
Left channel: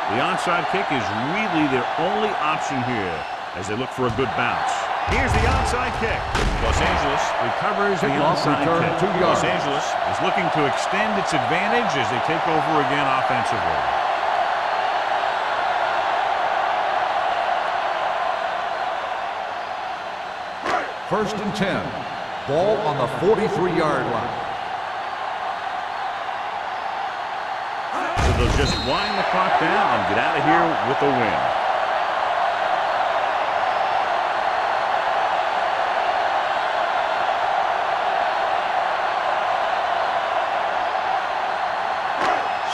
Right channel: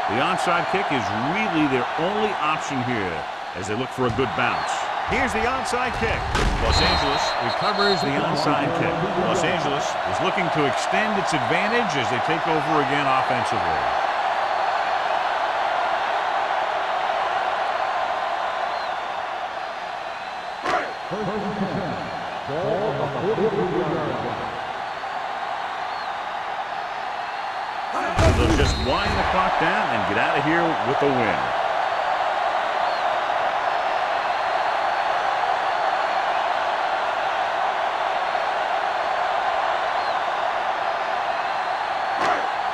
The onside kick is really their only option here as they look for a good bounce. Here's the onside kick. Los Angeles recovers the onside kick. Los Angeles is looking to extend its advantage as they take over again offensively. First and 10. Ball on the 43-yard line. So they'll just wind the clock down and get out of here with a win.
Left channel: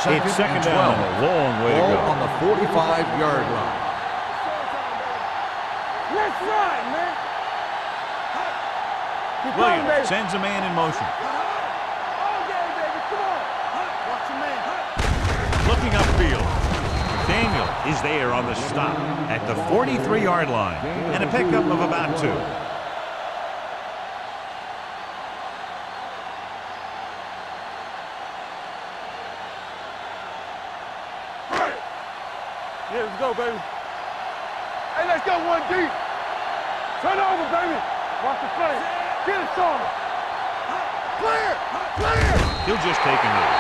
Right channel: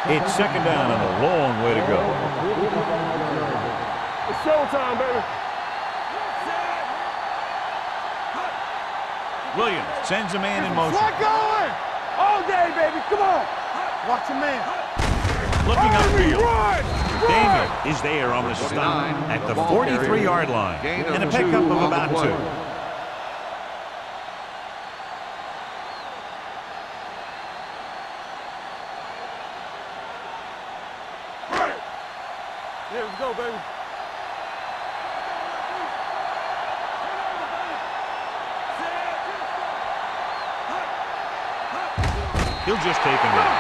It's 2nd down and a long way to go. On the 45-yard line. It's showtime, baby. Left side, man. Williams sends a man in motion. All day, baby. Come on. Watch your man. Looking upfield. Daniel is there on the stop at the 43-yard line and a pickup of about 2. Yeah, let's go, baby. Hey, let's go 1 deep. Turn over, baby. Watch the play. Get it started. Clear. He'll just take a knee.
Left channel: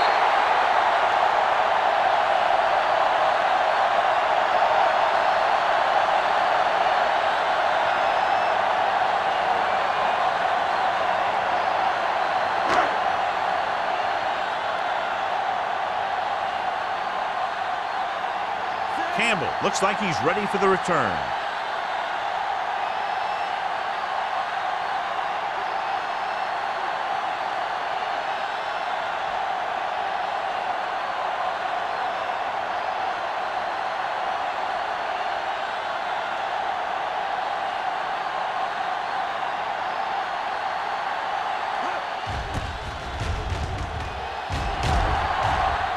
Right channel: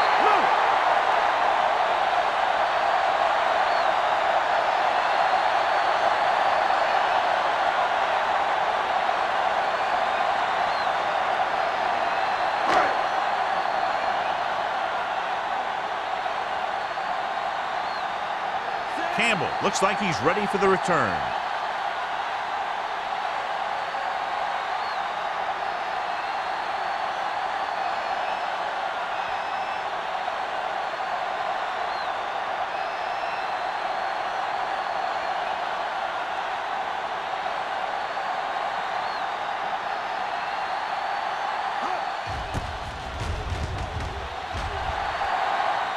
Campbell looks like he's ready for the return.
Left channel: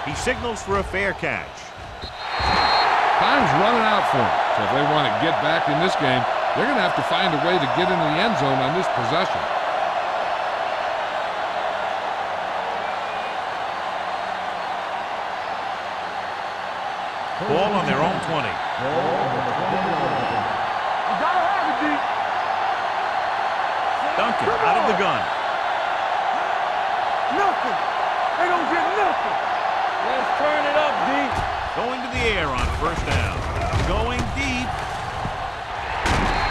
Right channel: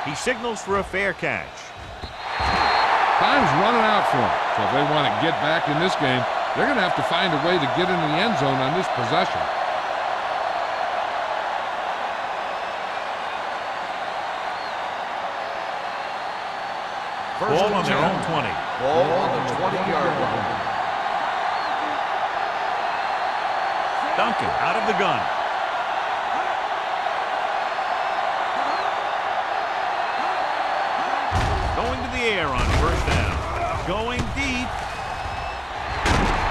He signals for a fair catch. Time's running out for them, so if they want to get back in this game, they're going to have to find a way to get into the end zone on this possession. Ball on their own 20. Ball on the 20-yard line. Duncan out of the gun. Going to the air on first down. Going deep.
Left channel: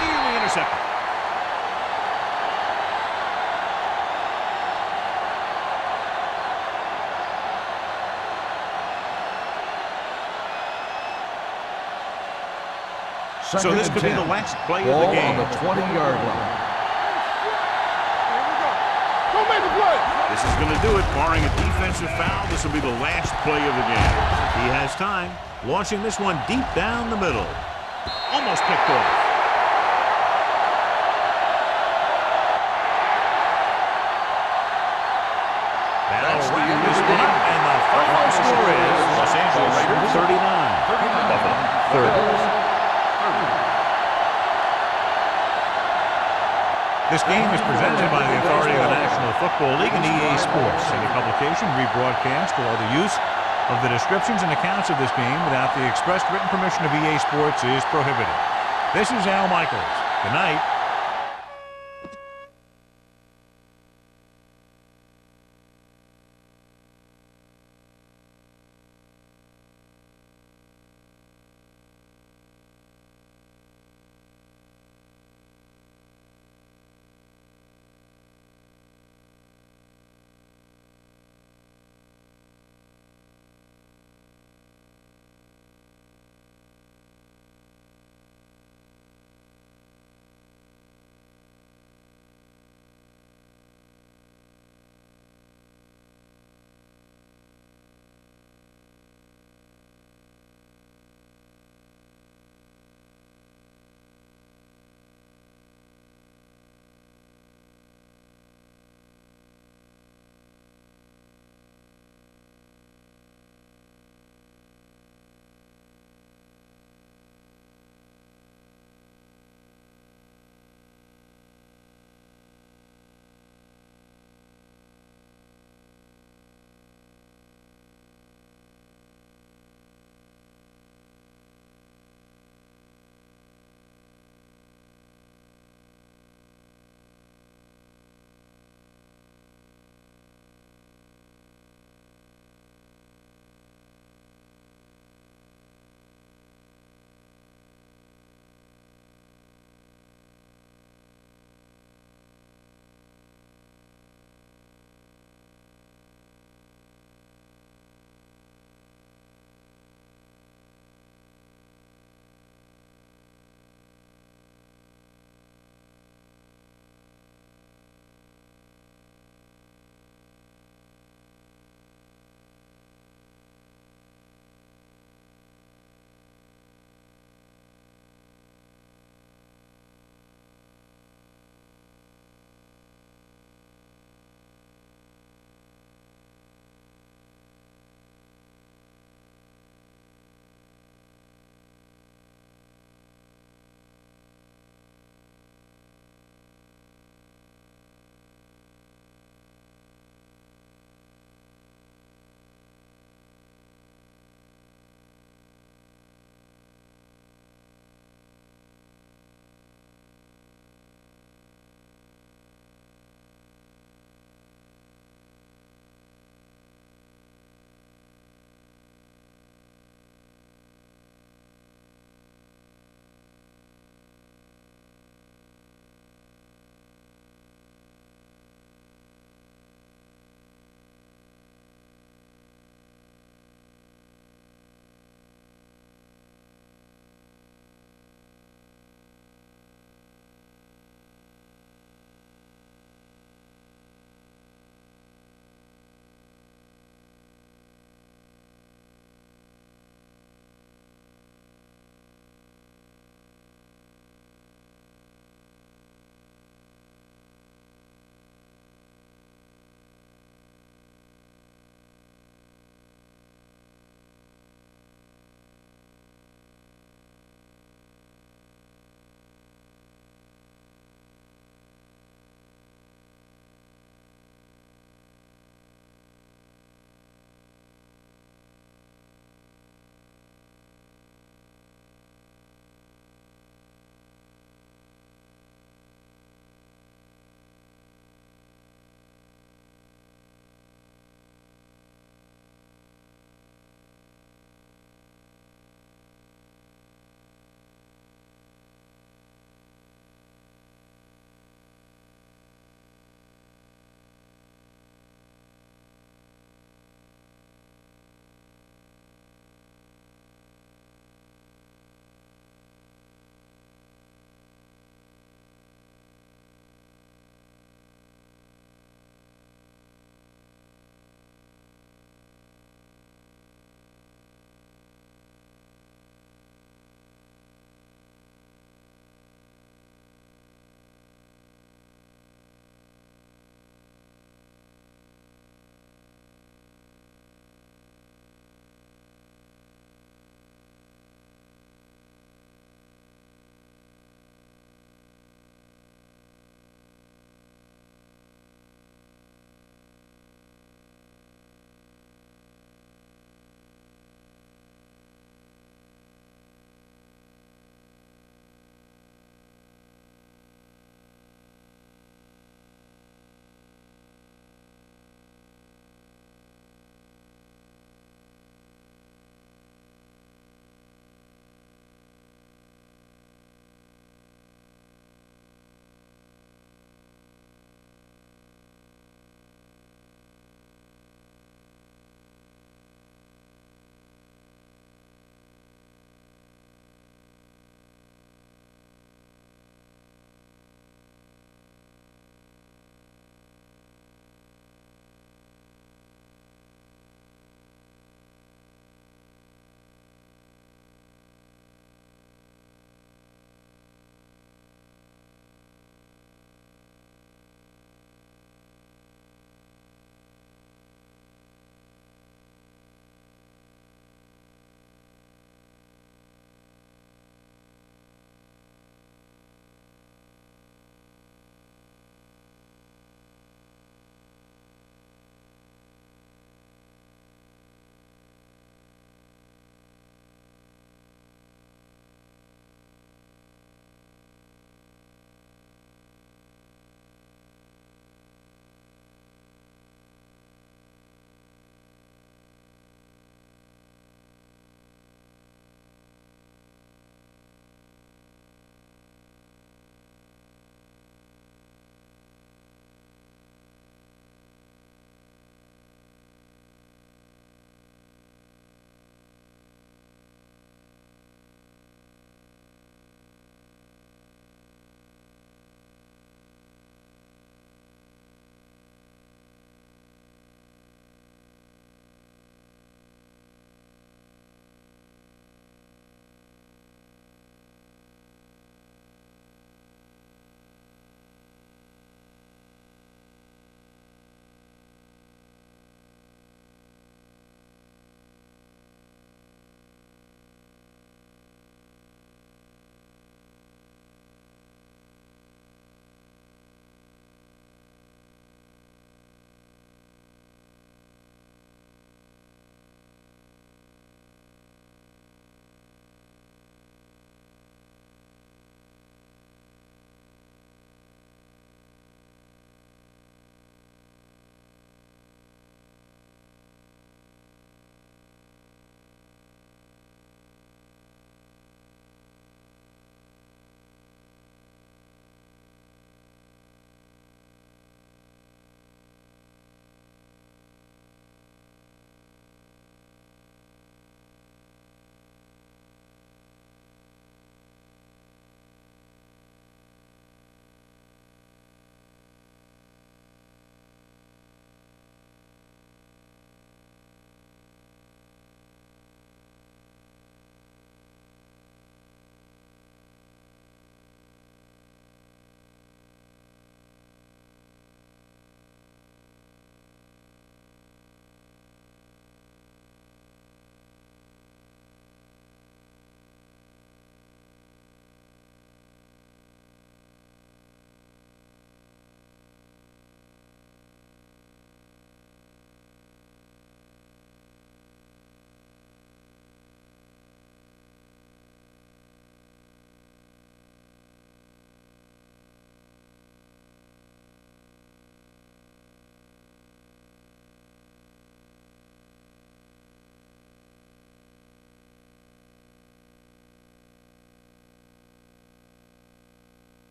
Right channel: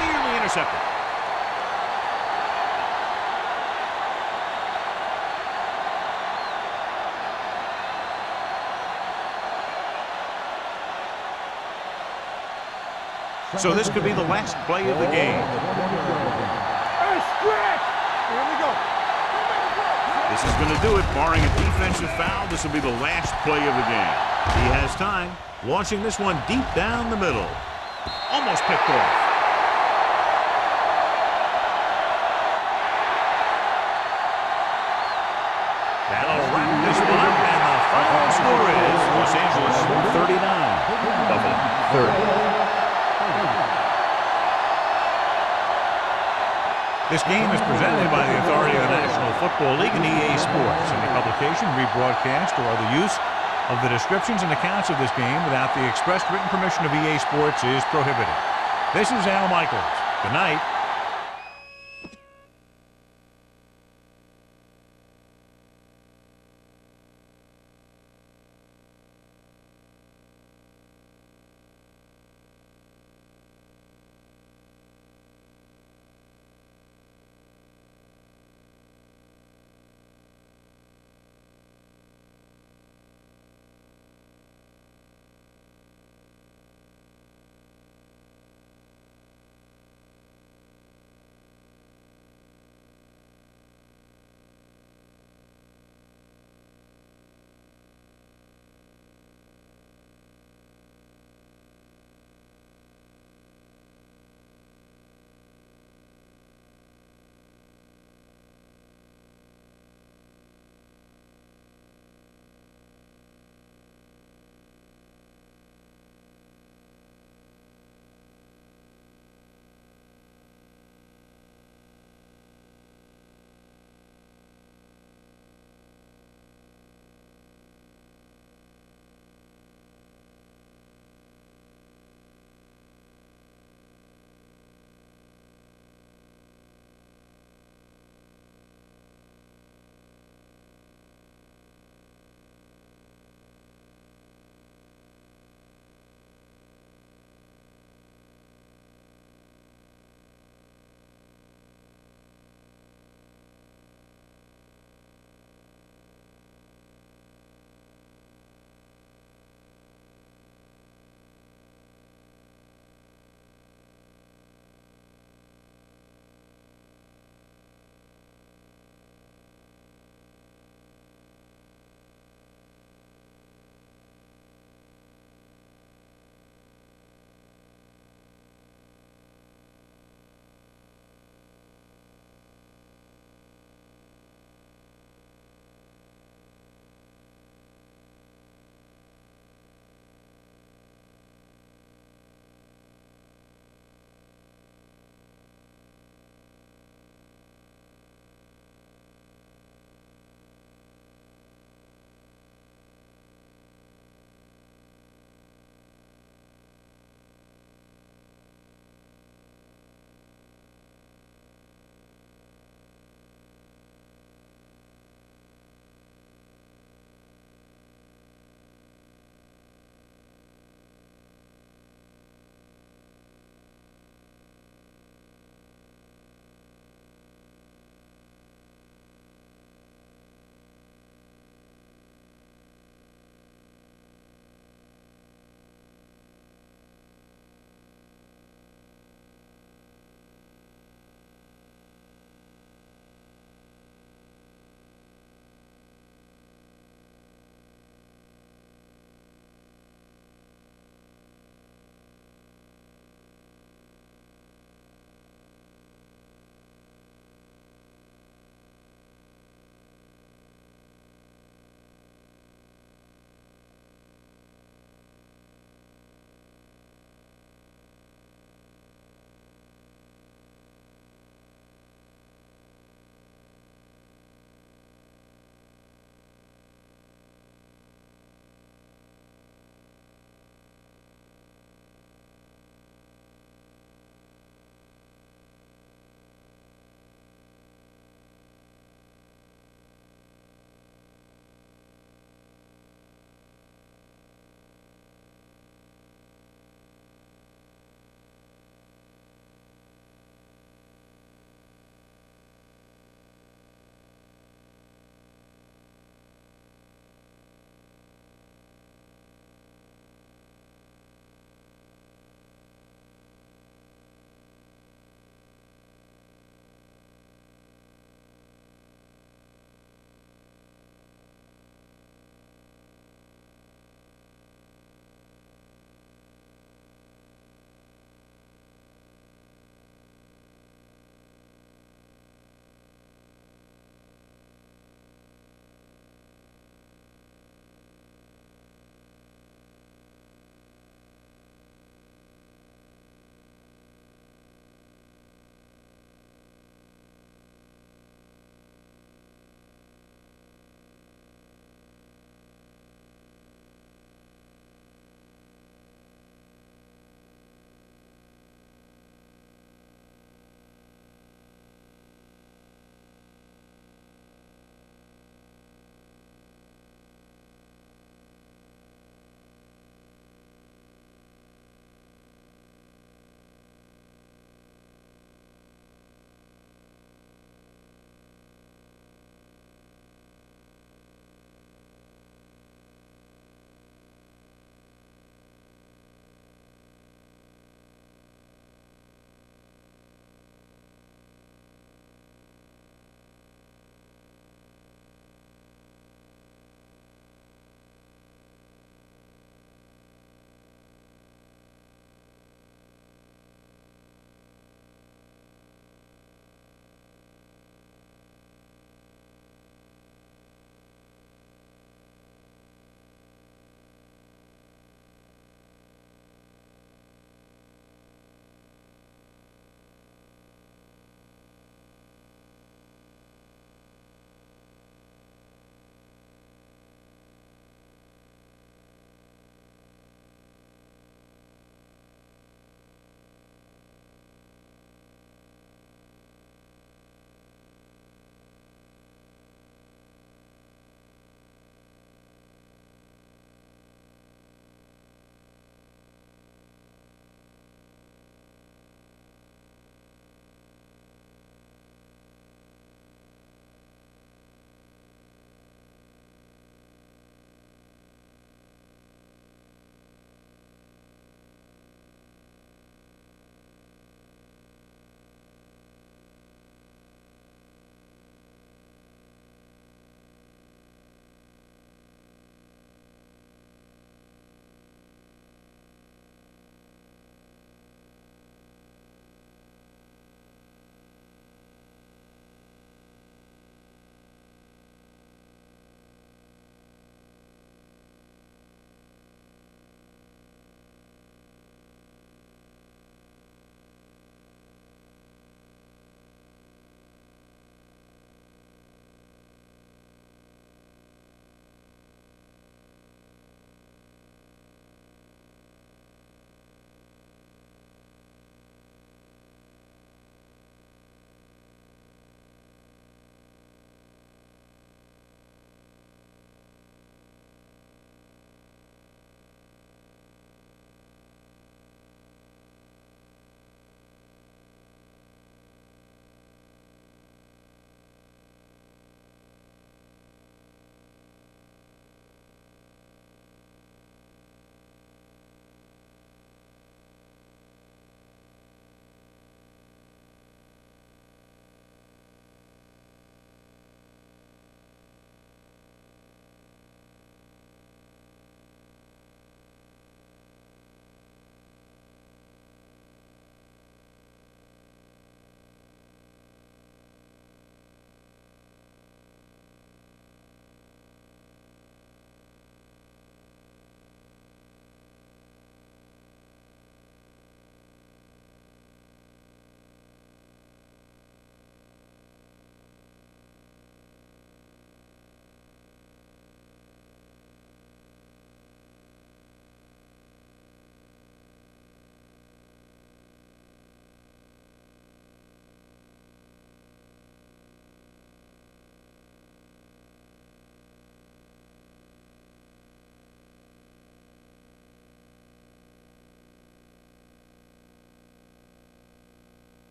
Nearly intercepted. So this could be the last play of the game. Ball on the 20-yard line. Here we go. Go make a play. This is going to do it. Barring a defensive foul, this will be the last play of the game. He has time, launching this one deep down the middle. Almost picked off. That'll wrap this one up, and the final score is Los Angeles 39, Buffalo 30. This game is presented by the authority of the National Football League and EA Sports. Any publication, rebroadcast, or other use of the descriptions and accounts of this game without the expressed written permission of EA Sports is prohibited. This is Al Michaels. Good night.